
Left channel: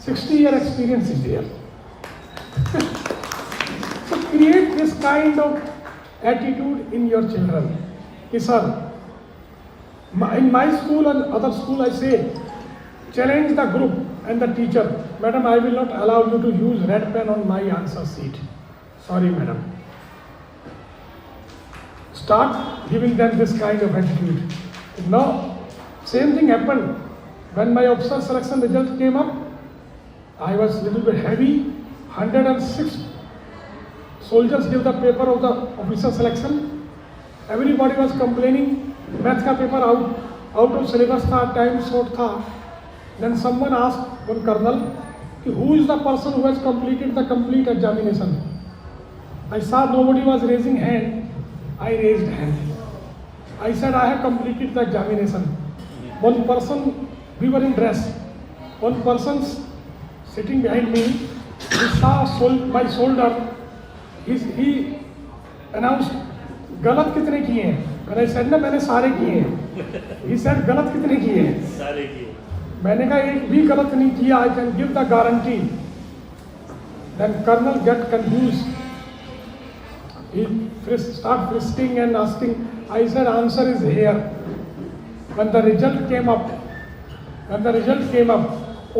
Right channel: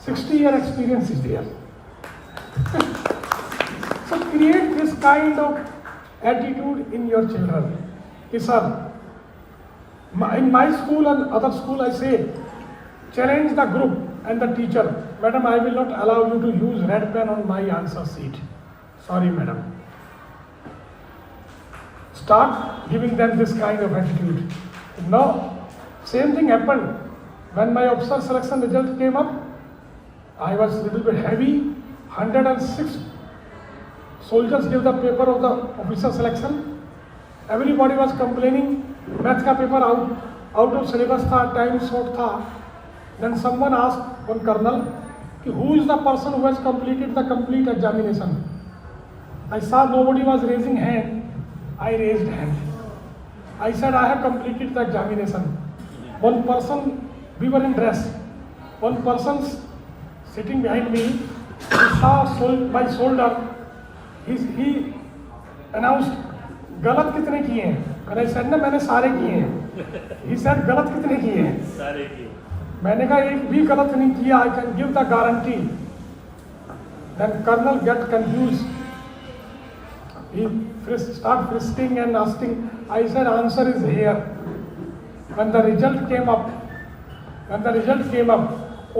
60-year experience is there. So create this kind of attitude in your children. Ki sir, in my school and other school I say, challenge the group and the teacher, "Madam, I will not allow you to use red pen on my answer sheet. Sorry, madam." Start giving them this kind of attitude. Now, same thing happened when my officer selection result came up. I was a little bit heavy. 106 soldiers gave the paper of the officer selection. Everybody was complaining. Math का paper out of syllabus था, time short था. Then someone asked one colonel, "Who is the person who has completed the complete examination?" I saw nobody was raising hand. I raised hand. I said, "I have completed the examination." One person, we were in dress. One person sitting behind me, he saw my shoulder. He announced, "गलत कितने किए हैं?" मैंने said ना, मैंने सारे किए हैं. He said, "गलत कितने किए हैं?" सारे किए. मैंने कहा एक भी गलत नहीं किया. I can give the guarantee. Then colonel get confused. He start frisking and asking. I said, "Answer is here." When the result came up,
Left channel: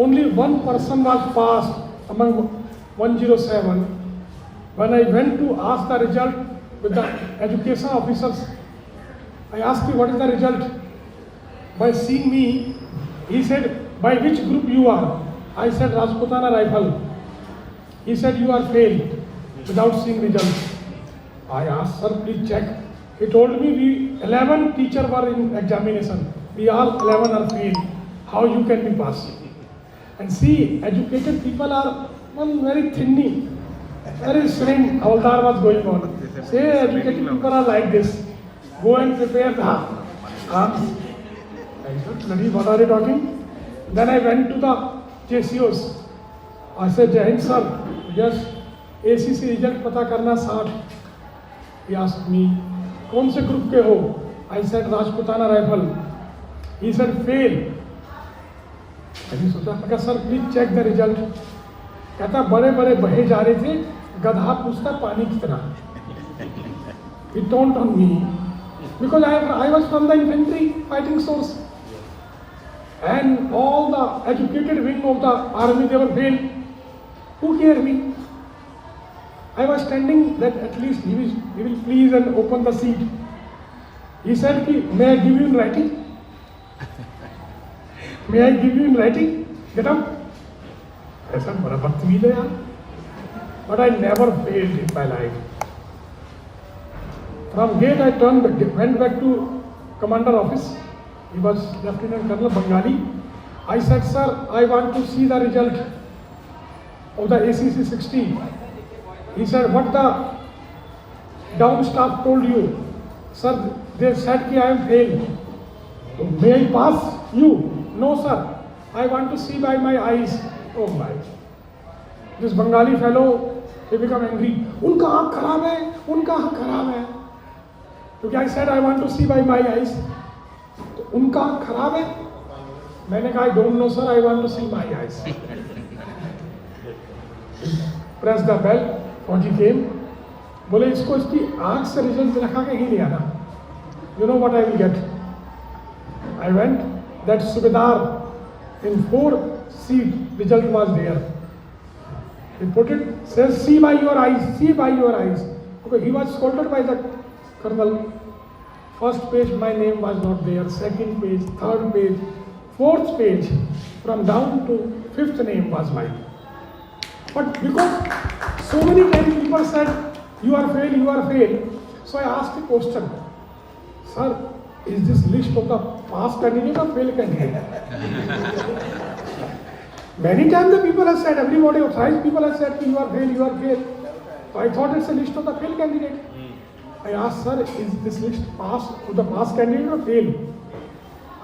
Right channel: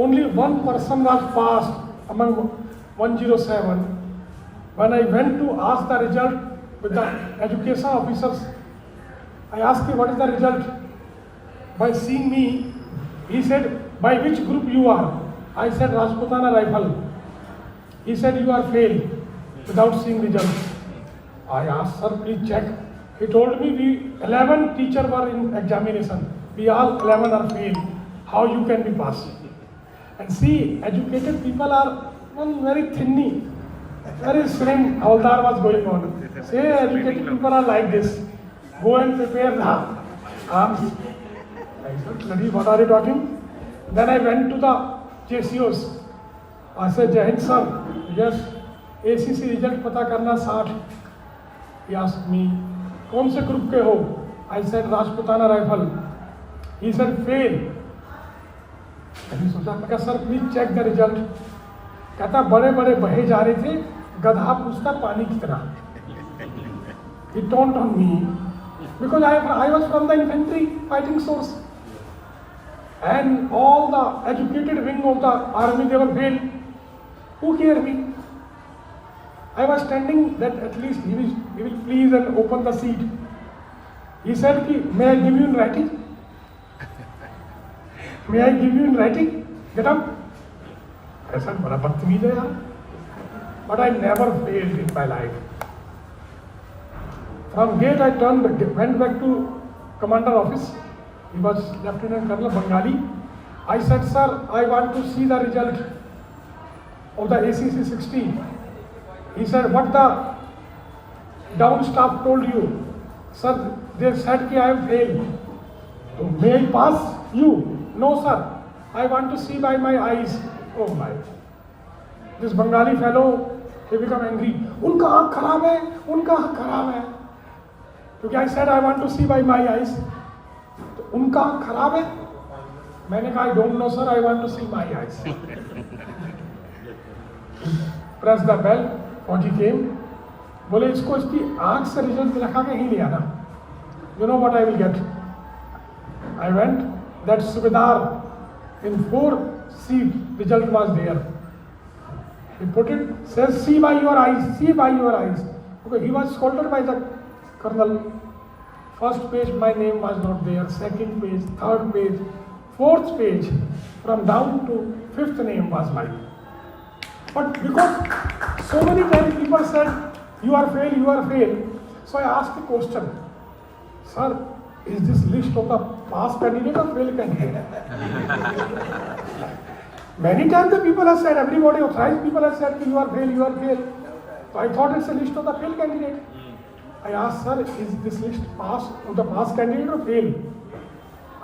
only one person was passed among 107. When I went to ask the result with the education officers, I asked him, "What is the result?" By seeing me, he said, "By which group you are?" I said, "Rajputana Rifle." He said, "You are failed," without seeing result. I asked, "Sir, please check." He told me, 11 teachers were in examination. We all 11 are failed. How you can be passed? And see, educated people are very thinny, very slim. Haldar was going on. Say, educated people are like this. Go and prepare now. I said, "What are you talking?" Then I went to the JCOs. I said, "Jain sir, yes, ACC result पता करना 60." He asked me, "कौन से group के हो?" I said, "Rajputana Rifle." He said, "Fail." मैंने सोचा, "sir please check the result." कहता, "बड़े बड़े बहे जा रहे थे, गधा पूछता पानी कितना." He taunt on me because I was from the infantry fighting source, and all the educated wing of the army, they were failed. Who cared me? I was standing that at least he will please and open the seat. He said, "May I give you in writing? May I give you in writing? Get up." ऐसा बड़ा बदतमीज है यार. But I never failed in my life. From gate I went back to commander office. He was Lieutenant Colonel Bengali. I said, "Sir, I want to see the result of the ACC 60. He said, "What the down staff told you?" "Sir, they said that I am failed." "May I pass you?" "No, sir. I want to see by my eyes." Oh my! This Bengali fellow, he became angry. "उनका आँख खराब है, उनका आँख खराब है." क्योंकि I said I want to see by my eyes. तो उनका आँख खराब है. मैंने कहा, "I don't know, sir. I want to see my eyes." Press the bell. What he came, बोले इसको इसकी आँख से रिजल्ट दिखा के ही ले आना. You know what I will get? I went. That Subedar in 4 seat result was there. He put it, says, "See by your eyes, see by your eyes." Okay, he was scolded by the colonel. First page my name was not there. Second page, third page, fourth page, from down to 5th name was mine. But because so many times people said, "You are failed, you are failed," so I asked the question, "Sir, is this list of the pass candidate or fail candidate?" Many times the people have said, everybody authorized people have said, "You are failed, you are failed." So I thought it's a list of the fail candidate. I asked, "Sir, is this list pass of the pass candidate or fail?"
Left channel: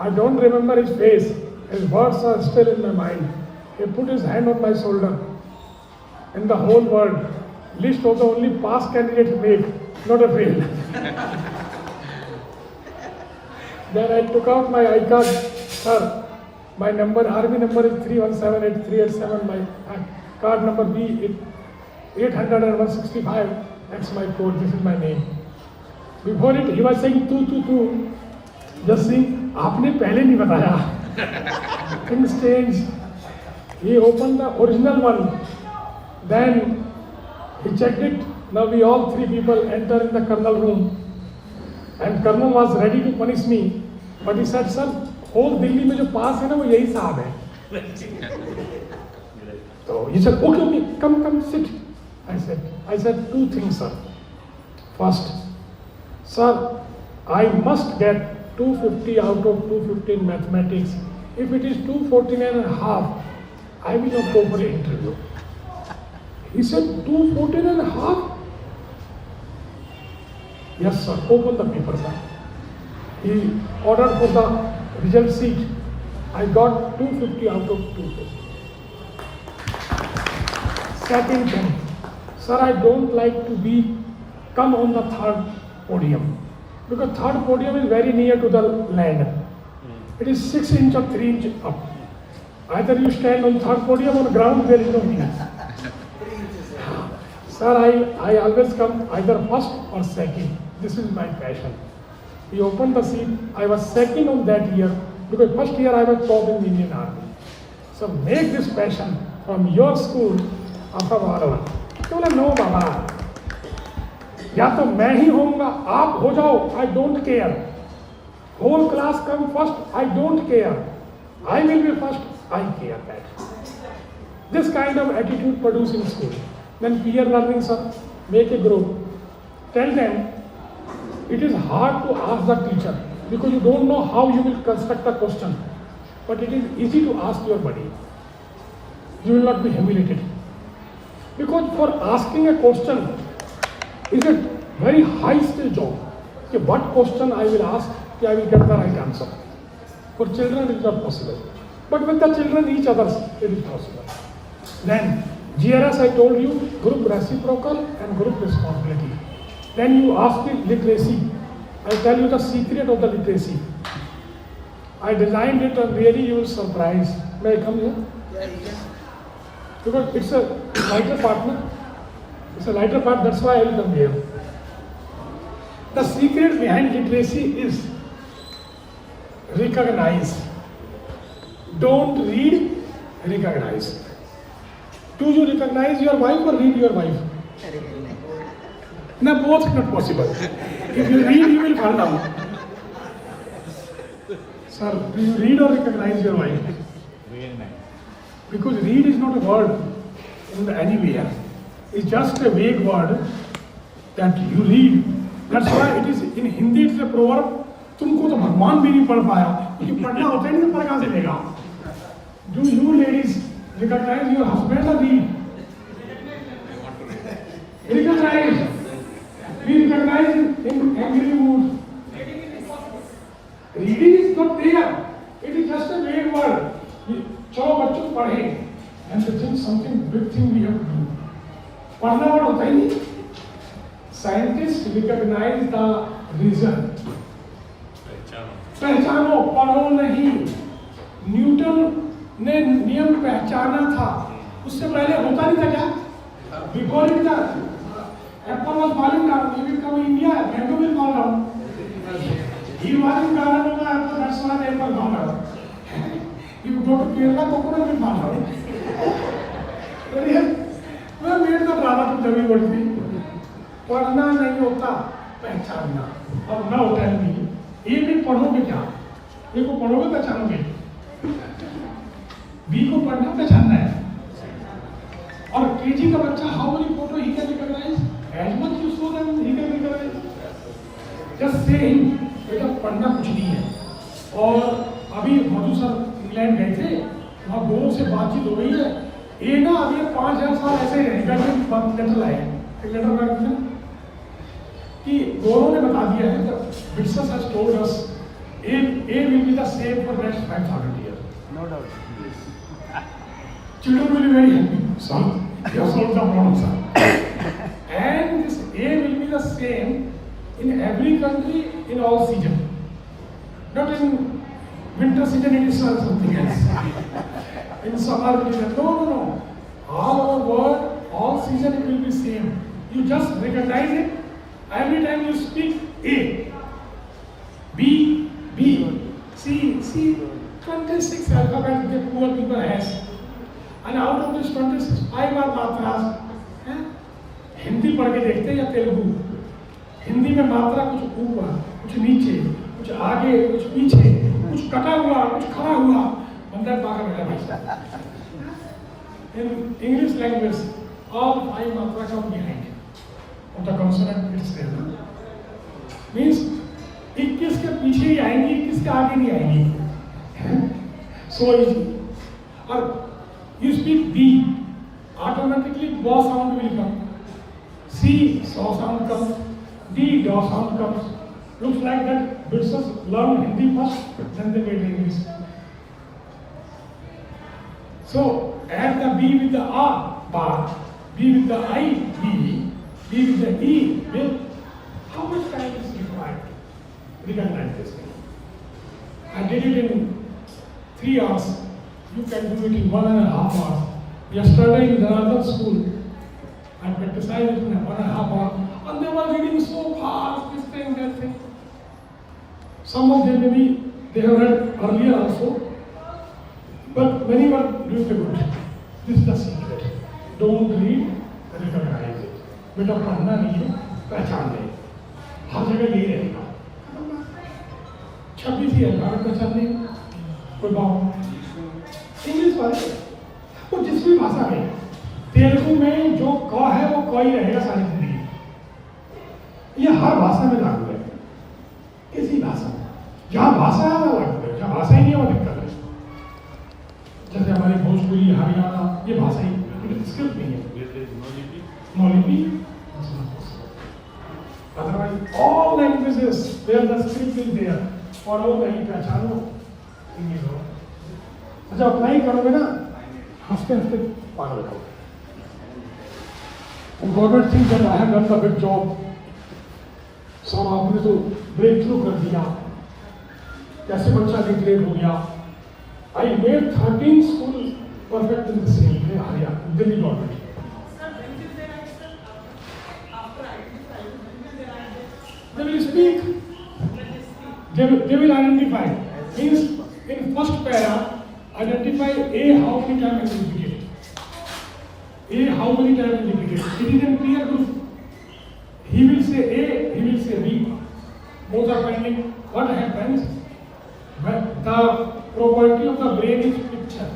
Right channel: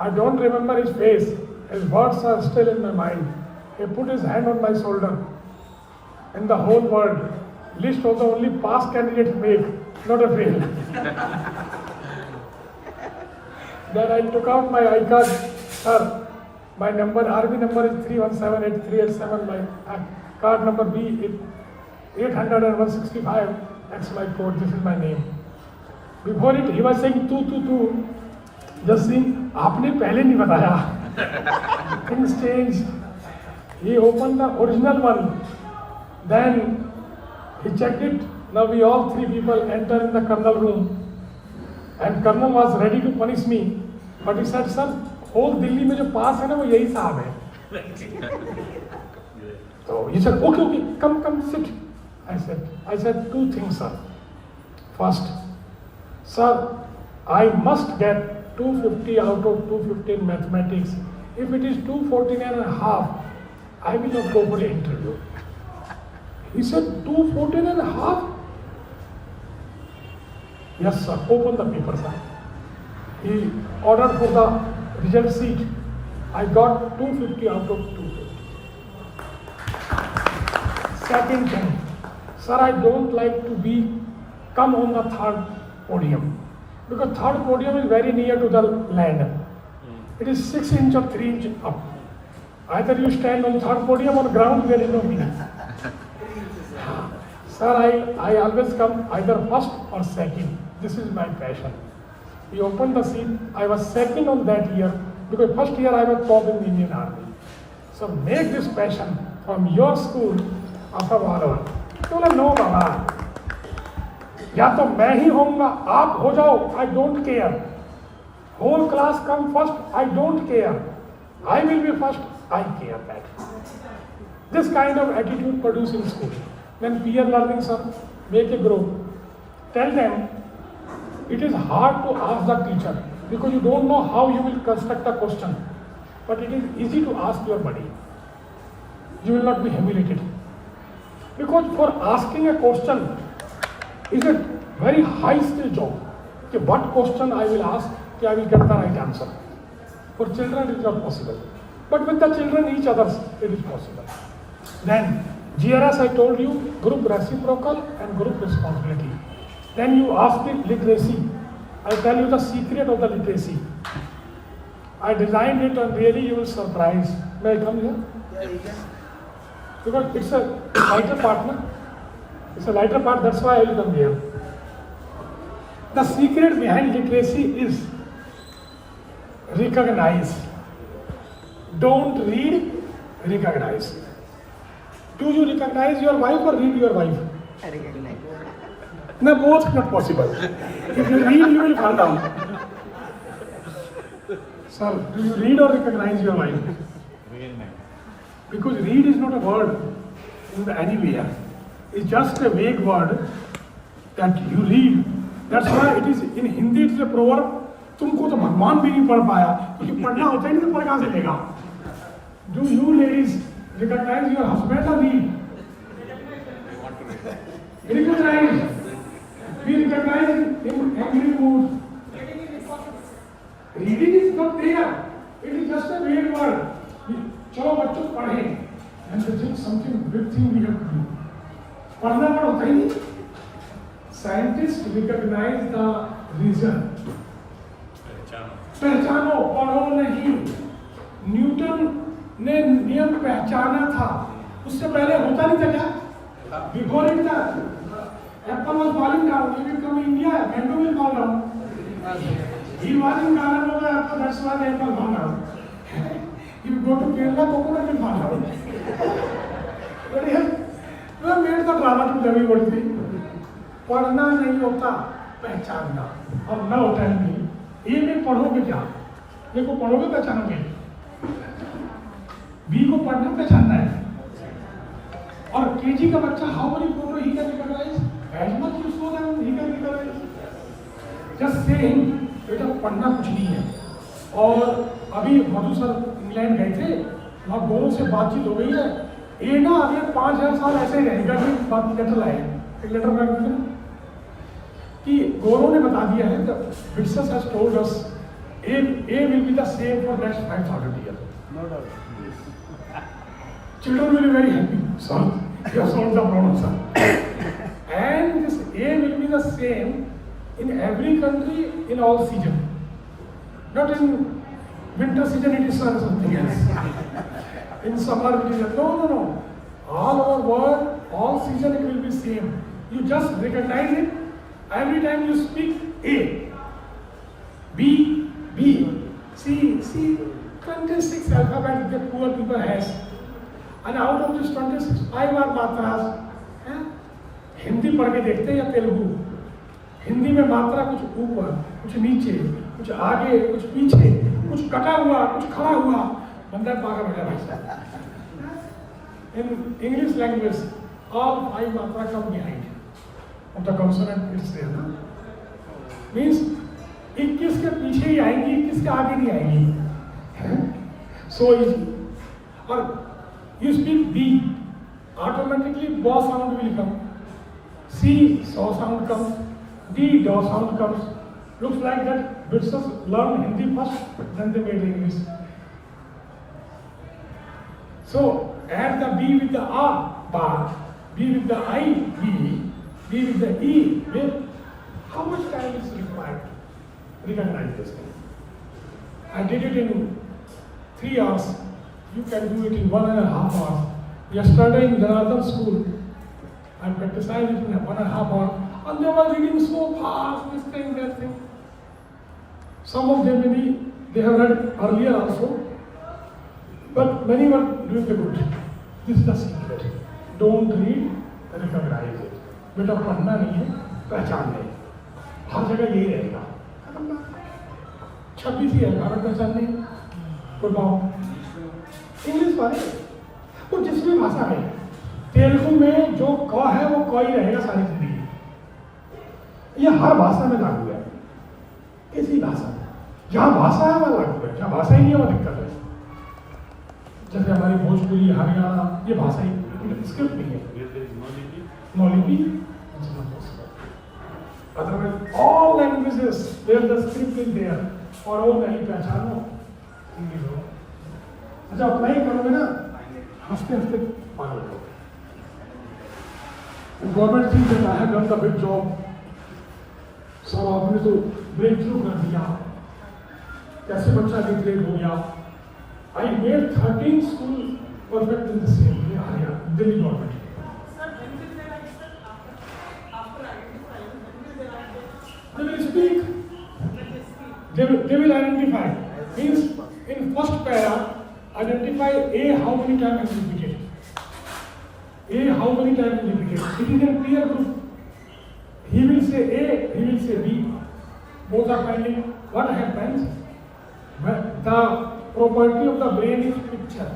I don't remember his face. His words are still in my mind. He put his hand on my shoulder. In the whole world, list of the only pass candidates made, not a fail. Then I took out my I-card. "Sir, my number, army number is 3178387. My card number B is 800 That's my code. This is my name." Before it, he was saying two. Just see, आपने पहले नहीं बताया. Things change. He opened the original one. Then he checked it. Now we all three people enter in the Colonel room. And Colonel was ready to punish me. But he said, sir, whole Delhi में जो पास है ना वो यही साहब है. So he said, okay, come, sit. I said 2 things, sir. First, sir, I must get 250 out of 250 in mathematics. If it is 214.5, I will not go for the interview. He said, 214.5? Yes, sir. Open the paper, sir. He ordered for the result sheet. I got 250 out of 250. Second thing, sir, I don't like to come on the third podium. Because third podium is very near to the land. It is 6 inch or 3 inch up. Either you stand on third podium or ground, there is no winner. Sir, I always come either first or second. This is my passion. He opened the seat. I was second on that year because first year I was top in the Indian Army. So make this passion from your school of a model. बोले no बाबा, या तो मैं ही होऊंगा, आप हो जाओ, I don't care. Whole class come first, I don't care. I will be first, I care that. This kind of attitude produced in school. Then peer learning, sir, make a group. Tell them, it is hard to ask the teacher because you don't know how you will construct a question. But it is easy to ask your buddy. You will not be humiliated. Because for asking a question is a very high skill job. Okay, what question I will ask, okay, I will get the right answer. For children it is not possible. But with the children, each other, it is possible. Then, GRS I told you, group reciprocal and group responsibility. Then you ask the literacy. I tell you the secret of the literacy. I designed it and really you will surprise. May I come here? Because it's a lighter part, no? It's a lighter part, that's why I will come here. The secret behind literacy is recognize. Don't read, recognize. Do you recognize your wife or read your wife? No, both not possible. If you read, you will fall down. Sir, do you read or recognize your wife? Recognize. Because read is not a word in anywhere. It's just a vague word that you read. That's why it is in Hindi it's a proverb. तुमको तो भगवान भी नहीं पढ़ पाया, क्योंकि पढ़ना होता ही नहीं तो पढ़ कहाँ से लेगा? Do you ladies recognize your husband or read? I want to read. Recognize. We recognize in angry mood. Reading is not there. It is just a vague word. चलो बच्चों पढ़ें. And this is something big thing we have to do. पढ़ना word होता ही नहीं. Scientists recognize the reason. पहचानो, पढ़ो नहीं. Newton ने नियम पहचाना था. उससे पहले होता नहीं था क्या? Before it that. Apple was falling down. He will come in India. Mango will fall down. He was in garden of apple. That's why the apple fell down. If you go to Kerala, coconut will fall down. But yes, we have made the drama to everybody. पढ़ना नहीं होता, पहचानना. अब now tell me, A में पढ़ोगे क्या? A को पढ़ोगे पहचानोगे? B को पढ़ना पहचानना है. और KG का बच्चा how many photo he can recognize? As much you show them, he can recognize. Just say him, बेटा पढ़ना कुछ नहीं है. और अभी मधु सर इंग्लैंड गए थे, वहाँ गोरों से बातचीत हो गई है. ये ना अभी 5000 साल ऐसे रहेगा कि बात लेटर लाए. एक लेटर में कि गोरों ने बता दिया है that Witness has told us A will be the same for next 5,000 years. No doubt. Children will be very happy. Son, you have solved the problem, sir. And this A will be the same in every country in all seasons. Not in winter season it is something else. In summer it is no. All over world, all season it will be same. You just recognize it. Every time you speak A, B, C, 26 alphabet the poor people has. And out of this 26, 5 are matras. Hindi पढ़ के देखते हैं या तेलुगु? हिंदी में मात्रा कुछ ऊपर, कुछ नीचे, कुछ आगे, कुछ पीछे, कुछ कटा हुआ, कुछ खड़ा हुआ, बंदा पागल हो जाता है. In English language, all 5 matra come behind of the consonant it's there. Means 21 के पीछे ही आएंगी, 21 के आगे नहीं आएंगी. So easy. और you speak B, automatically B sound will come. C so sound comes, D do sound comes. Looks like that British learn Hindi first, then they made English. So add the B with the A bar, B with the I B, B with the E with. How much time is required to recognize this thing? I did it in 3 hours. You can do it in 1.5 hours. Yesterday in Janardhan school, I practiced it in 1.5 hours, and they were reading so fast, this thing, that thing. Some of them maybe they have read earlier also, but many were doing the good. This is the secret. Don't read, recognize it. बेटा पढ़ना नहीं है, पहचान नहीं. हर जगह यही रहेगा. 26 ही है, भारत पहचान नहीं. कोई बात इंग्लिश वाले वो जिस भी भाषा में, तेलुगु में जो क है वो क ही रहेगा सारी जिंदगी. ये हर भाषा में लागू है. इसी भाषा में जहाँ भाषा है वहाँ लागू है, जहाँ भाषा ही नहीं है वहाँ दिक्कत है. जैसे हमारी भोजपुरी, हरियाणा, ये भाषा ही स्क्रिप्ट नहीं है. No lipi. Otherwise, all languages where the script is there, और वो नहीं पहचानो इंग्लिश हो. अच्छा अप्लाई करोगे ना, हंसते हंसते पागल हो. Government think that I have done the big job. सब आपने तो ब्रेक थ्रू कर दिया. कैसे बच्चा ग्रेड हो गया. I made 13 school perfect in the same way. आया Delhi government. They will speak. They will identify. Means in first para, identify A how many times is repeated. A how many times is repeated. It is in clear group. He will say A, he will say B. Both are pending. What happens? The property of the brain is picture.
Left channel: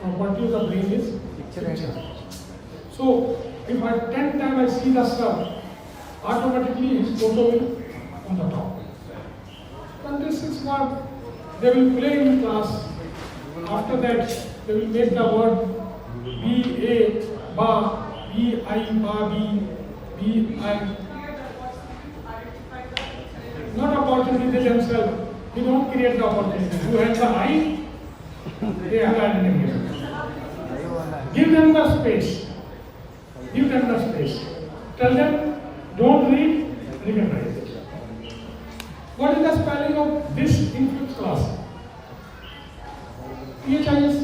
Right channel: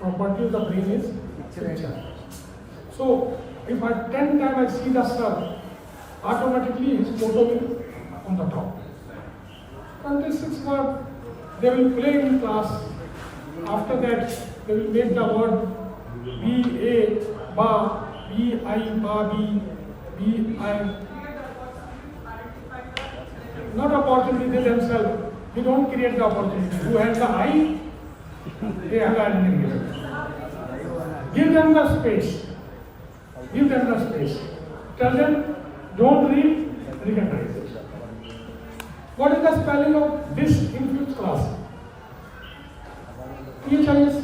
Property of the brain is picture. So if I 10 times I see the sun, automatically his photo will on the top. 26 word they will play in class. After that they will make the word B A ba, B I ba B, B I. Not opportunity, they themselves. We don't create the opportunity. Who has the I, they have the identity. Give them the space. Give them the space. Tell them, don't read, recognize it. What is the spelling of this in 5th class? PHIS?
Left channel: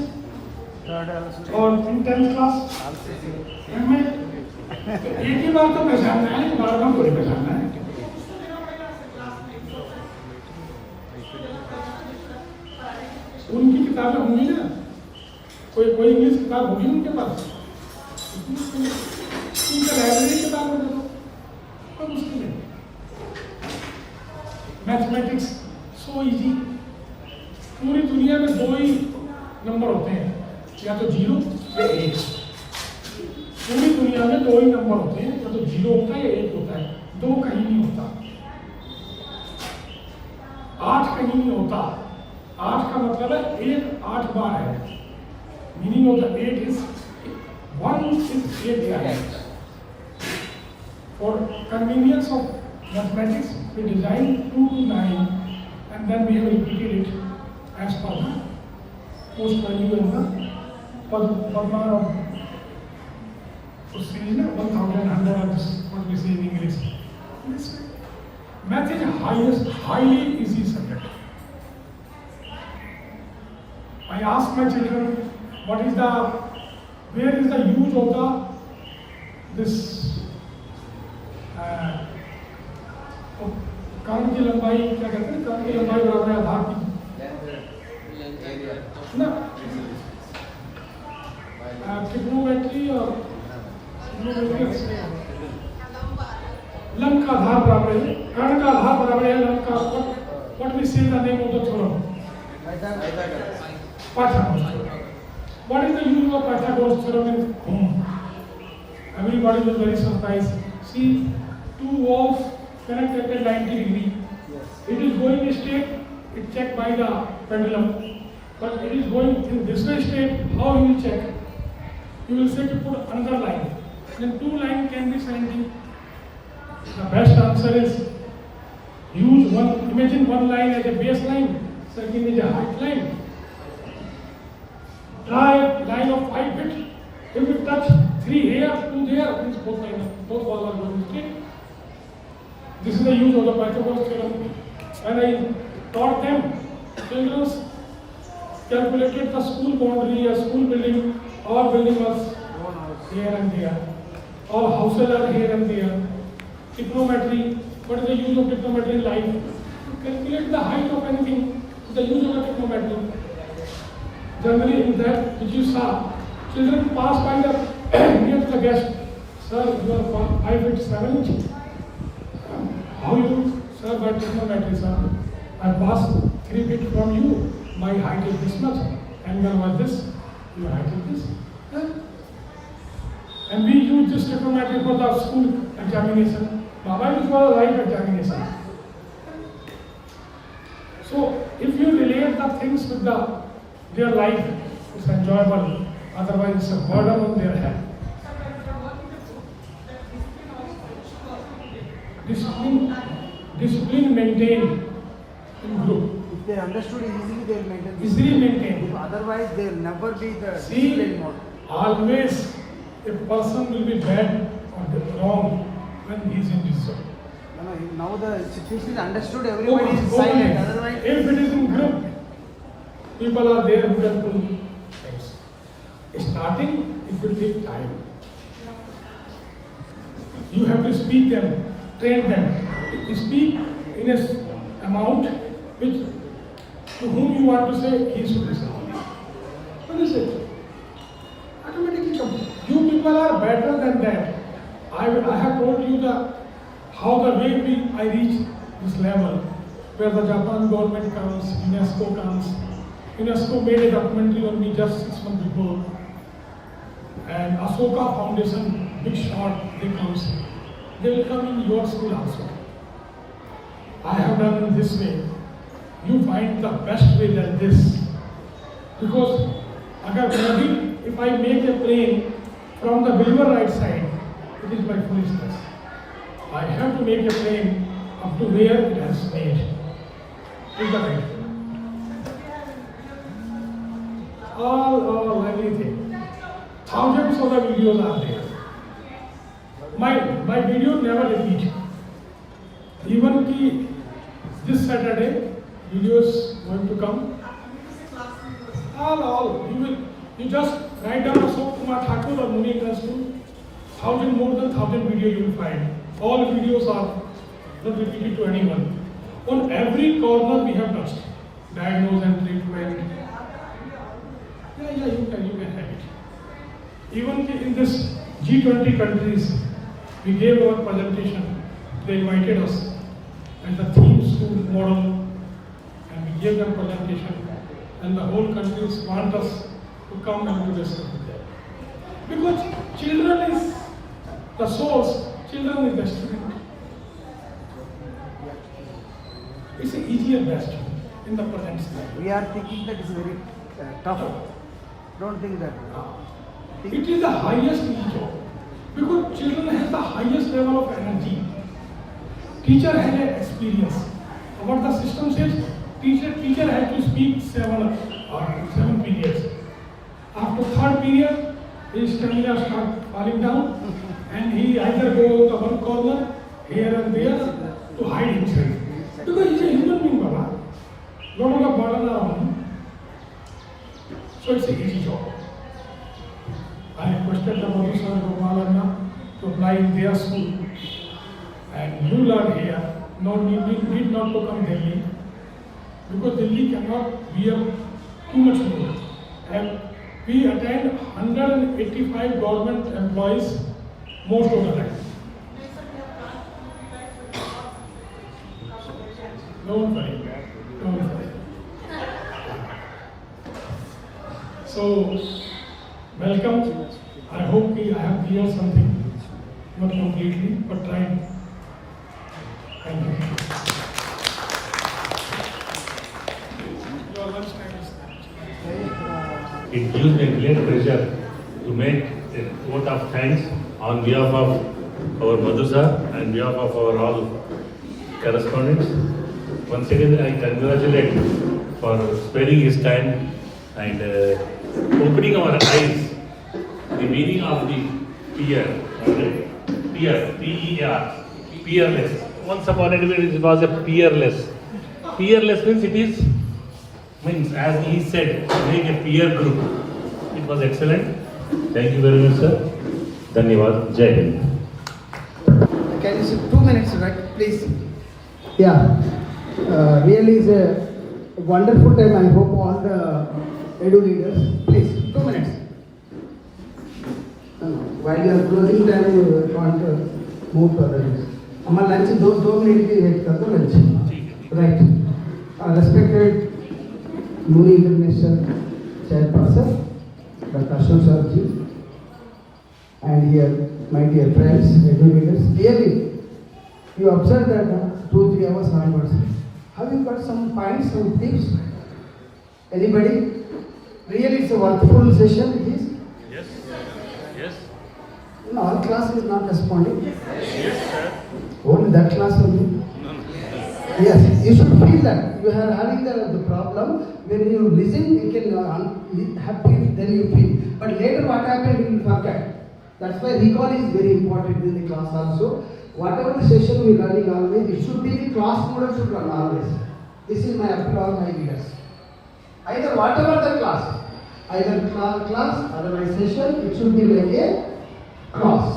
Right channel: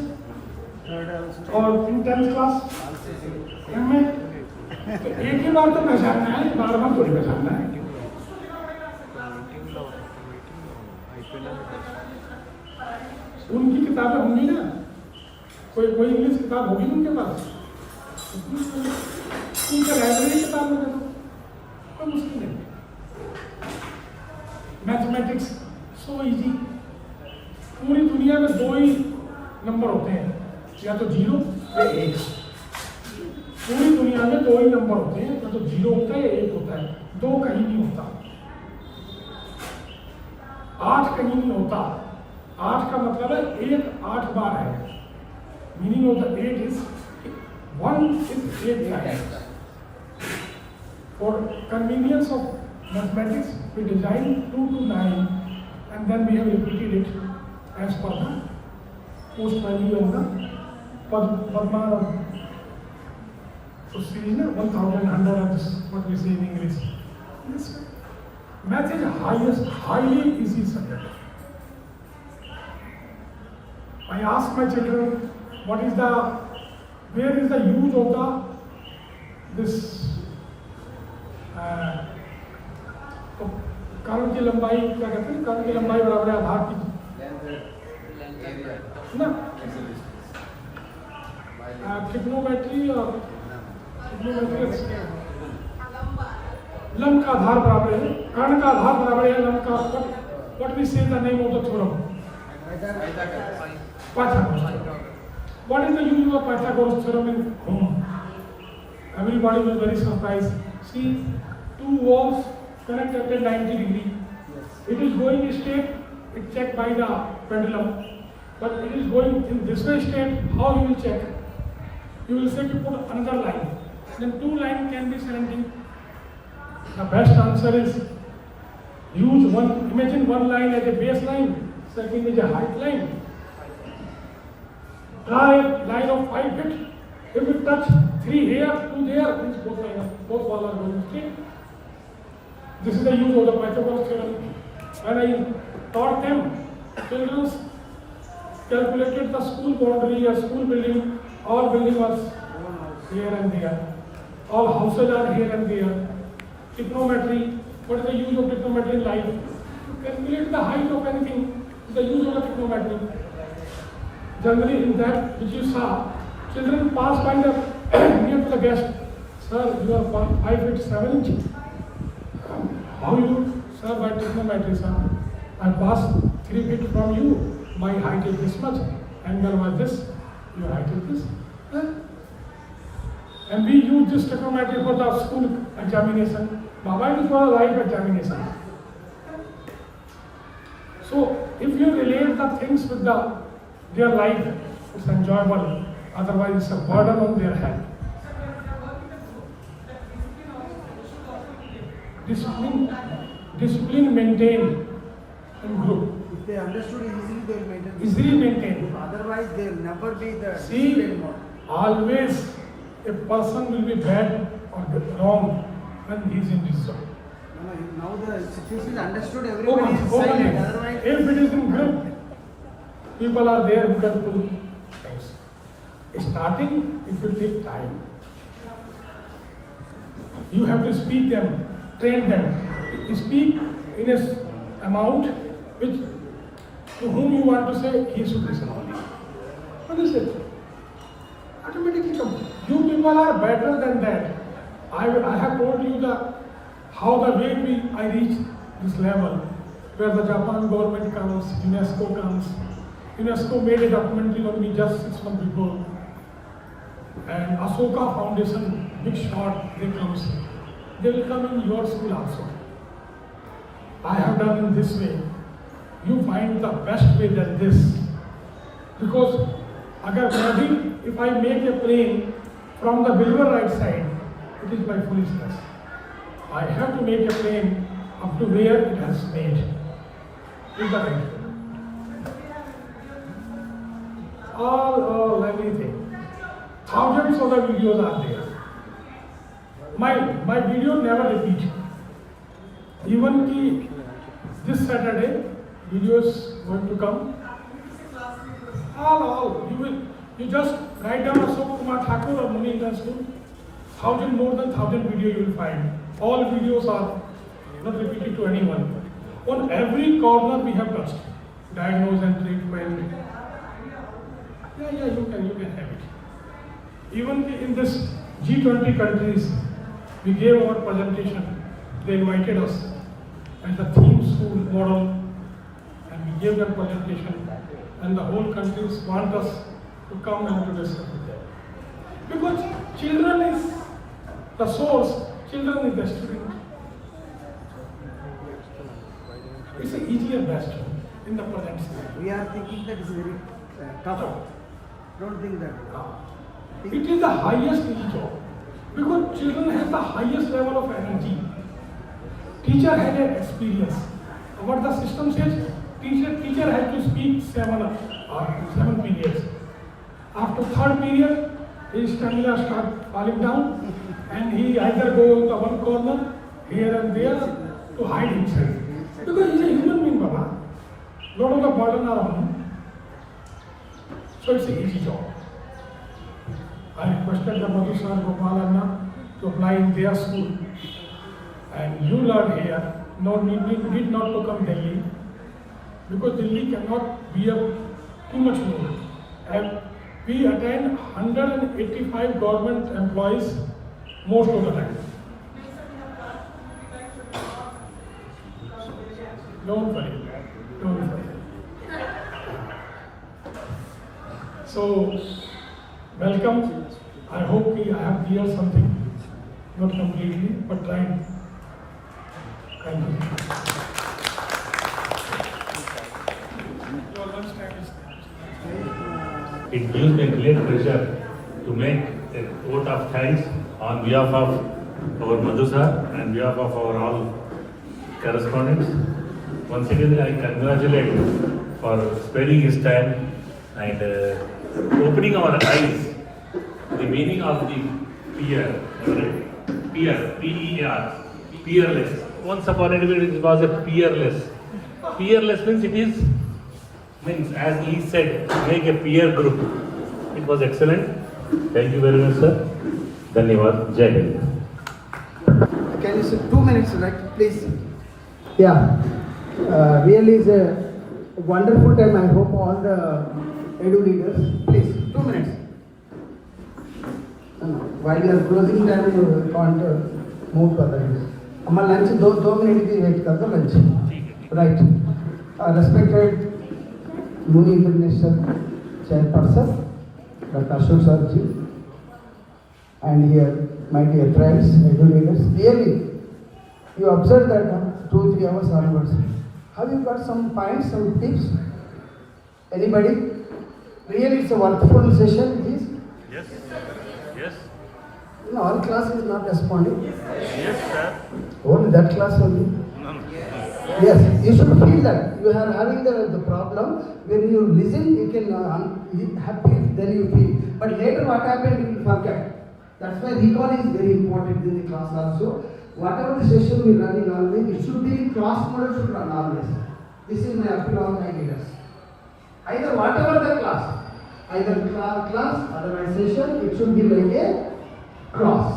और in 10th class? MA? एक ही बार तो पहचानना है, बार बार थोड़ी पहचानना है. उनकी किताबें होंगी ना, कोई इंग्लिश किताब होगी उनके पास. उनका लाइब्रेरी किताब में दे दो, कोई मुश्किल नहीं. Mathematics so easy. पूरी दुनिया में 2 ही नंबर होते हैं, या तो 0 या 1. पूरी दुनिया में 2 ही नंबर होते हैं, या तो 0 होता है या 1 होता है. 2 कहीं नहीं होता. 8 कहीं नहीं होता. 8 का मतलब है 1 8 बार है. Meaning of the 8 is 1 is 8 times. For convenience of mathematics, we designed 2 to 9, and then we have repeated it as per the post value and the Padma of series, 1100, what we say in English. This math is highly easy subject. I ask my children, where is the use of this कर्ण की लंबाई, क्या कहते हैं, कर्ण की लंबाई बराबर है आधार की ना. trigonometry or trigonometry लंब का आधार बराबर है, कर्ण का आधार बराबर है लंब का. What we say the name of the theorem? Pythagoras theorem. What is the use of Pythagoras theorem in home? Everybody was very surprised. See, two walls connected at 90 degree. It is going straight. It's checked by the pendulum. But it is going in this way straight. How you will check? You will say to put another line. Then two lines can be 70. The best answer is use one. Imagine one line as a base line, second is a height line. Try a line of 5 feet. If it touch 3 here, 2 there, means both walls are going straight. This is the use of the Pythagoras theorem. When I taught them, children calculated the school boundary, a school building, all building was here and there. All houses are here and there. Trigonometry, what is the use of trigonometry in life? To calculate the height of anything, the use of the trigonometry. Generally in that which you saw, children pass by the near to the guest. Sir, you are 5 feet 7 inches. How you? Sir, by trigonometry, sir. I passed 3 feet from you. My height is this much. Angle was this. Your height is this. Huh? And we use this trigonometry for the school examination. Now, why is for the life examination? So, if you relate the things with their life, it's enjoyable. Otherwise, it's a burden on their head. Discipline maintained in group. If they understood it easily, they will maintain. Easily maintained. If otherwise, they will never be the See, disciplined mode. always a person will be bad or wrong when he is in discipline. No, now the situation is understood, everybody is silent. Otherwise, if it is in group, people are there who can pull things. Starting, it will take time. You have to speak them, train them. Speak in an amount which to whom you want to say he should listen only. What is it? Automatically comes. You people are better than that. I have told you how the way I reached this level, where the Japan government comes, UNESCO comes. UNESCO made a documentary on me just 6 months before. And Ashoka Foundation, big shot, they comes. They will come in your school also. I have done in this way. You find the best way than this. Because if I make a plane from the believer right side, it is my foolishness. I have to make a plane up to where it has made. Is that right? All everything. Thousands of the videos are there. My video never repeat. Even ki this Saturday, videos going to come. All. You just write down Ashok, Kumar, Thakur or Muni School. More than 1,000 videos you will find. All videos are not repeated to anyone. On every corner we have touched. Diagnose and treatment. Yeah, you can have it. Even in this G20 countries, we gave our presentation. They invited us as the theme school model, and we gave them presentation. And the whole countries want us to come and to discuss with them. Because children is the source, children is the student. It's an easier best in the present state. we are thinking that is very tough. Don't think that. It is the highest job. Because children have the highest level of energy. Teacher has an experience. What the system says, teacher has to speak 7 periods. After 3rd period, his stamina starts falling down, and he either goes to one corner, here and there, to hide himself. Because he is a human being, Baba. Lot of the burden are on him. So it's an easy job. I requested the Madhu Sir Gopal Anna to apply in their school. And you learn here, need not to come Delhi. Because Delhi cannot bear too much load. And we attend 180 85 government employees most of the time. Don't worry. Don't worry. So, welcome. I hope I have cleared something. Not completely, but tried. Thank you. Your lunch time is there. It gives me great pleasure to make a vote of thanks on behalf of our Madhu sir and behalf of our all correspondents. Once again, I congratulate for sparing his time and opening our eyes to the meaning of the peer, P-E-R, peerless. Once upon a time it was a peerless. Peerless means as he said, make a peer group. It was excellent. Thank you very much, sir. Dhanyavad. Jai Hind. Can you say 2 minutes, right? Please. Yeah. Really is a wonderful time. I hope all the edu leaders, please, 2 minutes. While you are closing time, you want to move further. Amma lunch 2 minutes ki wait kar do lunch. Right. Respected Muni International Chairperson, Dr. Ashok Sarji, and here my dear friends, edu leaders. Clearly, you observed that 2-3 hours onwards. Have you got some points, some tips? Anybody? Really, it's a wonderful session. It is. Yes. Yes. No, all class is not responding. Yes, sir. Only that class only. Yes, you should feel that you are having the problem. When you listen, you can happy, then you feel. But later, what happened, you will forget. That's why recall is very important in the class also. Whatever the session we are running always, it should be class model should run always. This is my appeal on my leaders. Either whatever the class, either class, organization, it should be like a class.